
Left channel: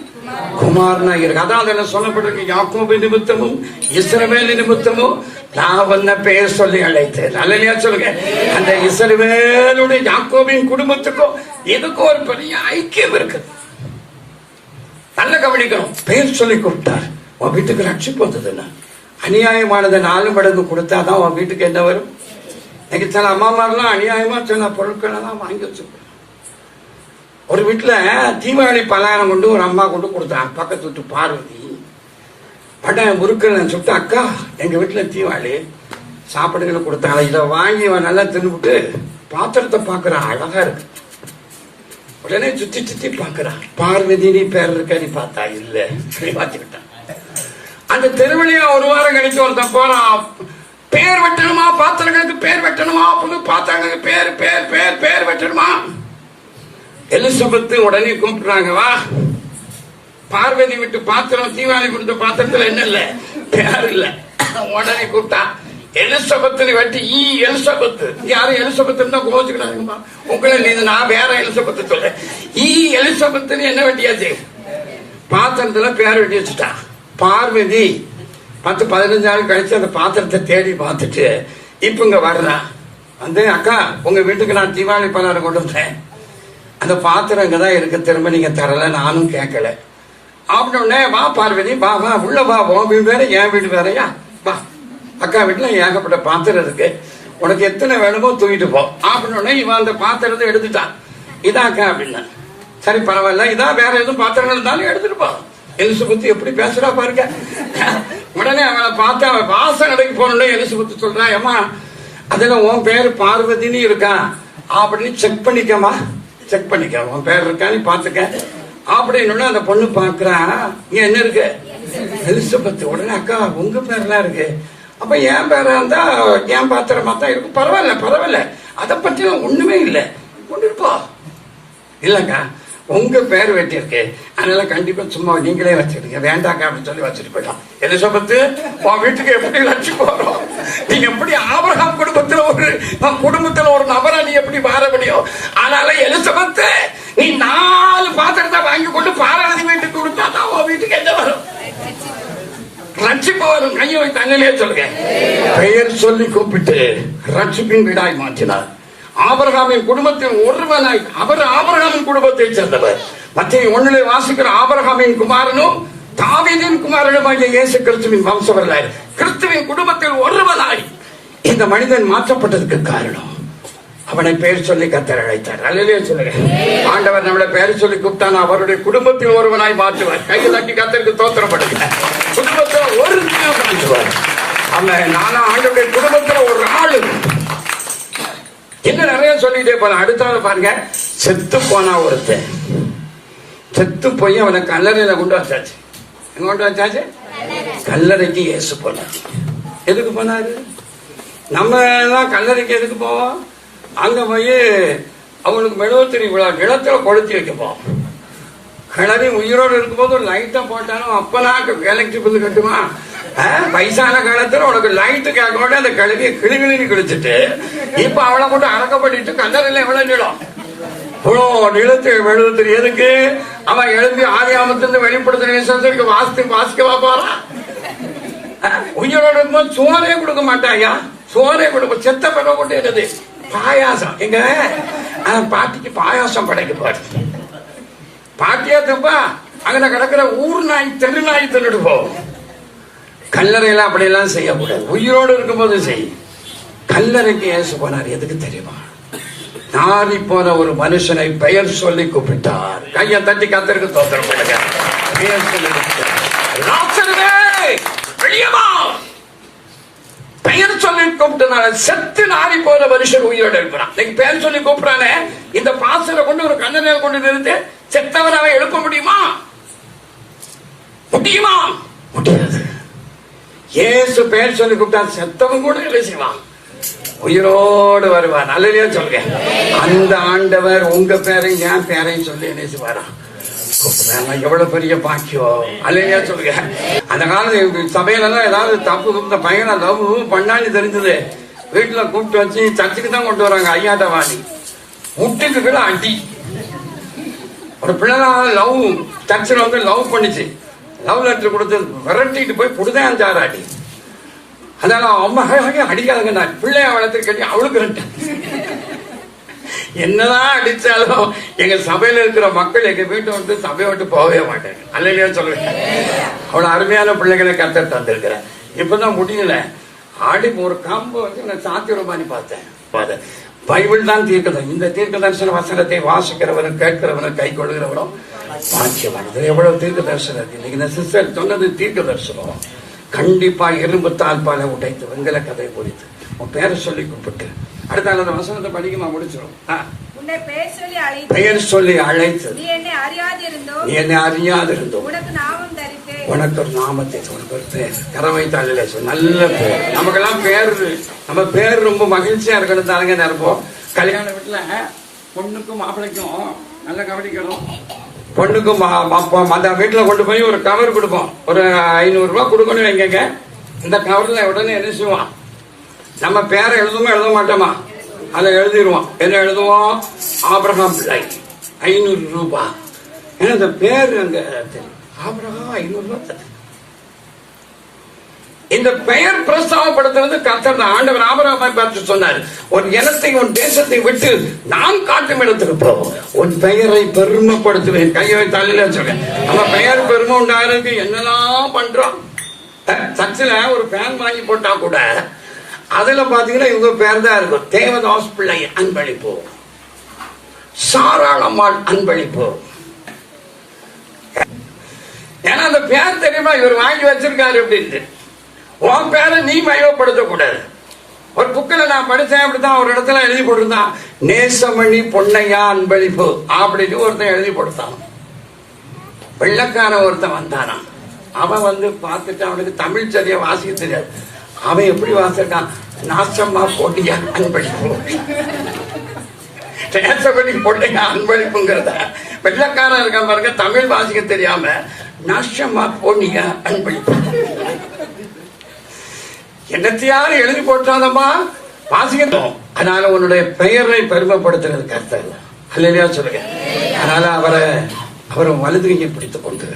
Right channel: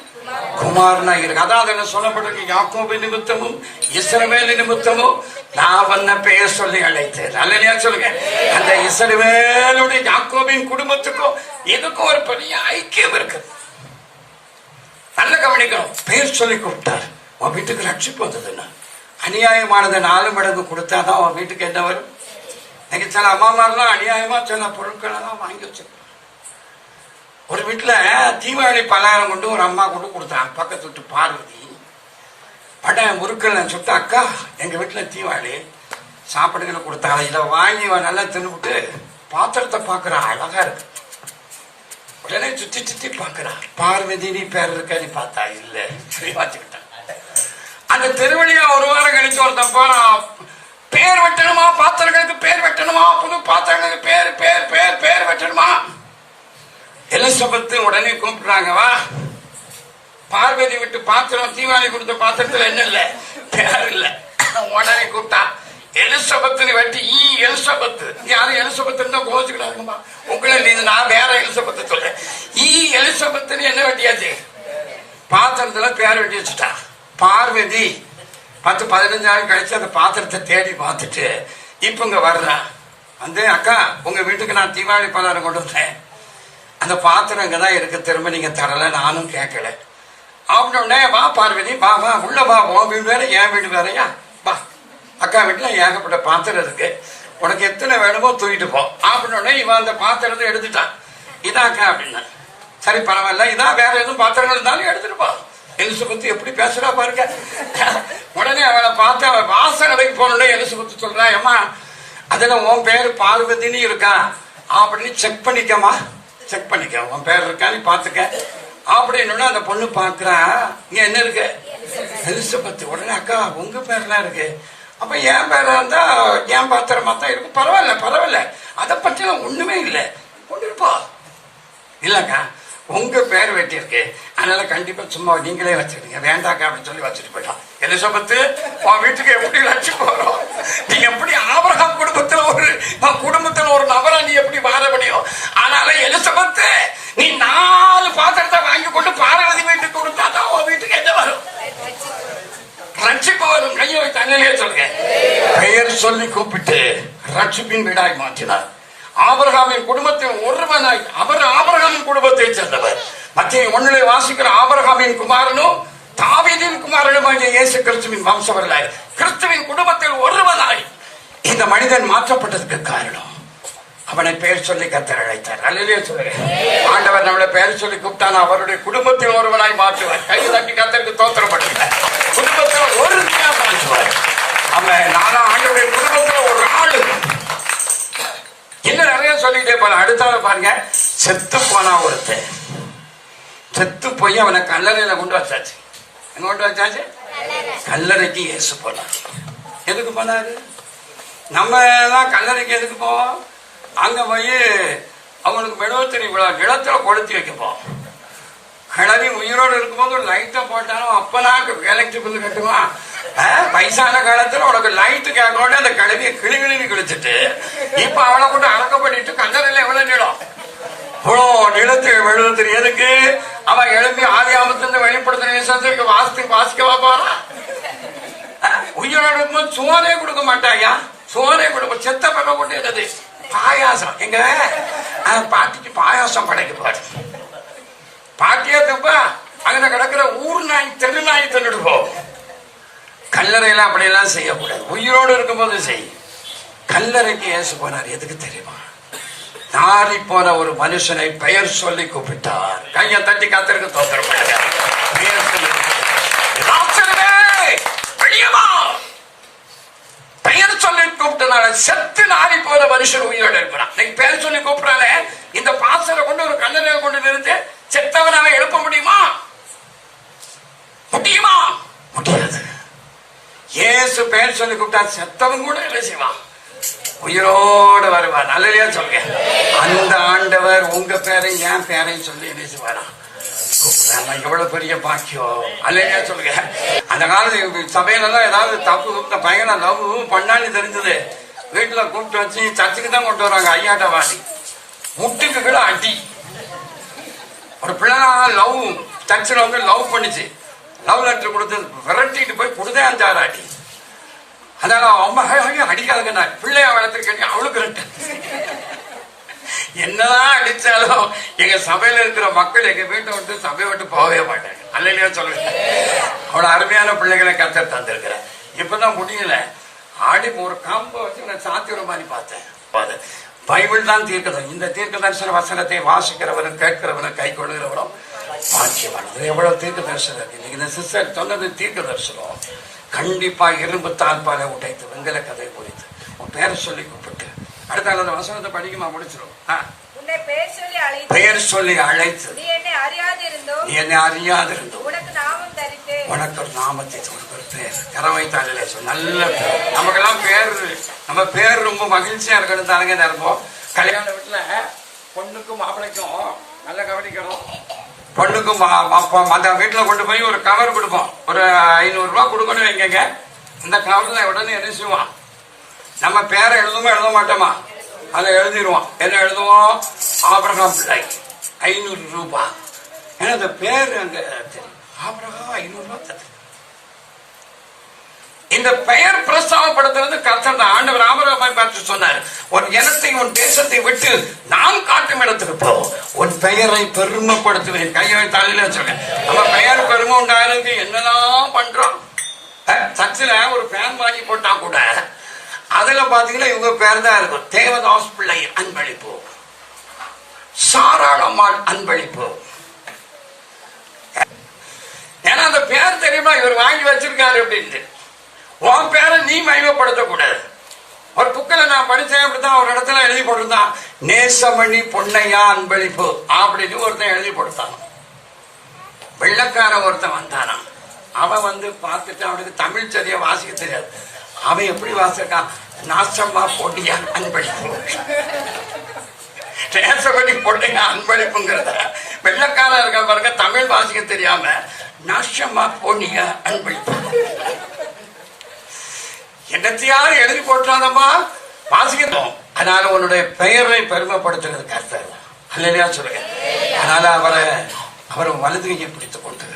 குமாரனா இருக்கு. அதான் அதில் சொல்லப்பட்டிருக்கு, யாக்கோபு நிமித்தமும் இஸ்ரவேல் நிமித்தமும் நான் வந்த பெயர் சொல்லி அழைத்தேன். அல்லையா சொல்லுங்க. அந்த இஸ்ரவேலுடைய யாக்கோபின் குடும்பத்துக்கும் இதுக்கும் ஒரு பெரிய ஐக்கியம் இருக்கு. நல்ல கவனிக்கணும். பெயர் சொல்லி கூப்பிட்டார். உன் வீட்டுக்கு ரட்சிப்பு வந்ததுன்னா அநியாயமானதை 4 மடங்கு கொடுத்தாதான் உன் வீட்டுக்கு என்ன வரும். எனக்கு சில அம்மாமாரெல்லாம் அநியாயமா சில பொருட்கள் எல்லாம் வாங்கி வச்சிருக்கோம். ஒரு வீட்டுல தீபாவளி பலகாரம் கொண்டு ஒரு அம்மா கொண்டு கொடுத்தாங்க. பக்கத்து வீட்டு பார்வதி பட்ட முறுக்கள் சுட்டு, அக்கா எங்க வீட்டுல தீபாவளி சாப்பாடுகளை கொடுத்தாங்க, இதை வாங்கி நல்லா தின்னுபிட்டு பாத்திரத்தை பாக்குற அழகா இருக்கு. உடனே சுத்தி சுத்தி பாக்குறான். பார்வதி நீ பேர் இருக்க, நீ பார்த்தா இல்ல, பார்த்துக்கிட்டான். அந்த தெருவழியா ஒரு வாரம் கழிச்சு ஒருத்தன் போறான். பேர் வெட்டணுமா, பாத்திரங்களுக்கு பேர் வெட்டணுமா, புது பாத்திரங்களுக்கு பேர் பேர் பேர் பேர் வெட்டணுமா. எலிசபெத் உடனே கூப்பிடுறாங்க, வா. பார்வதி விட்டு பாத்திரம், தீபாவளி கொடுத்த பாத்திரத்துல என்ன இல்ல, பேர் இல்ல. உடனே கூப்பிட்டான். எலிசபெத் வெட்டி எலிசபெத். யாரும் எலிசபெத் தான் கோச்சுக்கிறாங்க. உங்களை நான் வேற எலிசபெத் சொல்ல. எலிசபெத் என்ன வெட்டியாச்சு, பாத்திரத்துல பேர் வெட்டி வச்சுட்டான். பார்வதி 10-15 நாள் கழிச்சு அந்த பாத்திரத்தை தேடி பார்த்துட்டு இப்ப இங்க வரலாம். வந்து, அக்கா உங்க வீட்டுக்கு நான் தீபாவளி பலகாரம் கொண்டு வந்தேன், அந்த பாத்திரம் இங்கதான் இருக்கு, திரும்ப நீங்க தரல, நானும் கேட்கல. அப்படின்னே, வா பார்வதி, வா வா உள்ள வா, உன் வீடு வேற என் வீடு வேறையா, வா. அக்கா வீட்டுல ஏகப்பட்ட பாத்திரம் இருக்கு, உனக்கு எத்தனை வேணுமோ தூக்கிட்டு போ. அப்படின்னே இவன் அந்த பாத்திரத்தை எடுத்துட்டான். இதான் அக்கா அப்படின்னா, சரி பரவாயில்ல, இதான் வேற எதுவும் பாத்திரங்கள் இருந்தாலும் எடுத்துட்டு போ. எலிசபெத் எப்படி பேசுறா பாருங்க. உடனே அவனை பார்த்து அவன் வாசல் அடைக்கு போனே எலிசபெத் சொல்றா, ஏமா அதுல உன் பேரு பார்வதினு இருக்கா அப்படின்னு செக் பண்ணிக்கமா, செக் பண்ணிக்க, உன் பேர் இருக்கா நீ பாத்துக்க அப்படின்னு. அந்த பொண்ணு பாக்குறா, இங்க என்ன இருக்கு, எலிசபெத். உடனே, அக்கா உங்க பேர்லாம் இருக்கு, அப்ப என் பேரா இருந்தா என் பாத்திரமா தான் இருக்கு, பரவாயில்ல பரவாயில்ல, அதை பற்றி ஒண்ணுமே இல்லை, கொண்டுப்பா. இல்லக்கா உங்க பேர் வெட்டியிருக்கு, அதனால கண்டிப்பா சும்மா நீங்களே வச்சிருக்கீங்க, வேண்டாக்கா அப்படின்னு சொல்லி வச்சுட்டு போயிடலாம். எலிசபெத் உன் வீட்டுக்கு எப்படி வச்சு போறோம், நீ எப்படி ஆபிரகாம் குடும்பத்துல ஒரு நபரை நீ எப்படி வாழ முடியும். அதனால எலிசபெத் நீ 4 பாத்திரத்தை வாங்கி கொண்டு பாரதி வீட்டுக்கு கொடுத்தாதான் உன் வீட்டுக்கு என்ன வரும், ரட்சிப்பு வரும். கையை வைத்து அங்கனே சொல்லுங்க. பெயர் சொல்லி கூப்பிட்டு ரட்சிப்பின் வீடாய் மாற்றினார். ஆபிரகாமின் குடும்பத்தில் ஒருவனாய், அவர் ஆபிரகாமின் குடும்பத்தை சேர்ந்தவர். மத்திய 1 வாசிக்கிற ஆபிரகாமின் குமாரனும் தாவீதின் குமாரனுமாகிய இயேசு கிறிஸ்துவின் வம்சவர்களாய் கிறிஸ்துவின் குடும்பத்தில் ஒருவனாய் இந்த மனிதன் மாற்றப்பட்டதுக்கு காரணம் அவனை பெயர் சொல்லி கர்த்தர் அழைத்தார். அல்லையே சொல்லுங்க. ஆண்டவர் நம்மளை பெயர் சொல்லி கூப்பிட்டான், அவருடைய குடும்பத்தில் ஒருவனாய் மாற்றுவார். கை தட்டி கர்த்தருக்கு தோத்திரப்படுங்க. குடும்பத்தில் ஒரு மாற்றுவார். அவன் நானும் ஆண்டவருடைய குடும்பத்தில் ஒரு ஆளு என்ன நிறைய சொல்லிட்டே போல. அடுத்த பாருங்க, செத்து போனா ஒருத்தர், செத்து போய் அவனை கல்லறையில கொண்டு வச்சாச்சு. எங்க கொண்டு வச்சாச்சு? கல்லறைக்கு இயேசு போனாச்சு. எதுக்கு போனாரு? நம்ம எல்லாம் கல்லறைக்கு எதுக்கு போவோம்? அங்க போய் அவனுக்கு மெழுகுத்திரி நிலத்துல கொளுத்தி வைக்க போவோம். கிளறி உயிரோடு இருக்கும்போது ஒரு லைட்டை போட்டாலும் அப்பெல்லாம் எலக்ட்ரிக் பில் கட்டுமா? வயசான காலத்துல உனக்கு லைட்டு கேட்கணும், அந்த கிளவிய கிளிவிழி கிழிச்சிட்டு இப்ப அவளை கொண்டு அடக்க பண்ணிட்டு கல்லறையில எவ்வளவு நிலம் இவ்வளோ எழுத்து எதுக்கு? அவன் எழுப்பி ஆதியாமத்திலிருந்து வெளிப்படுத்தின விசேஷத்துக்கு வாசிக்கவா போறா? உயிரோட இருக்கும்போது சோறே கொடுக்க மாட்டாயா? சோறே கொடுக்க செத்த பெப்ப கொண்டு எழுது பாயாசம். எங்க பாட்டிக்கு பாயாசம் படைக்க பாடு பாட்டியா தப்பா? அங்க கிடக்கிற ஊர் நாய் தெரு நாய் தின்னுட்டு போகும். கல்லறையில அப்படியெல்லாம் செய்யக்கூடாது. உயிரோடு இருக்கும்போது செய். கல்லறைக்கு ஏசு போனார் எதுக்கு தெரியுமா? நாரி போன ஒரு மனுஷனை பெயர் சொல்லி கூப்பிட்டார். கையை தட்டி கத்தருக்கு தோத்திரம் பெயர் சொல்லி பெயர் சொல்லி கூப்பிட்டனால செத்து நாரி போன மனுஷன் உயிரோடு இருக்கிறான். பெயர் சொல்லி கூப்பிடானே இந்த பாசரை கொண்டு ஒரு கல்லறையை கொண்டு இருந்து செத்தவனாவை எழுப்ப முடியுமா? முடியாது. இயேசு பெயர் சொல்லி கூப்பிட்டா செத்தவன் கூட இல்லை செய்வான், உயிரோடு வருவான். அல்லையா சொல்லுங்க. அந்த ஆண்டவர் உங்க பேரையும் என் பேரையும் சொல்லி என்ன செய்வாரா? எவ்வளவு பெரிய பாக்கியம். அல்லையா சொல்லுங்க. அந்த காலத்து சபையில எல்லாம் ஏதாவது தப்பு பையனை லவ் பண்ணான்னு தெரிஞ்சது வீட்டுல கூப்பிட்டு வச்சு சர்ச்சுக்கு தான் கொண்டு வராங்க. ஐயாட்ட வாங்கி முட்டுக்கு கூட அடி. ஒரு பிள்ளை லவ் சர்ச்சில் வந்து லவ் பண்ணிச்சு. லவ் லெட்டர் கொடுத்து விரட்டிட்டு போய் கொடுத்தேன் 5-6 அடி. அதனால அம்மா அடிக்காதுங்க பிள்ளைய வளர்த்து கட்டி அவளுக்கு என்னதான் அடிச்சாலும் எங்க சபையில இருக்கிற மக்கள் எங்க வீட்டை விட்டு சபையை விட்டு போகவே மாட்டேன். அல்லையா சொல்லுங்க. அவ்வளவு அருமையான பிள்ளைகளை கத்த தந்திருக்கிறேன். இப்பதான் முடியல. ஆடி ஒரு காம்பு வந்து நான் சாத்திரமானி பார்த்தேன். பைபிள் தான் தீர்க்கதம். இந்த தீர்க்க தரிசன வசனத்தை வாசிக்கிறவரும் கேட்கிறவரும் கை கொள்கிறவரும் சாட்சியமானது. எவ்வளவு தீர்க்க தரிசனம் இருக்கு. இந்த சிஸ்டர் சொன்னது தீர்க்க தரிசனம். கண்டிப்பா இரும்பு தாழ்பாலை உடைத்து வெண்கல கதை குறித்து உன் பேரை சொல்லி கூப்பிட்டு அடுத்த அந்த வசனத்தை படிக்குமா முடிச்சிடும். உன்னை பெயர் சொல்லி அழைத்து நீ என்னை அறியாதிருந்தோம் உனக்கு நாமம் தரித்து உனக்கு ஒரு நாமத்தை பேர் கரவை தாளில நல்ல பேர். நமக்கெல்லாம் பேர் நம்ம பேர் ரொம்ப மகிழ்ச்சியா இருக்கணும் தாங்க நினைப்போம். கல்யாண வீட்டுல பொண்ணுக்கும் மாப்பிள்ளைக்கும் நல்ல கவனிக்கணும். பொண்ணுக்கும் அந்த வீட்டுல கொண்டு போய் ஒரு கவர் கொடுப்போம். ஒரு 500 ரூபாய் கொடுக்கணும் வைங்க. இந்த கவர்ல உடனே என்ன செய்வான்? நம்ம பேரை எழுதுமா எழுத மாட்டோமா? அதை எழுதிடுவோம். என்ன எழுதுவோம்? ஆபிரகாம் பிள்ளை 500 ரூபாய். ஏன்னா அந்த பேர் அங்க ஆபிரகாம் 500 ரூபாய். இந்த பெயர் பிரஸ்தாவப்படுத்துறது கர்த்தர் தான். ஆண்டவர் ஆபிரகாமை பார்த்து சொன்னார், உன் இனத்தை உன் தேசத்தை விட்டு நான் காட்டும் இடத்துக்கு போ, உன் பெயரை பெருமைப்படுத்துவேன். கையை தலையில சொல்ல நம்ம பெயர் பெருமை உண்டாகிறது. என்னெல்லாம் பண்றோம். சர்ச்சில் ஒரு ஃபேன் வாங்கி போட்டா கூட அதுல பாத்தீங்கன்னா இவங்க பேர் தான் இருக்கும். தேவதாஸ் பிள்ளை அன்பளிப்பு, சாராளம்மாள் அன்பளிப்பு. ஏன்னா அந்த பேர் தெரியுமா இவர் வாங்கி வச்சிருக்காரு அப்படின்னு. உன் பேரை நீ மயப்படுத்தக்கூடாது. ஒரு புக்கில் நான் படிச்சேன், அப்படித்தான் ஒரு இடத்துல எழுதி போட்டிருந்தான், நேசமணி பொன்னையா அன்பளிப்பு அப்படின்னு ஒருத்தன் எழுதி போட்டான். வெள்ளக்கார ஒருத்தன் வந்தானா. அவன் வந்து பார்த்துட்டு அவனுக்கு தமிழ் சரியா வாசிக்க தெரியாது. அவன் எப்படி வாசிக்கான்? நாசமா பொன்னையா அன்பளிப்பு. நேசமணி பொன்னையா அன்பளிப்புங்கிறத வெள்ளக்காரன் இருக்க பாருங்க, தமிழ் வாசிக்க தெரியாம நாசமா பொன்னையா அன்பளிப்பு. என்னத்தையாவது எழுதி போட்டாதம்மா வாசிக்கணும். அதனால உன்னுடைய பெயரை பெருமைப்படுத்துறது கர்த்தர். அல்லையா சொல்லுங்க. அதனால அவரை வலதுகையை பிடித்துக் கொண்டு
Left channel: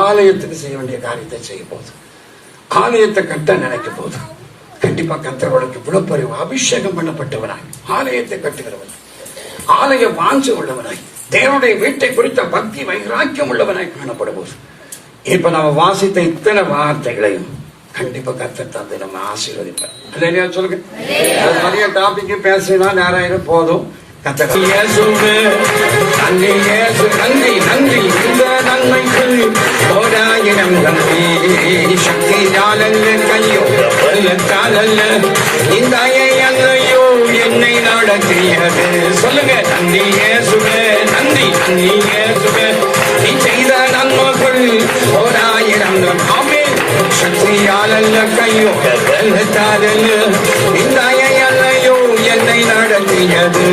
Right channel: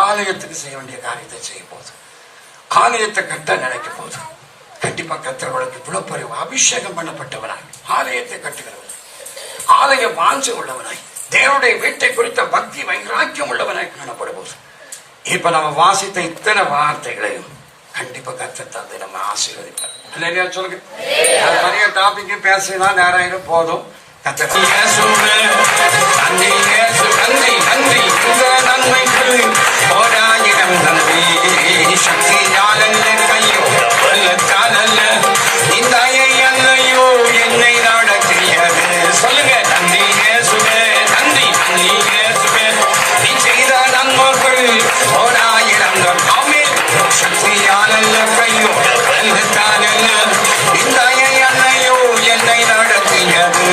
ஆலயத்துக்கு செய்ய வேண்டிய காரியத்தை செய்ய போது, ஆலயத்தை கட்ட நினைக்க போது கண்டிப்பா கர்த்தர்களுக்கு விழுப்பறிவு அபிஷேகம் பண்ணப்பட்டவனாய் ஆலயத்தை கட்டுகிறவன், ஆலய வாஞ்சை உள்ளவனாய், தேவனுடைய வீட்டை குறித்த பக்தி வைராக்கியம் உள்ளவனாய் காணப்பட போது இப்ப நம்ம வாசித்த இத்தனை வார்த்தைகளையும் கண்டிப்பா கர்த்தர் தந்தை நம்ம ஆசீர்வதிப்பார். இல்லையா சொல்லுங்க. நிறைய டாபிக் பேசினா நேரம் போதும். நன்றி நன்றி இந்த நன்மைக்கு ஓராயிரம் நன்றி. சக்தி காலல்ல கையோ வெள்ளச்சாலல்ல இந்த அல்லையோ என்னை நடத்தியது. சொல்லுங்க. நன்றி இயேசுவே, நன்றி நன்றி இயேசுவே, நீ செய்த நன்மைகள் ஓராயிரம் நன்றி. சக்தியாலல்ல கையோ வெள்ளச்சாலல்ல இந்த அல்லையோ என்னை நடத்தியது.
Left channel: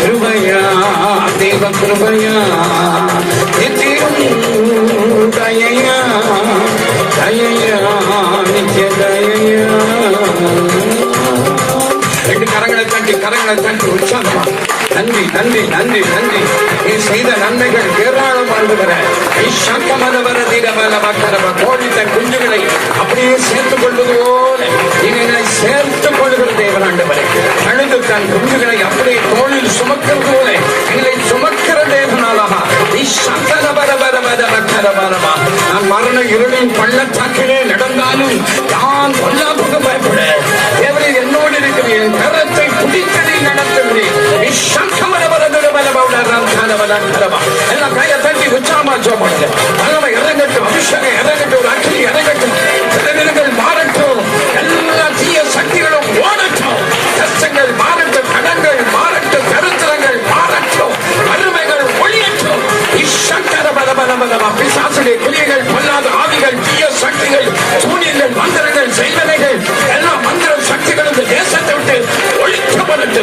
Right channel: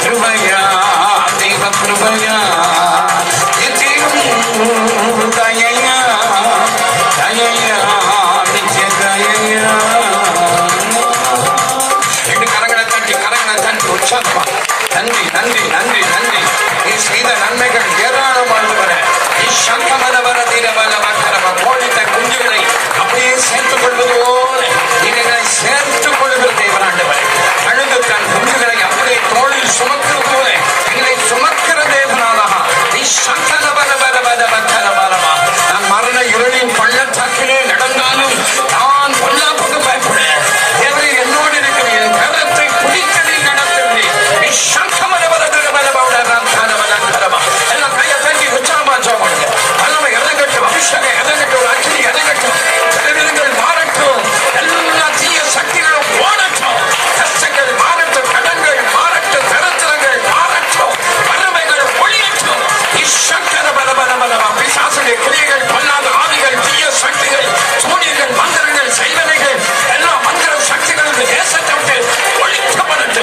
கிருபையா தேவ கிருபையா தயையா தயையா நிச்சய தயையா. நன்றி நன்றி நன்றி நன்றி. நீ செய்த நன்மைகள் ஏராளமானவர. கோழித்த குஞ்சுகளை அப்படியே சேர்த்துக் கொள்வது போல இதை சேர்த்துக் கொள்கிற தேவனாண்டவரை. கழுகு தன் குஞ்சுகளை அப்படியே தோளில் சுமக்கிறது போல இல்லை சுமக்கிற தேவனாலா. நான் மரண இருளின் பள்ளத்தாக்கிலே நடந்தாலும் நான் பொல்லாப்புக்கு பயப்படுறேன். தேவரை என்னோடு இருக்கிறேன். கரத்தை பிடித்தடி நடத்துகிறேன். எல்லாம் கையை தட்டி உச்சாமா ஜோபாங்க. வல்லமை இறங்கட்டும், அபிஷேகம் இறங்கட்டும், ஒரு அக்கினி இறங்கட்டும், சிலைகள் மாறட்டும், எல்லா தீய சக்திகளும் ஓடட்டும், கஷ்டங்கள் மாறட்டும், கடன்கள் மாறட்டும், கருத்தரங்கள் மாறட்டும், வறுமைகள் ஒழியட்டும். பிசாசுடைய குறிகள், பல்லாத ஆவிகள், தீய சக்திகள், சூரியங்கள், மந்திரங்கள், செய்வனைகள், எல்லா மந்திர சக்திகள் இந்த தேசத்தை விட்டு ஒழிக்கப்பட்டு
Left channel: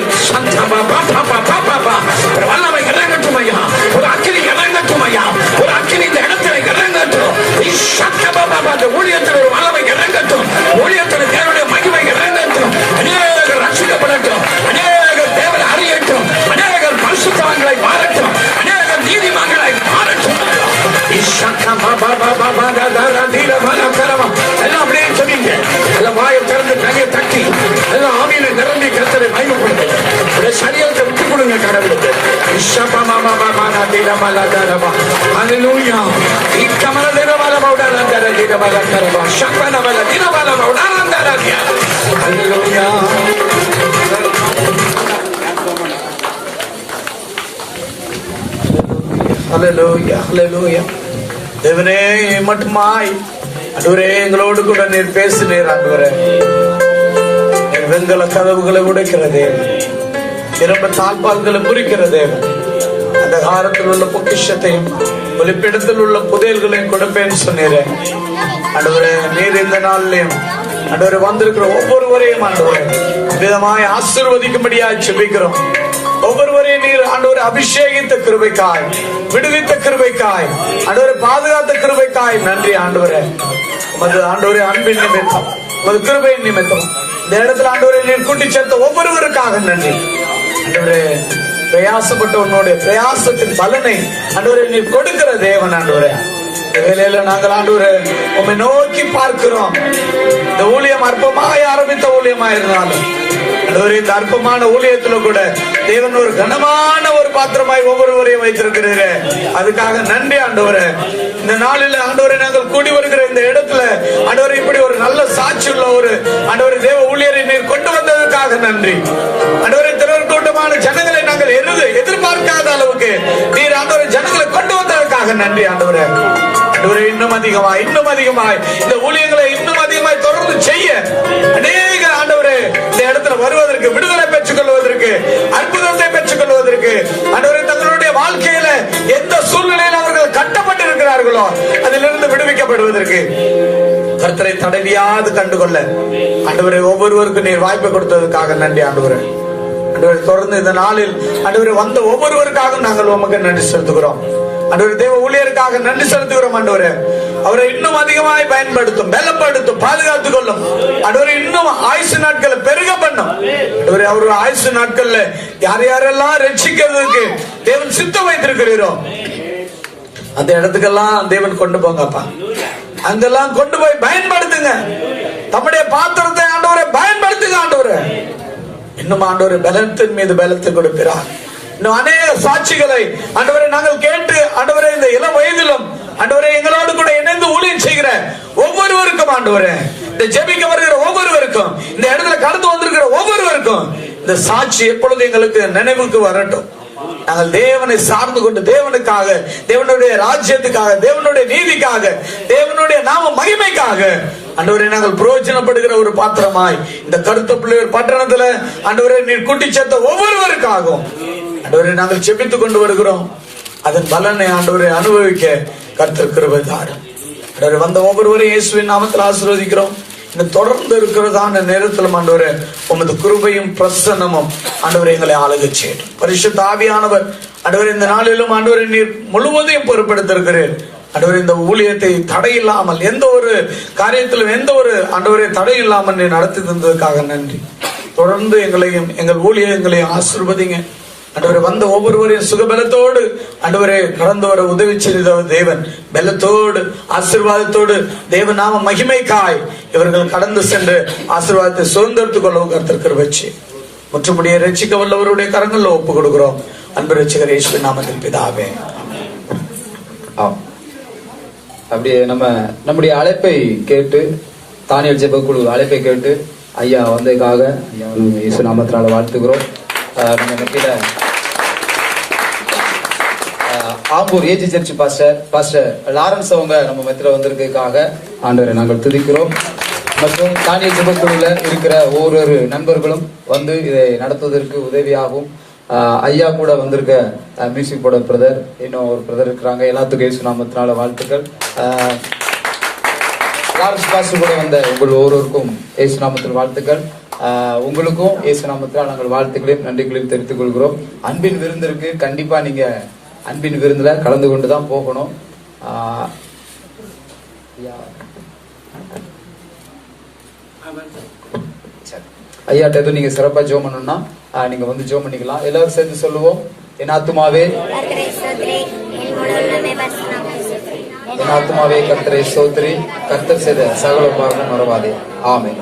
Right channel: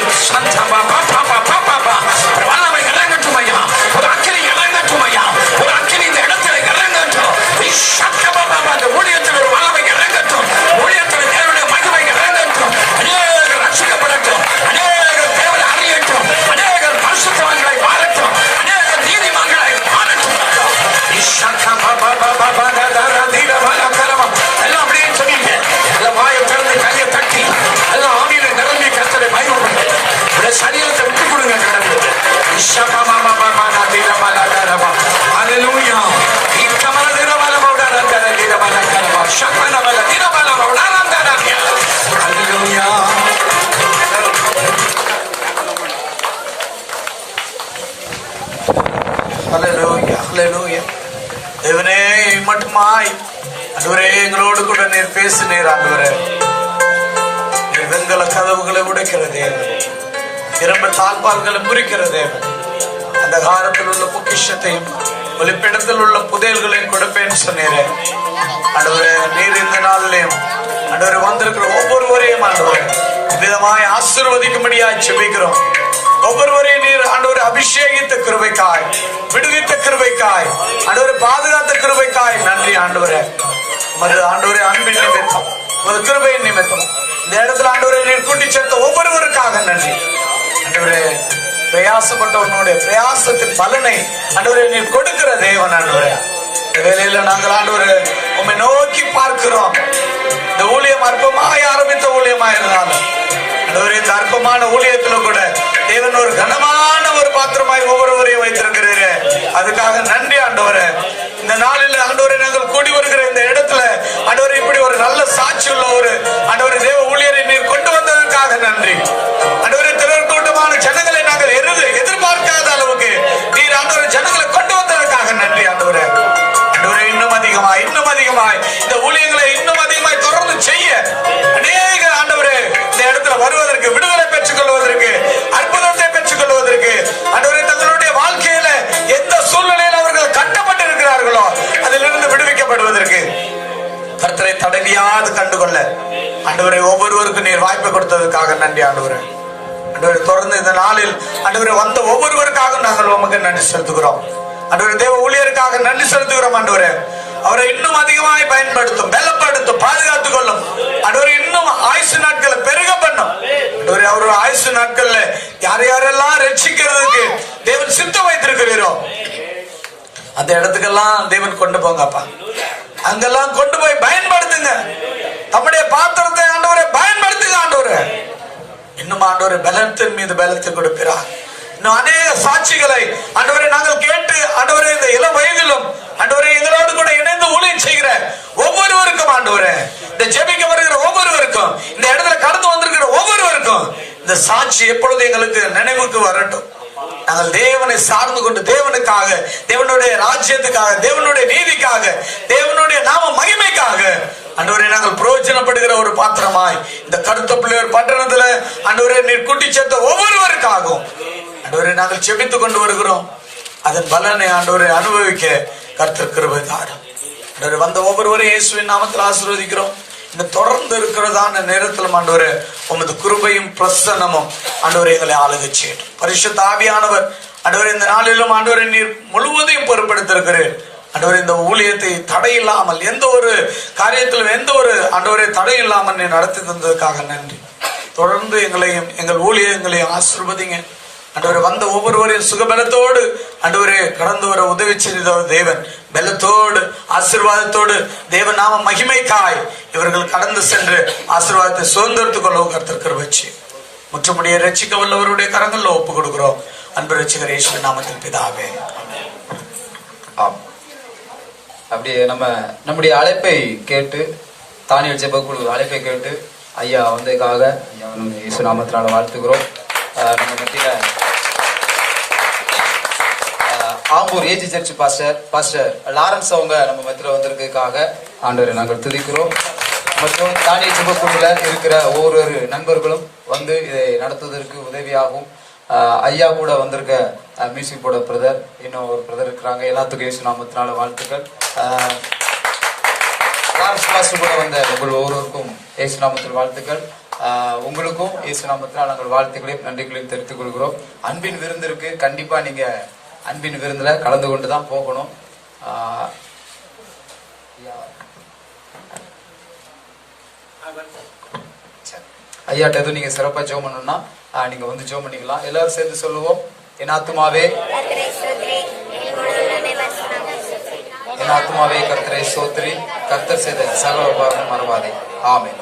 வல்லமை இறங்கட்டும் ஐயா. ஒரு அக்கினி இறங்கட்டும் ஐயா. ஒரு அக்கினி இந்த இடத்துல இறங்கட்டும். ஊழியத்தில் ஒரு வல்லமை இறங்கட்டும். ஊழியத்தில் தேவனுடைய மகிமை இறங்கட்டும். அநேகர் ரட்சிக்கப்படட்டும். அநேகர் தேவனை அறியட்டும். அநேகர் பரிசுத்தவான்களை மாறட்டும். அநேகர் நீதிமான்களை மாறட்டும். எல்லாம் அப்படியே சொன்னீங்க. எல்லாம் வாயை திறந்து கையை தட்டி எல்லாம் ஆவியில நிரம்பி கர்த்தரை பயன்படுத்துங்க. இதை சரியாத்தை விட்டு கொடுங்க கடவுளுக்கு. தேவனே மட்டுமாய் அதுவரே எங்களோடு கூட நீர் பேசினீர். ஆண்டவரே வெண்கல கதவுகளை உடைக்கிற தேவன், இரம்ப தாழ்பால்களை முறிக்கிற தேவன், அந்த காலத்தில் உள்ள பொக்கிஷத்தையும் ஒலிப்பிடத்தில் உள்ள புதையல்களையும் கொடுப்பேன்னு சொன்னீரே. ஆண்டவரே நீர் இந்த நாளிலையும் ஆண்டவரே வந்திருக்கிற ஒவ்வொருவரையும் ஆண்டவரே விதமாய் ஆசீர்வதிக்கும்படியாய் ஜெபிக்கிறோம். ஒவ்வொருவரையும் நீர் ஆண்டவரை அபிஷேகித்த கிருபைக்காய், விடுவித்த கிருபைக்காய், ஆண்டவரை பாதுகாத்த கிருபைக்காய் நன்றி ஆண்டவரே. ஆண்டவரே அன்பின் நிமித்தம், ஒரு கிருபையின் நிமித்தம் இந்த இடத்துல ஆண்டவரை நீர் கூட்டி சேர்த்த ஒவ்வொருவருக்காக நன்றி ஆண்டவரே. பிரயாசப்பட்டவனுடைய பிரயாசத்தின் பலனை ஆண்டவரை நீர் கொடுக்கிற தேவன் ஆண்டவரே. வேலையில நாங்கள் ஆண்டவரை உம்மை நோக்கி பார்க்கிறோம். இந்த ஊழியம் அற்பமாய் ஆரம்பித்த ஊழியமா இருந்தாலும் இந்த அற்பமான ஊழியத்துல கூட தேவன் ஒரு கனமான ஒரு பாத்திரமாய் ஒவ்வொருவரையும் வைத்திருக்கிறீரே, அதுக்காக நன்றி ஆண்டவரே. இந்த நாளில் ஆண்டவரை நாங்கள் கூடி வருகிற இந்த இடத்துல ஆண்டவரை இப்படி ஒரு நல்ல சாட்சி உள்ள ஒரு ஆண்டவரை தேவ ஊழியரை நீர் கொண்டு வந்ததற்காக நன்றி ஆண்டவரை. திரள் கூட்டமான ஜனங்களை நாங்கள் எதிர்பார்க்காத அளவுக்கு நீர் ஆண்டவரை ஜனங்களை கொண்டு வந்ததற்காக நன்றி ஆண்டவரே. இன்னும் அதிகமாய் இந்த ஊழியங்களை இன்னும் அதிகமாய் தொடர்ந்து செய்ய அநேக ஆண்டவரே இந்த இடத்துல வருவதற்கு, விடுதலை பெற்றுக் கொள்வதற்கு, அற்புதத்தை பெற்றுக் கொள்வதற்கு ஆண்டவரே தங்களுடைய வாழ்க்கையில எந்த சூழ்நிலையில் அவர்கள் கட்டப்பட்டிருக்கிறார்களோ அதிலிருந்து விடுவிக்கப்படுவதற்கு கர்த்தரை தடவியாது கண்டுகொள்ள ஆண்டவரை ஒவ்வொருவருக்கும் நீர் வாய்ப்பை கொடுத்ததற்காக நன்றி ஆண்டவரே. ஆண்டவரை தொடர்ந்து இந்த நாளில் ஆண்டவரை வந்த ஒவ்வொருவருக்காக நாங்கள் உமக்கு நன்றி செலுத்துகிறோம். ஆண்டவரே தேவ ஊழியருக்காக நன்றி செலுத்துகிறோம். ஆண்டவரே அவரை இன்னும் அதிகமாய் பயன்படுத்தும், பலப்படுத்தும், பாதுகாத்துக் கொள்ளும். ஆண்டவரை இன்னும் ஆயுசு நாட்களை பெருக பண்ணும். அவருடைய ஆயுசு நாட்கள்ல யாரெல்லாம் ரட்சிக்கிறதுக்கு தேவன் சித்தம் வைத்திருக்கிறீரோ அந்த இடத்துக்கெல்லாம் தேவன் கொண்டு போங்கப்பா. அங்கெல்லாம் கொண்டு போய் பயன்படுத்துங்க. தம்முடைய பாத்திரத்தை ஆண்டவரை பயன்படுத்துங்க. ஆண்டவரை இன்னும் ஆண்டவரை பலத்தின் மீது பலத்தை கொடுக்கிறார். இன்னும் அநேக சாட்சிகளை ஆண்டவரை நாங்கள் கேட்டு ஆண்டவரை இந்த இளம் வயதிலும் ஆண்டவரை எங்களோடு கூட இணைந்து ஊழியம் செய்கிற ஒவ்வொருவருக்கும் ஆண்டவரை, இந்த ஜெபிக்க வருகிற ஒவ்வொருவருக்கும், இந்த இடத்துல கடந்து வந்திருக்கிற ஒவ்வொருவருக்கும் இந்த சாட்சி எப்பொழுது எங்களுக்கு நினைவுக்கு வரட்டும். நாங்கள் தேவனை சார்ந்து கொண்டு தேவனுக்காக, தேவனுடைய ராஜ்யத்துக்காக, தேவனுடைய நீதிக்காக, தேவனுடைய நாம மகிமைக்காக ஆண்டவரை நாங்கள் பிரயோஜனப்படுகிற ஒரு பாத்திரமாய் இந்த கருத்த பிள்ளையோர் பட்டணத்துல ஆண்டவரை நீர் கூட்டி சேர்த்த ஒவ்வொருவருக்காகவும் ஆண்டவரை நாங்கள் ஜெபித்துக் கொண்டு வருகிறோம். அதன் பலனை ஆண்டவரை அனுபவிக்க கர்த்தர் கிருபை தாரும். வந்த ஒவ்வொருவரையும் இயேசுவின் நாமத்தில் ஆசீர்வதிக்கிறோம். தொடர்ந்து இருக்கிறதான நேரத்தில் ஆண்டவரே உமது கிருபையும் பிரசன்னமும் ஆண்டவரை எங்களை ஆளுகை செய்யட்டும். பரிசுத்த ஆவியானவர் ஆண்டவரே இந்த நாளிலும் ஆண்டவரை நீர் முழுவதையும் பொறுப்பெடுத்திருக்கிறேன். ஆண்டவரே இந்த ஊழியத்தை தடையில்லாமல், எந்த ஒரு காரியத்திலும் எந்த ஒரு ஆண்டவரை தடையில்லாமல் நீ நடத்தி தந்ததுக்காக நன்றி. தொடர்ந்து எங்களையும் எங்கள் ஊழியங்களையும் ஆசீர்வதிங்க ஆண்டவரே. வந்த ஒவ்வொருவரையும் சுகபலத்தோடு ஆண்டவரே கடந்து வர உதவி செய்த தேவன், பலத்தோடு ஆசீர்வாதத்தோடு தேவன் நாம மகிமைக்காய் இவர்கள் கடந்து சென்று ஆசீர்வாதத்தை சுதந்திரத்துக் கொள்ள கர்த்தர் கிருபை செய்யும். முற்றுமுடிய ரட்சிக்க வல்லவருடைய கரங்கள்ல ஒப்பு கொடுக்கிறோம். அன்பு ரட்சகர் இயேசு நாமத்தில் பிதாவே. ஆம். அப்படியே நம்முடைய அழைப்பை கேட்டு, தானியல் ஜெபக்குழு அழைப்பை கேட்டு ஐயா வந்ததுக்காக இயேசு நாமத்தினால வாழ்த்துக்கிறோம். நம்ம மத்தியில Ambur AG church pastor Lawrence அவங்க நம்ம மத்தியில வந்திருக்கிறதுக்காக ஆண்டவரை நாங்கள் துதிக்கிறோம். மற்றும் தானியல் ஜெபக்குழுல இருக்கிற ஒவ்வொரு நண்பர்களும் வந்து இதை நடத்துவதற்கு உதவியாகும். ஐயா கூட வந்திருக்க மியூசிக் போட பிரதர், இன்னும் ஒரு பிரதர் இருக்கிறாங்க. எல்லாத்துக்கும் இயேசு நாமத்தினால வாழ்த்துக்கள். லாரன்ஸ் பாஸ்டர் கூட வந்த உங்கள் ஒவ்வொருவருக்கும் இயேசு நாமத்தில் வாழ்த்துக்கள். உங்களுக்கும் இயேசு நாமத்தில் நாங்கள் வாழ்த்துக்களையும் நன்றிகளையும் தெரிவித்துக் கொள்கிறோம். அன்பின் விருந்து இருக்கு, கண்டிப்பா நீங்க அன்பின் விருந்துல கலந்து கொண்டுதான் போகணும். ஐயாட்ட எதுவும் நீங்க சிறப்பா ஜெபம் பண்ணணும்னா நீங்க வந்து ஜெபம் பண்ணிக்கலாம். எல்லாரும் சேர்ந்து சொல்லுவோம். என் ஆத்துமாவே என் ஆத்துமாவே கர்த்தரை ஸ்தோத்திரி, கர்த்தர் செய்த சகல உபகாரம் மறவாதே. ஆமென்.